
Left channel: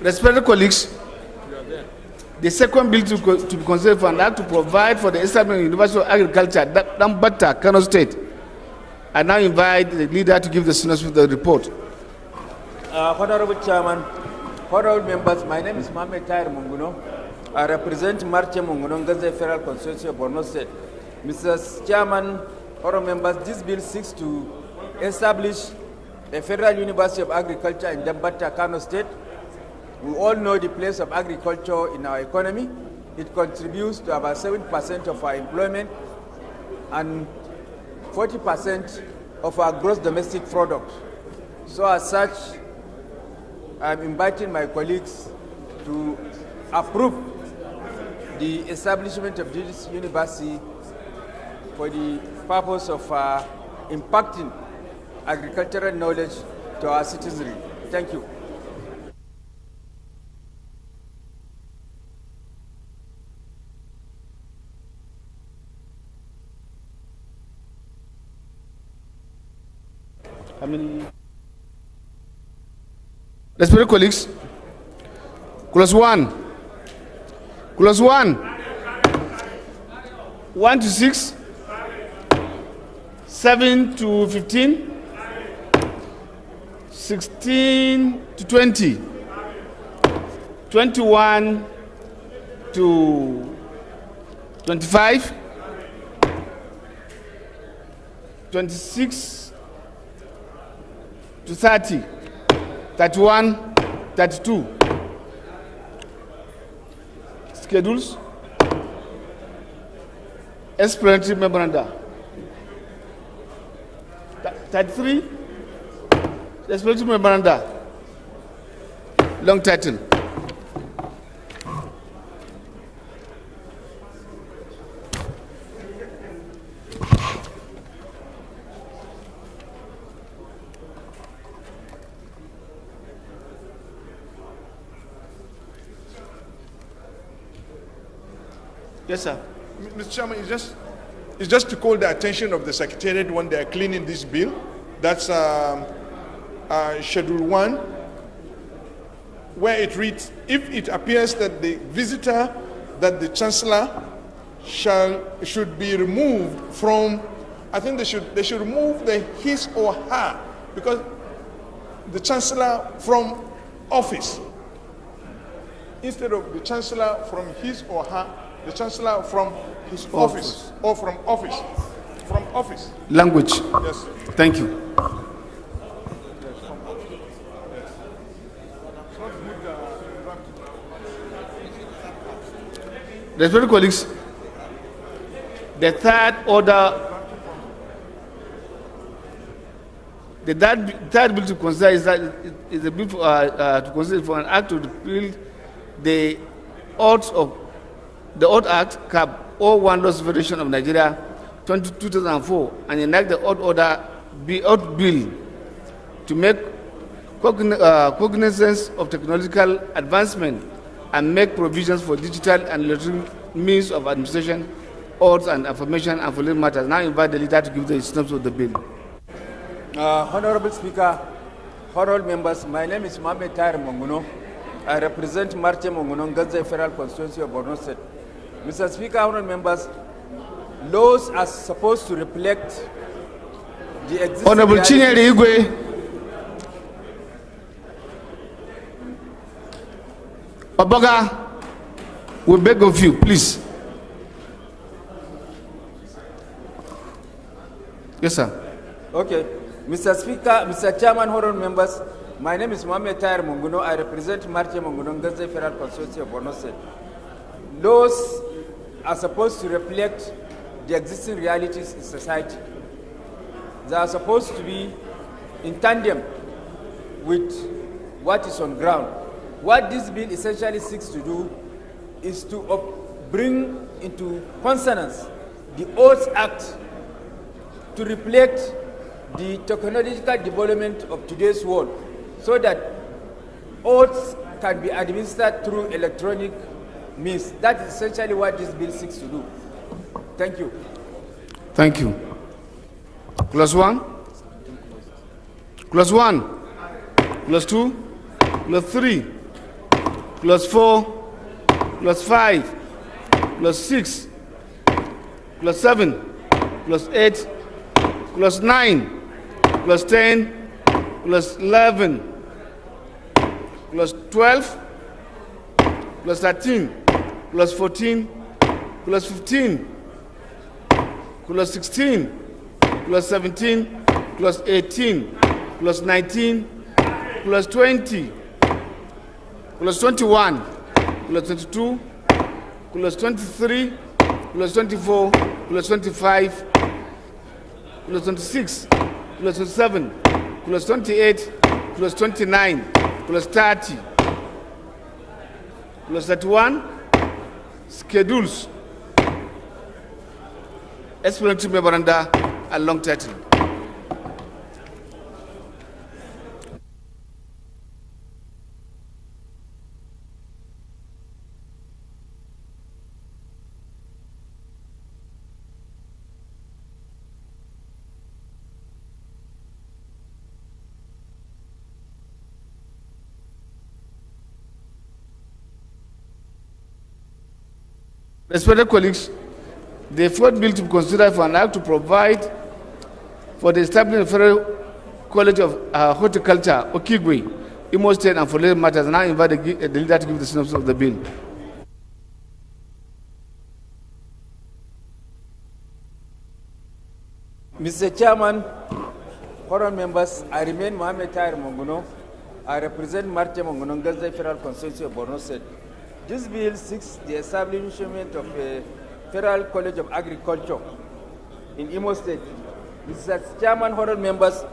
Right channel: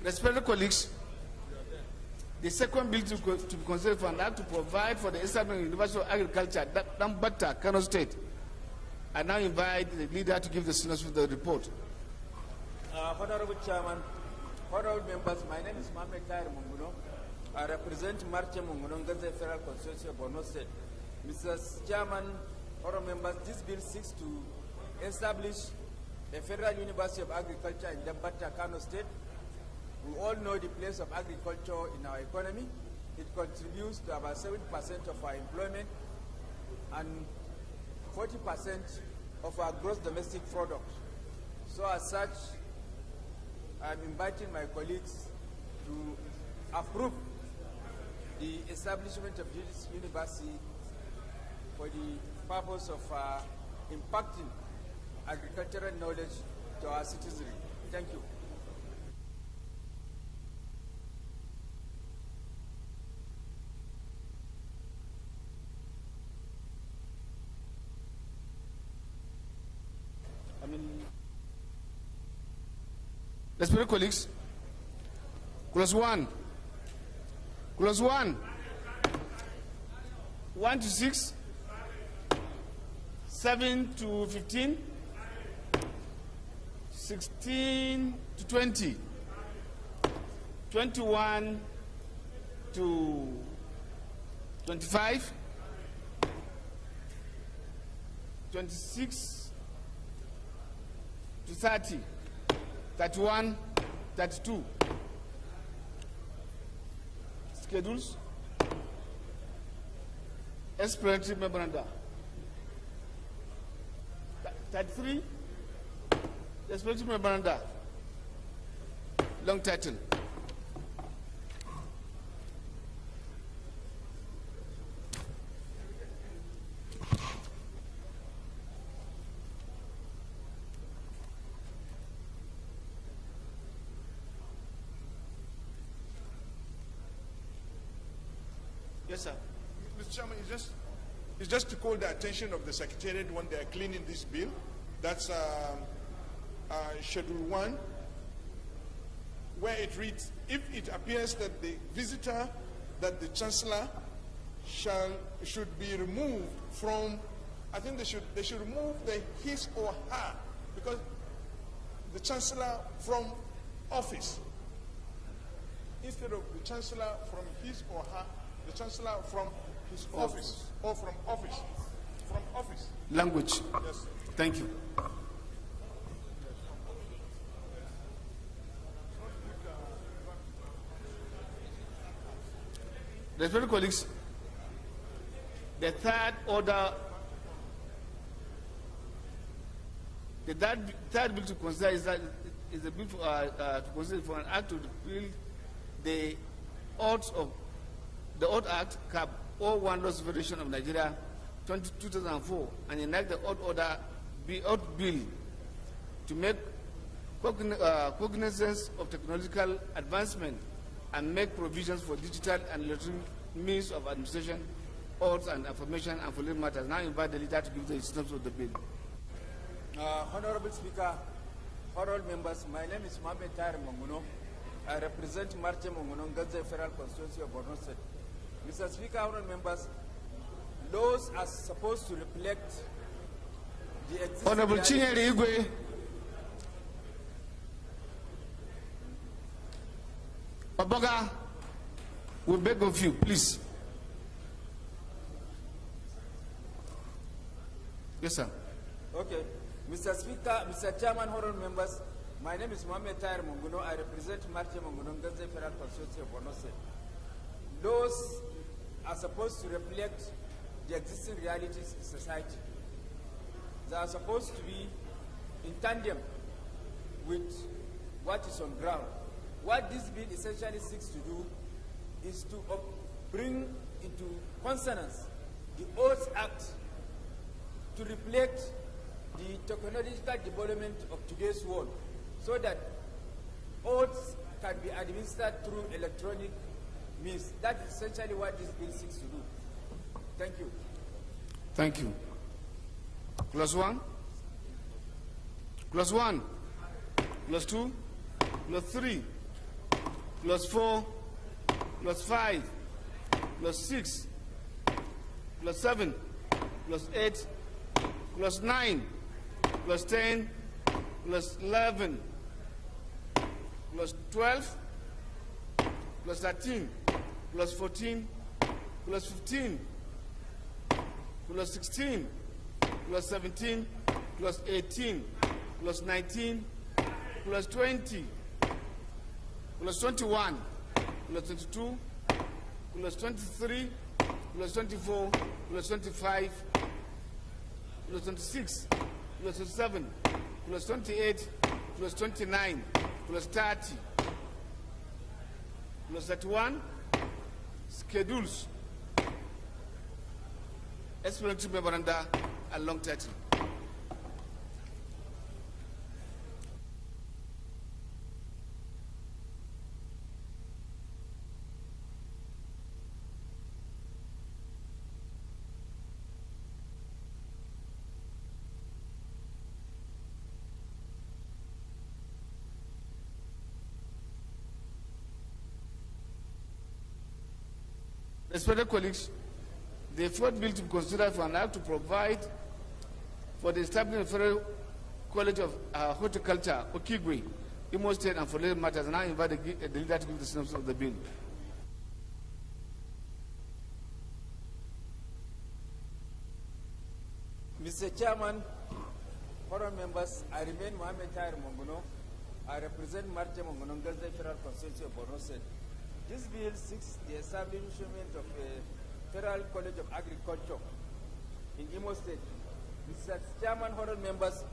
Respected colleagues, the second bill to be considered for an act to provide for the establishment of University of Agriculture, Dambata, Kano State. I now invite the leader to give the synopsis of the report. Honorable Chairman, honorable members, my name is Mohamed Tahir Monguno. I represent Marche Monguno Ganze Federal Constituency of Borno State. Mr. Chairman, honorable members, this bill seeks to establish a Federal University of Agriculture in Dambata, Kano State. We all know the place of agriculture in our economy. It contributes to about 7% of our employment and 40% of our gross domestic product. So as such, I'm inviting my colleagues to approve the establishment of this university for the purpose of impacting agricultural knowledge to our citizenry. Thank you. Respected colleagues, clause 1. Clause 1. 1 to 6. 7 to 15. 16 to 20. 21 to 25. 26 to 30. 31, 32. Schedules. Explanatory memoranda. 33. Explanatory memoranda. Long title. Yes, sir. Mr. Chairman, it's just to call the attention of the Secretariat when they are cleaning this bill. That's Schedule 1, where it reads, if it appears that the visitor that the Chancellor should be removed from, I think they should remove the his or her, because the Chancellor from office, instead of the Chancellor from his or her, the Chancellor from his office, or from office. From office. Language. Yes. Thank you. Respected colleagues, the third bill to consider is a bill to consider for an act to repeal the Odd Act, Cap 01 Laws Federation of Nigeria, 2004, and enact the Odd Bill to make cognizance of technological advancement and make provisions for digital and electronic means of administration, odds and affirmation and following matters. Now I invite the leader to give the synopsis of the bill. Honorable Speaker, honorable members, my name is Mohamed Tahir Monguno. I represent Marche Monguno, Gaza Federal Constituency of Borno State. Mr. Speaker, honorable members, laws are supposed to reflect the existing Honorable Chinyere Igwe. Obaga, we beg of you, please. Yes, sir. Okay. Mr. Speaker, Mr. Chairman, honorable members, my name is Mohamed Tahir Monguno. I represent Marche Monguno, Gaza Federal Constituency of Borno State. Laws are supposed to reflect the existing realities in society. They are supposed to be in tandem with what is on ground. What this bill essentially seeks to do is to bring into consonance the Oaths Act to reflect the technological development of today's world, so that oaths can be administered through electronic means. That is essentially what this bill seeks to do. Thank you. Thank you. Clause 1. Clause 1. Clause 2. Clause 3. Clause 4. Clause 5. Clause 6. Clause 7. Clause 8. Clause 9. Clause 10. Clause 11. Clause 12. Clause 13. Clause 14. Clause 15. Clause 16. Clause 17. Clause 18. Clause 19. Clause 20. Clause 21. Clause 22. Clause 23. Clause 24. Clause 25. Clause 26. Clause 27. Clause 28. Clause 29. Clause 30. Clause 31. Schedules. explanatory memoranda, and long title. Respected colleagues, the fourth bill to be considered for an act to provide for the establishment of Federal College of Horticulture, Okigwe, Imo State, and for related matters. Now I invite the leader to give the synopsis of the bill. Mr. Chairman, honorable members, I remain Mohammed Tahir Monguno. I represent Marte Monguno, Gaza Federal Constituency of Borno State. This bill seeks the establishment of a Federal College of Agriculture in Imo State. Mr. Chairman, honorable members,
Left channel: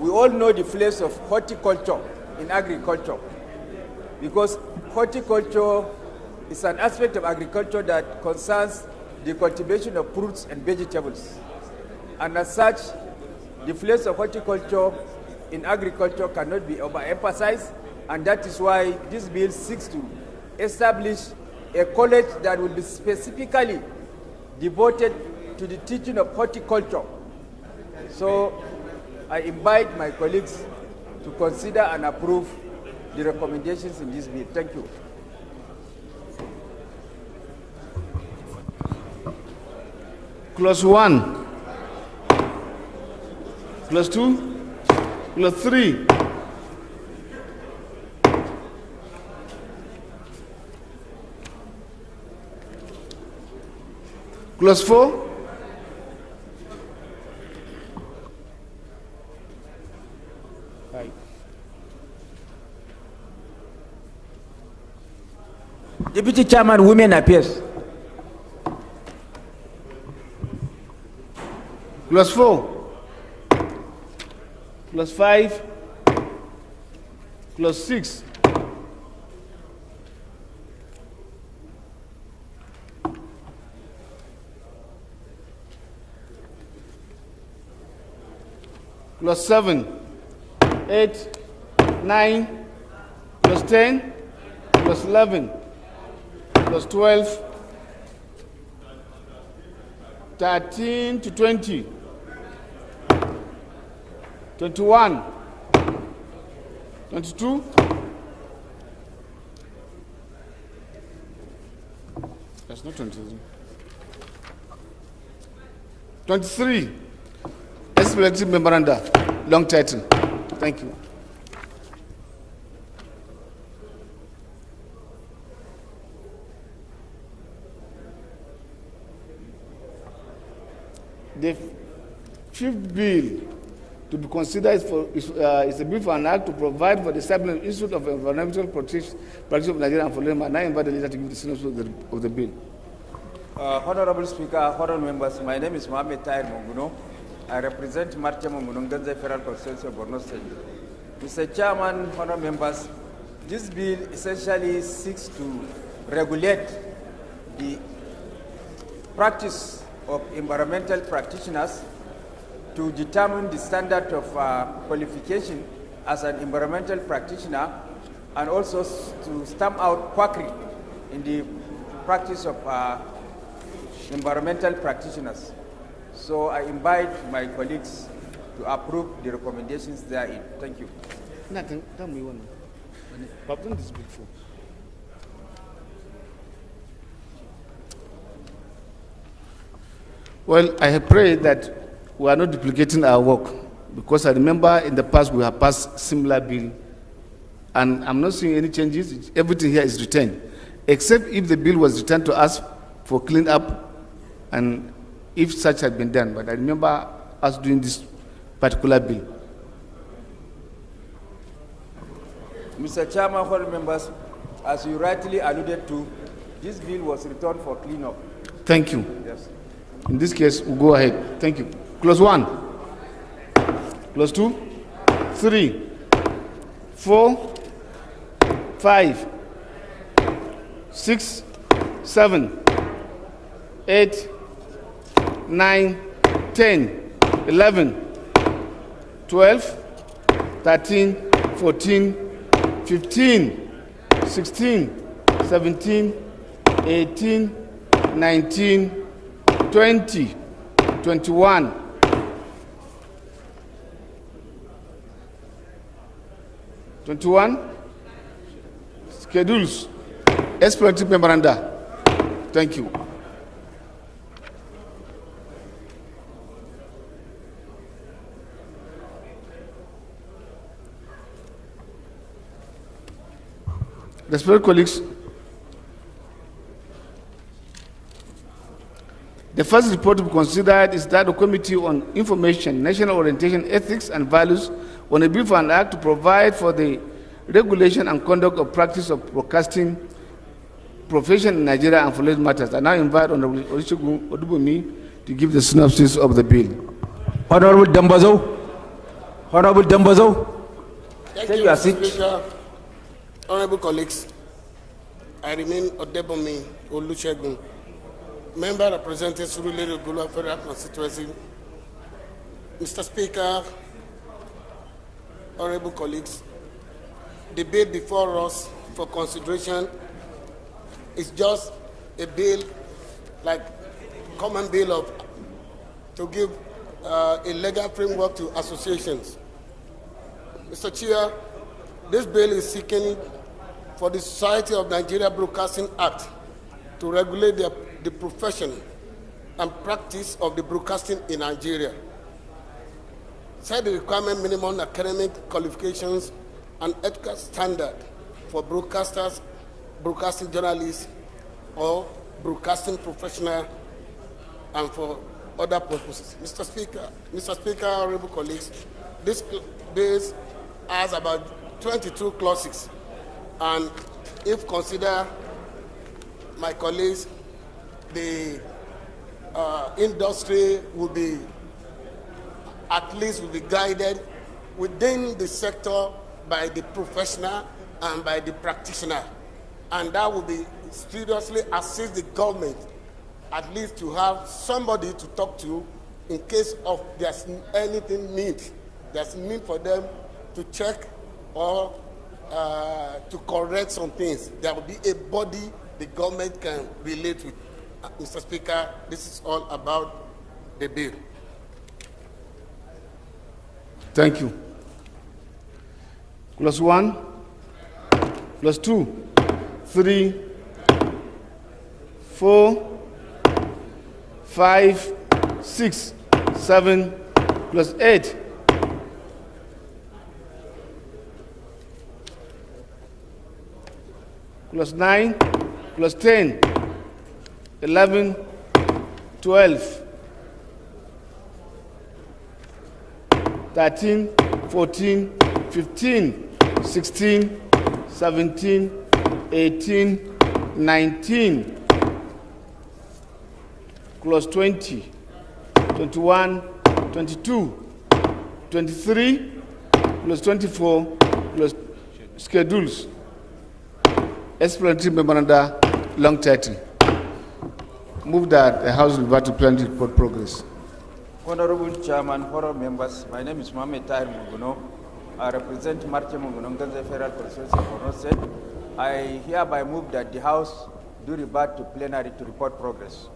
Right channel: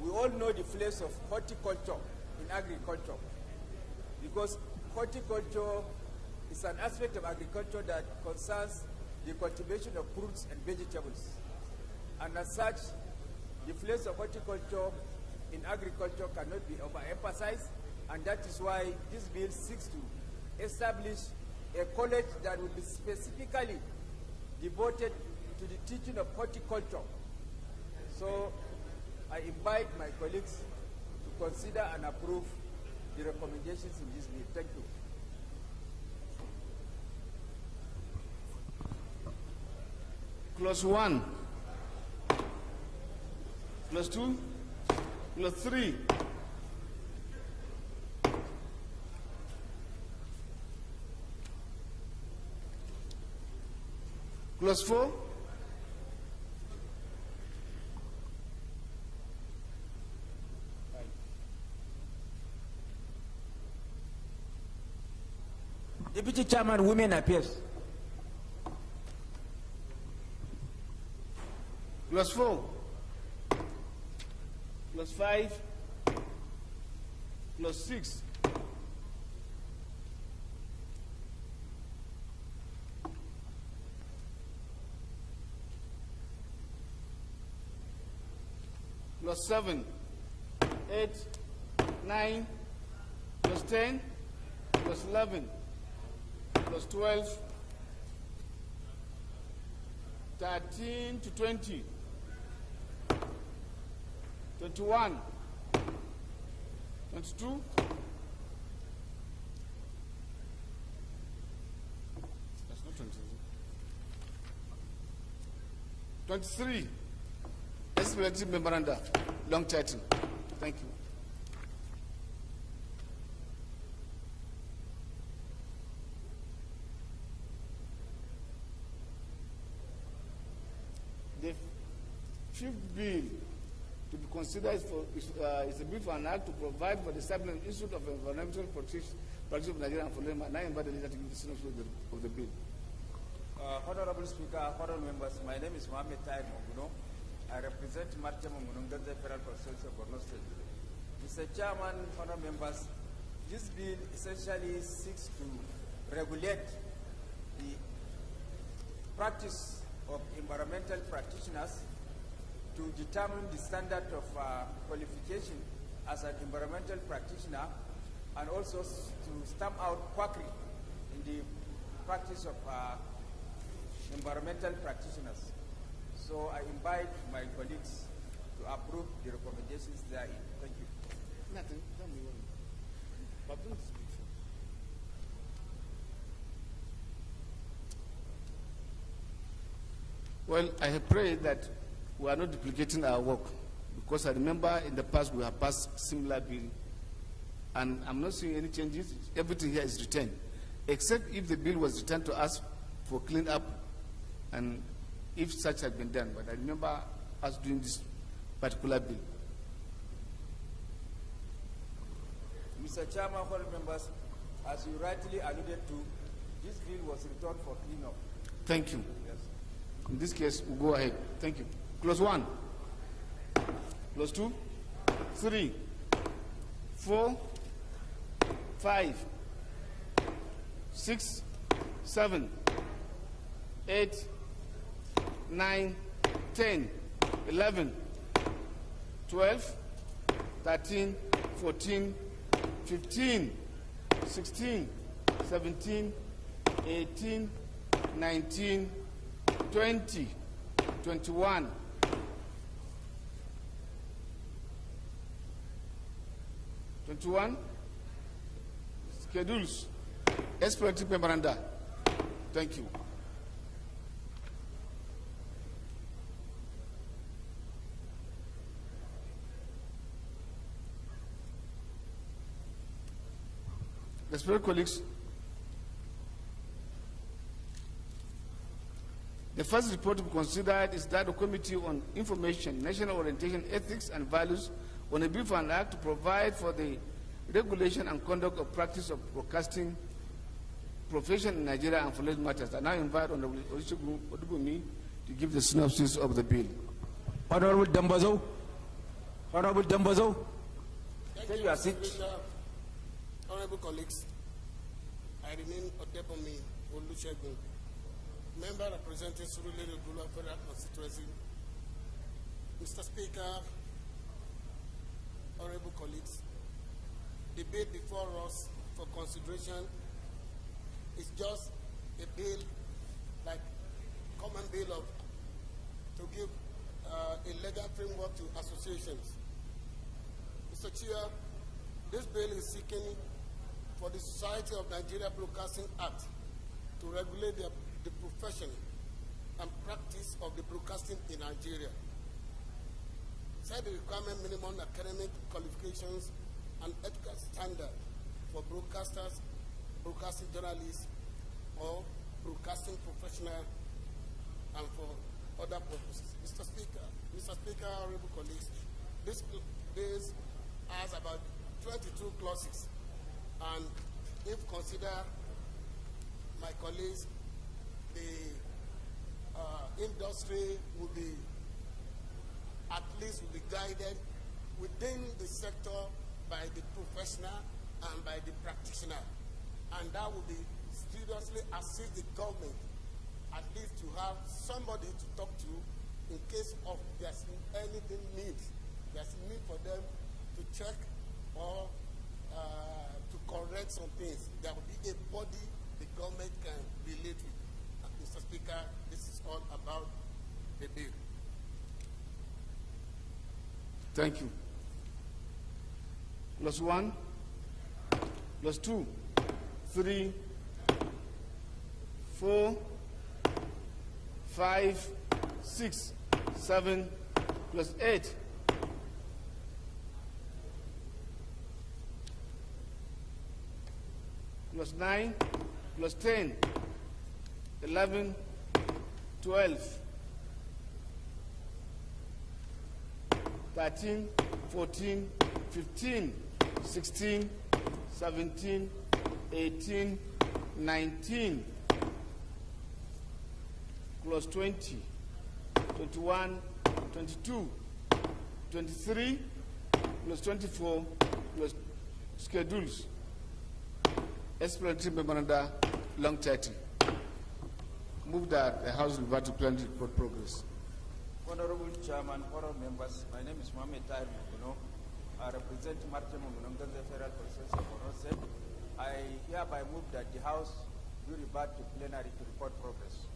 we all know the place of horticulture in agriculture, because horticulture is an aspect of agriculture that concerns the cultivation of fruits and vegetables. And as such, the place of horticulture in agriculture cannot be overemphasized, and that is why this bill seeks to establish a college that will be specifically devoted to the teaching of horticulture. So I invite my colleagues to consider and approve the recommendations in this bill. Thank you. Clause 1, Clause 2, Clause 3. Clause 4. Deputy Chairman, Women Affairs. Clause 4. Clause 5. Clause 6. Clause 7, 8, 9, Clause 10, Clause 11, Clause 12, 13 to 20, 21, 22, that's not 22, 23, explanatory memoranda, long title. Thank you. The fifth bill to be considered is a bill for an act to provide for the establishment of Institute of Environmental Protection of Nigeria and for them. And I invite the leader to give the synopsis of the bill. Honorable Speaker, honorable members, my name is Mohammed Tahir Monguno. I represent Marcha Monguno, Gaza Federal Constituency of Borno State. Mr. Chairman, honorable members, this bill essentially seeks to regulate the practice of environmental practitioners to determine the standard of qualification as an environmental practitioner, and also to stamp out quackery in the practice of environmental practitioners. So I invite my colleagues to approve the recommendations therein. Thank you. Nothing. Tell me one. I've done this before. Well, I have prayed that we are not duplicating our work, because I remember in the past we have passed similar bill, and I'm not seeing any changes. Everything here is retained, except if the bill was returned to us for clean up, and if such had been done. But I remember us doing this particular bill. Mr. Chairman, honorable members, as you rightly alluded to, this bill was returned for cleanup. Thank you. Yes. In this case, we'll go ahead. Thank you. Clause 1, Clause 2, 3, 4, 5, 6, 7, 8, 9, 10, 11, 12, 13, 14, 15, 16, 17, 18, 19, 20, 21, 21, schedules, explanatory memoranda. Thank you. Respected colleagues, the first report to be considered is that the Committee on Information, National Orientation, Ethics and Values on a bill for an act to provide for the regulation and conduct of practice of broadcasting profession in Nigeria and for related matters. I now invite Honorable Olusegun Odubunmi to give the synopsis of the bill. Honorable Dambazo. Honorable Dambazo. Thank you, Mr. Speaker. Honorable colleagues, I remain Odebunmi Olusegun, member representing Surulere Gula Federal Constituency. Mr. Speaker, honorable colleagues, the bill before us for consideration is just a bill, like common bill of to give a legal framework to associations. Mr. Chair, this bill is seeking for the Society of Nigeria Broadcasting Act to regulate the profession and practice of the broadcasting in Nigeria. Set the requirement minimum academic qualifications and ethical standard for broadcasters, broadcasting journalists, or broadcasting professional, and for other purposes. Mr. Speaker, honorable colleagues, this bill has about 22 clauses, and if consider my colleagues, the industry will be guided within the sector by the professional and by the practitioner, and that will be seriously assist the government at least to have somebody to talk to in case of there's anything there's need for them to check or to correct some things. There will be a body the government can relate with. Mr. Speaker, this is all about the bill. Thank you. Clause 1, clause 2, 3, 4, 5, 6, 7, clause 8. Clause 9, clause 10, 11, 12, 13, 14, 15, 16, 17, 18, 19, clause 20, 21, 22, 23, clause 24, clause schedules, explanatory memoranda, long title. Move that the House will revert to plenary report progress. Honorable Chairman, honorable members, my name is Mohamed Tahir Munguno. I represent Marche Munguno Ganze Federal Constituency of Borno State. I hereby move that the House do revert to plenary to report progress.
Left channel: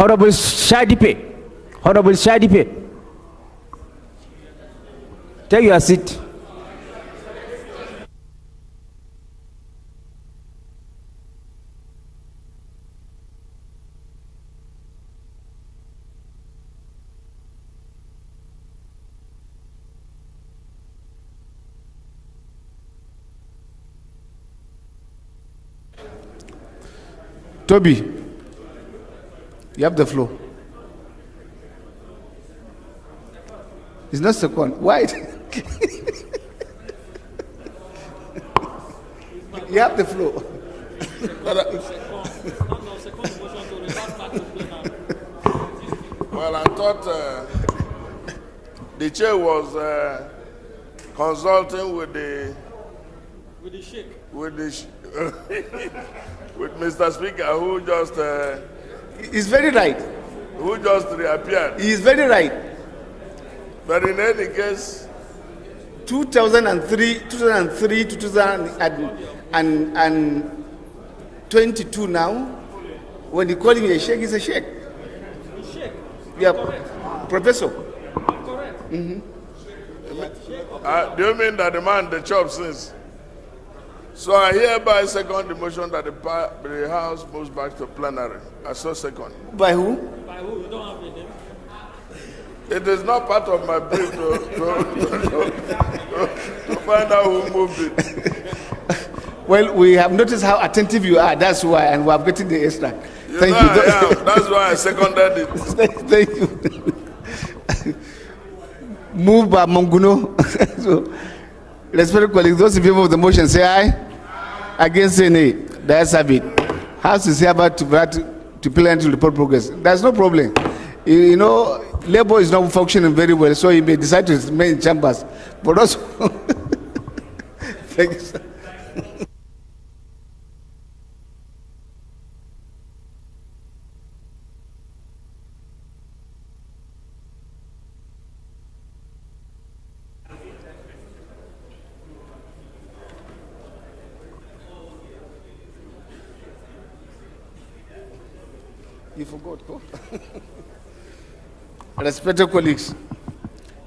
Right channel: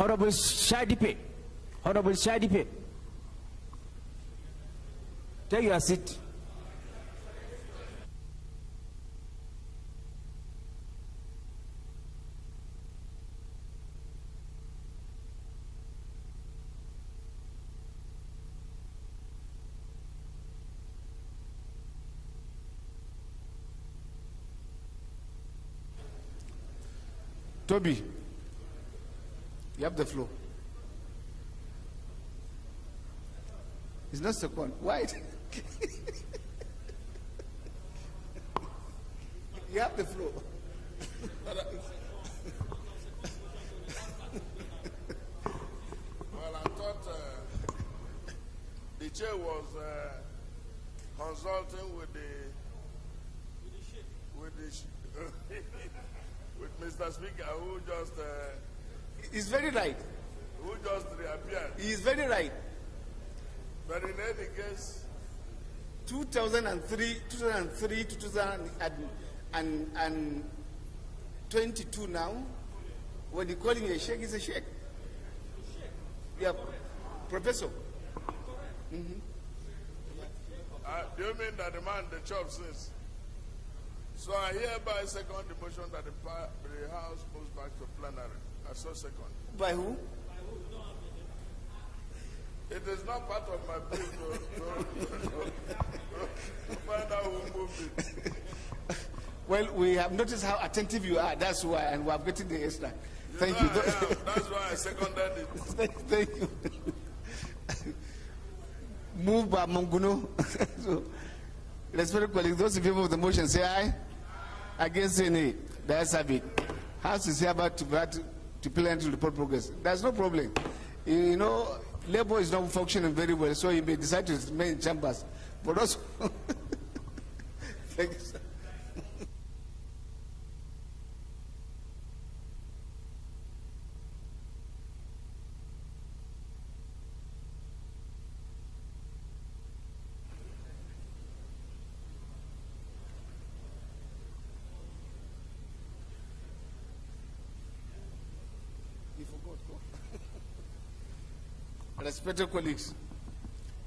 Honorable Shadipe. Honorable Shadipe. Take your seat. Toby, you have the floor. It's not second. Why? You have the floor. Well, I thought the chair was consulting with the with Mr. Speaker, who just He's very right. Who just reappeared. He is very right. But in any case, 2003 to 2022 now, when you call him a sheikh, he's a sheikh. Yeah, professor. do you mean that the man the chop since? So I hereby second the motion that the House moves back to plenary. I so second. By who? By who? You don't have a name. It is not part of my brief to find out who moved it. Well, we have noticed how attentive you are. That's why, and we are getting the extra. Thank you. Yeah, that's why I seconded it. Thank you. Move by Monguno. So, respected colleagues, those in favor of the motion say aye. Against say nay. The ayes have it. House is hereby to plenary to report progress. There's no problem. You know, Labour is not functioning very well, so he may decide to remain in chambers. But also, thank you, sir. You forgot. Respected colleagues,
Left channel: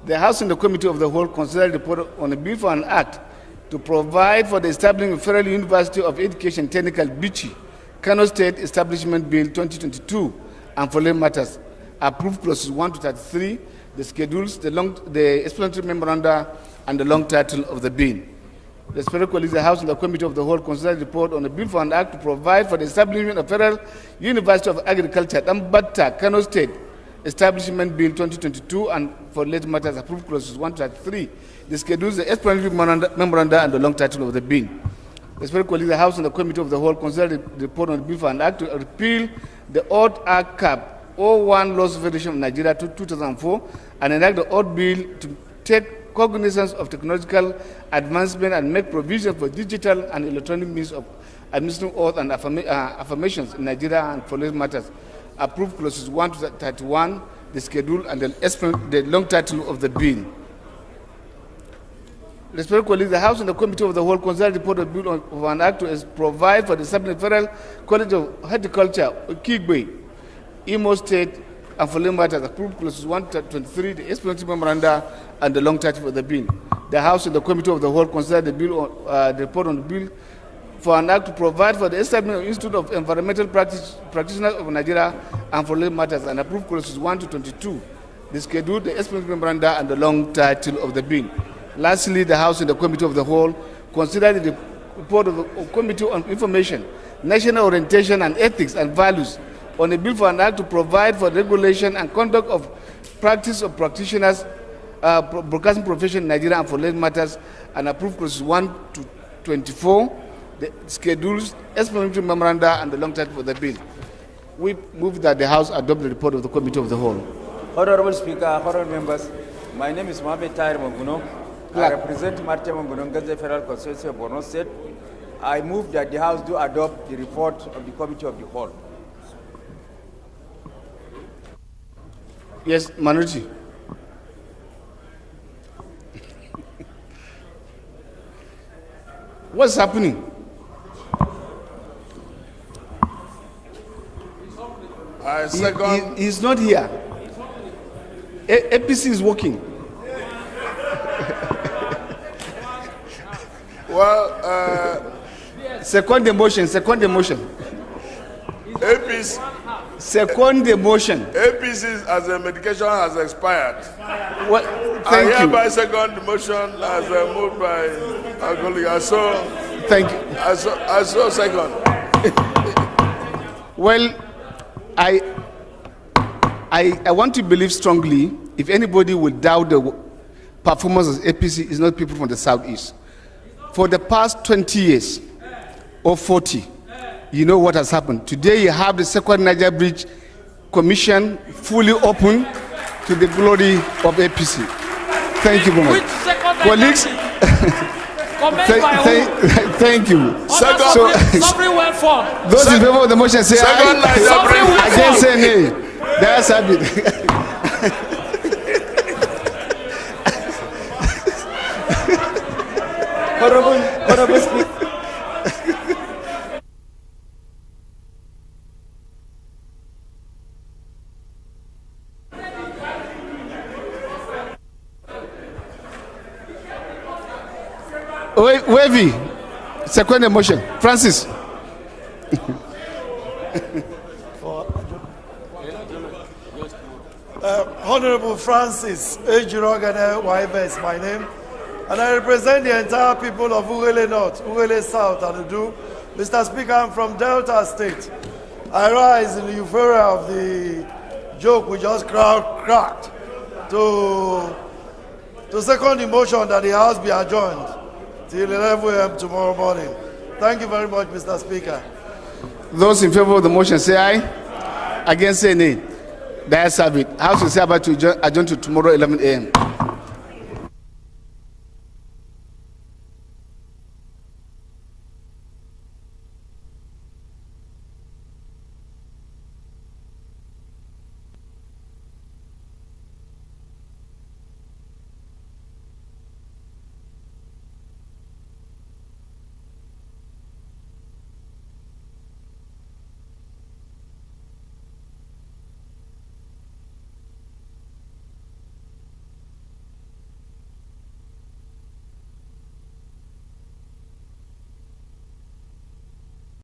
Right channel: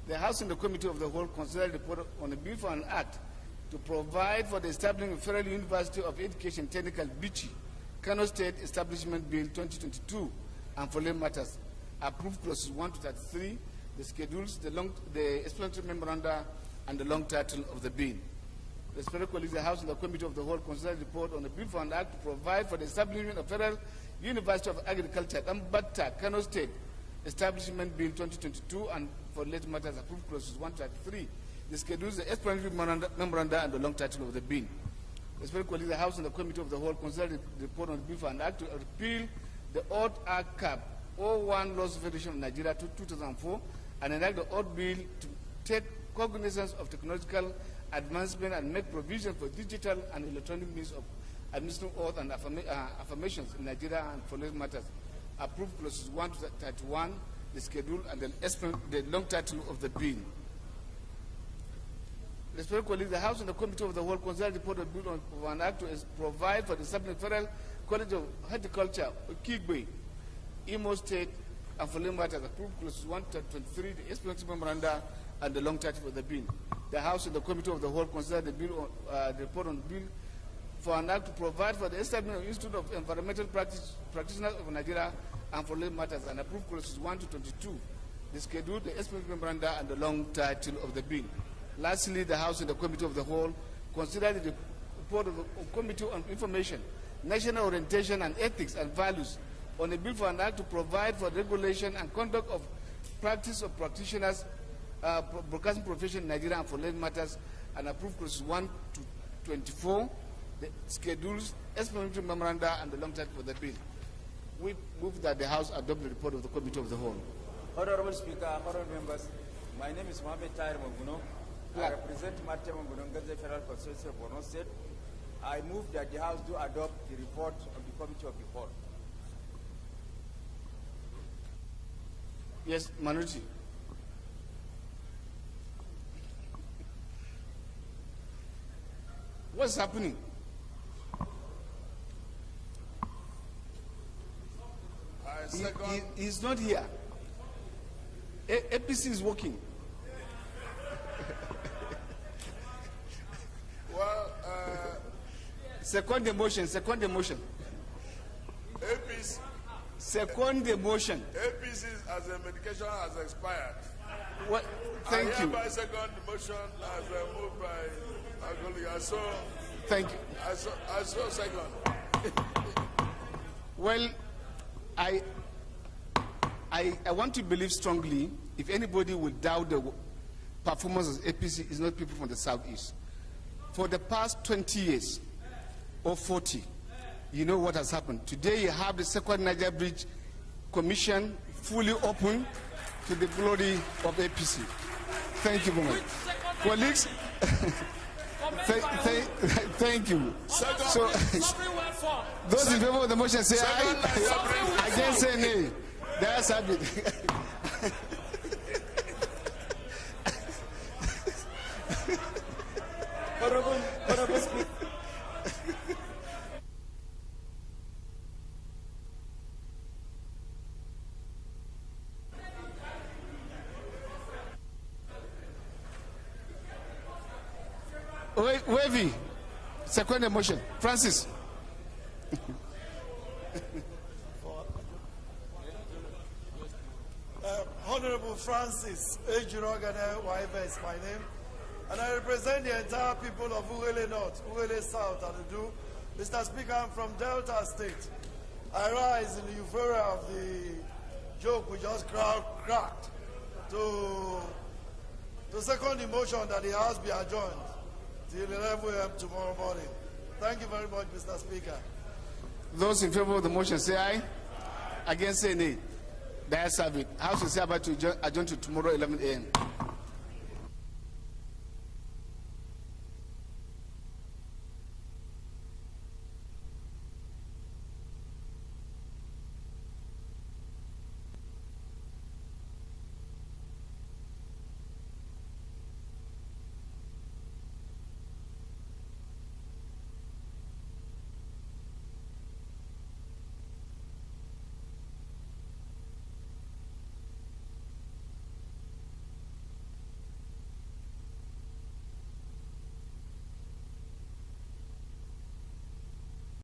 the House and the Committee of the Whole considered the report on a bill for an act to provide for the establishment of Federal University of Education Technical Bichi, Kano State Establishment Bill 2022, and for related matters. Approved clauses 1 to 33, the schedules, the explanatory memoranda, and the long title of the bill. Respected colleagues, the House and the Committee of the Whole considered the report on a bill for an act to provide for the establishment of Federal University of Agriculture, Dambata, Kano State Establishment Bill 2022, and for related matters. Approved clauses 1 to 33, the schedules, the explanatory memoranda, and the long title of the bill. Respected colleagues, the House and the Committee of the Whole considered the report on the bill for an act to repeal the Odd Act Cap 01 Laws Federation of Nigeria 2004 and enact the Odd Bill to take cognizance of technological advancement and make provision for digital and electronic means of administering oaths and affirmations in Nigeria and for related matters. Approved clauses 1 to 31, the schedule, and the long title of the bill. Respected colleagues, the House and the Committee of the Whole considered the report of bill of an act to provide for the establishment of Federal College of Horticulture, Kigbe, Imo State, and for related matters. Approved clauses 1 to 23, the explanatory memoranda, and the long title of the bill. The House and the Committee of the Whole considered the the report on the bill for an act to provide for the establishment of Institute of Environmental Practitioners of Nigeria and for related matters, and approved clauses 1 to 22, the schedule, the explanatory memoranda, and the long title of the bill. Lastly, the House and the Committee of the Whole considered the report of the Committee on Information, National Orientation and Ethics and Values on a bill for an act to provide for regulation and conduct of practice of practitioners, broadcasting profession in Nigeria and for related matters, and approved clauses 1 to 24, the schedules, explanatory memoranda, and the long title for the bill. We move that the House adopt the report of the Committee of the Whole. Honorable Speaker, honorable members, my name is Mohamed Tahir Monguno. I represent Martia Monguno, Gaza Federal Constituency of Borno State. I move that the House do adopt the report of the Committee of the Whole. Yes, minority. What's happening? I I second. He's not here. APC is working. Well, Second the motion. APC. Second the motion. APC as a medication has expired. Well, I thank you. hereby second the motion as moved by our colleague. I saw. Thank you. I saw second. Well, I want to believe strongly, if anybody would doubt the performance of APC, is not people from the Southeast. For the past 20 years or 40, you know what has happened. Today you have the second Niger Bridge Commission fully open to the glory of APC. Thank you very much. Colleagues, thank you. Sovereign wealth fund. Those in favor of the motion say aye. Against say nay. That's it. Honorable Speaker. Wavy, second motion. Francis. Honorable Francis Ejirogane Waive is my name, and I represent the entire people of Ugele North, Ugele South, and Udu. Mr. Speaker, I'm from Delta State. I rise in the euphoria of the joke we just cracked to second the motion that the House be adjourned till 11 a.m. tomorrow morning. Thank you very much, Mr. Speaker. Those in favor of the motion say aye. Against say nay. The ayes have it. House will say about to adjourn to tomorrow 11 a.m.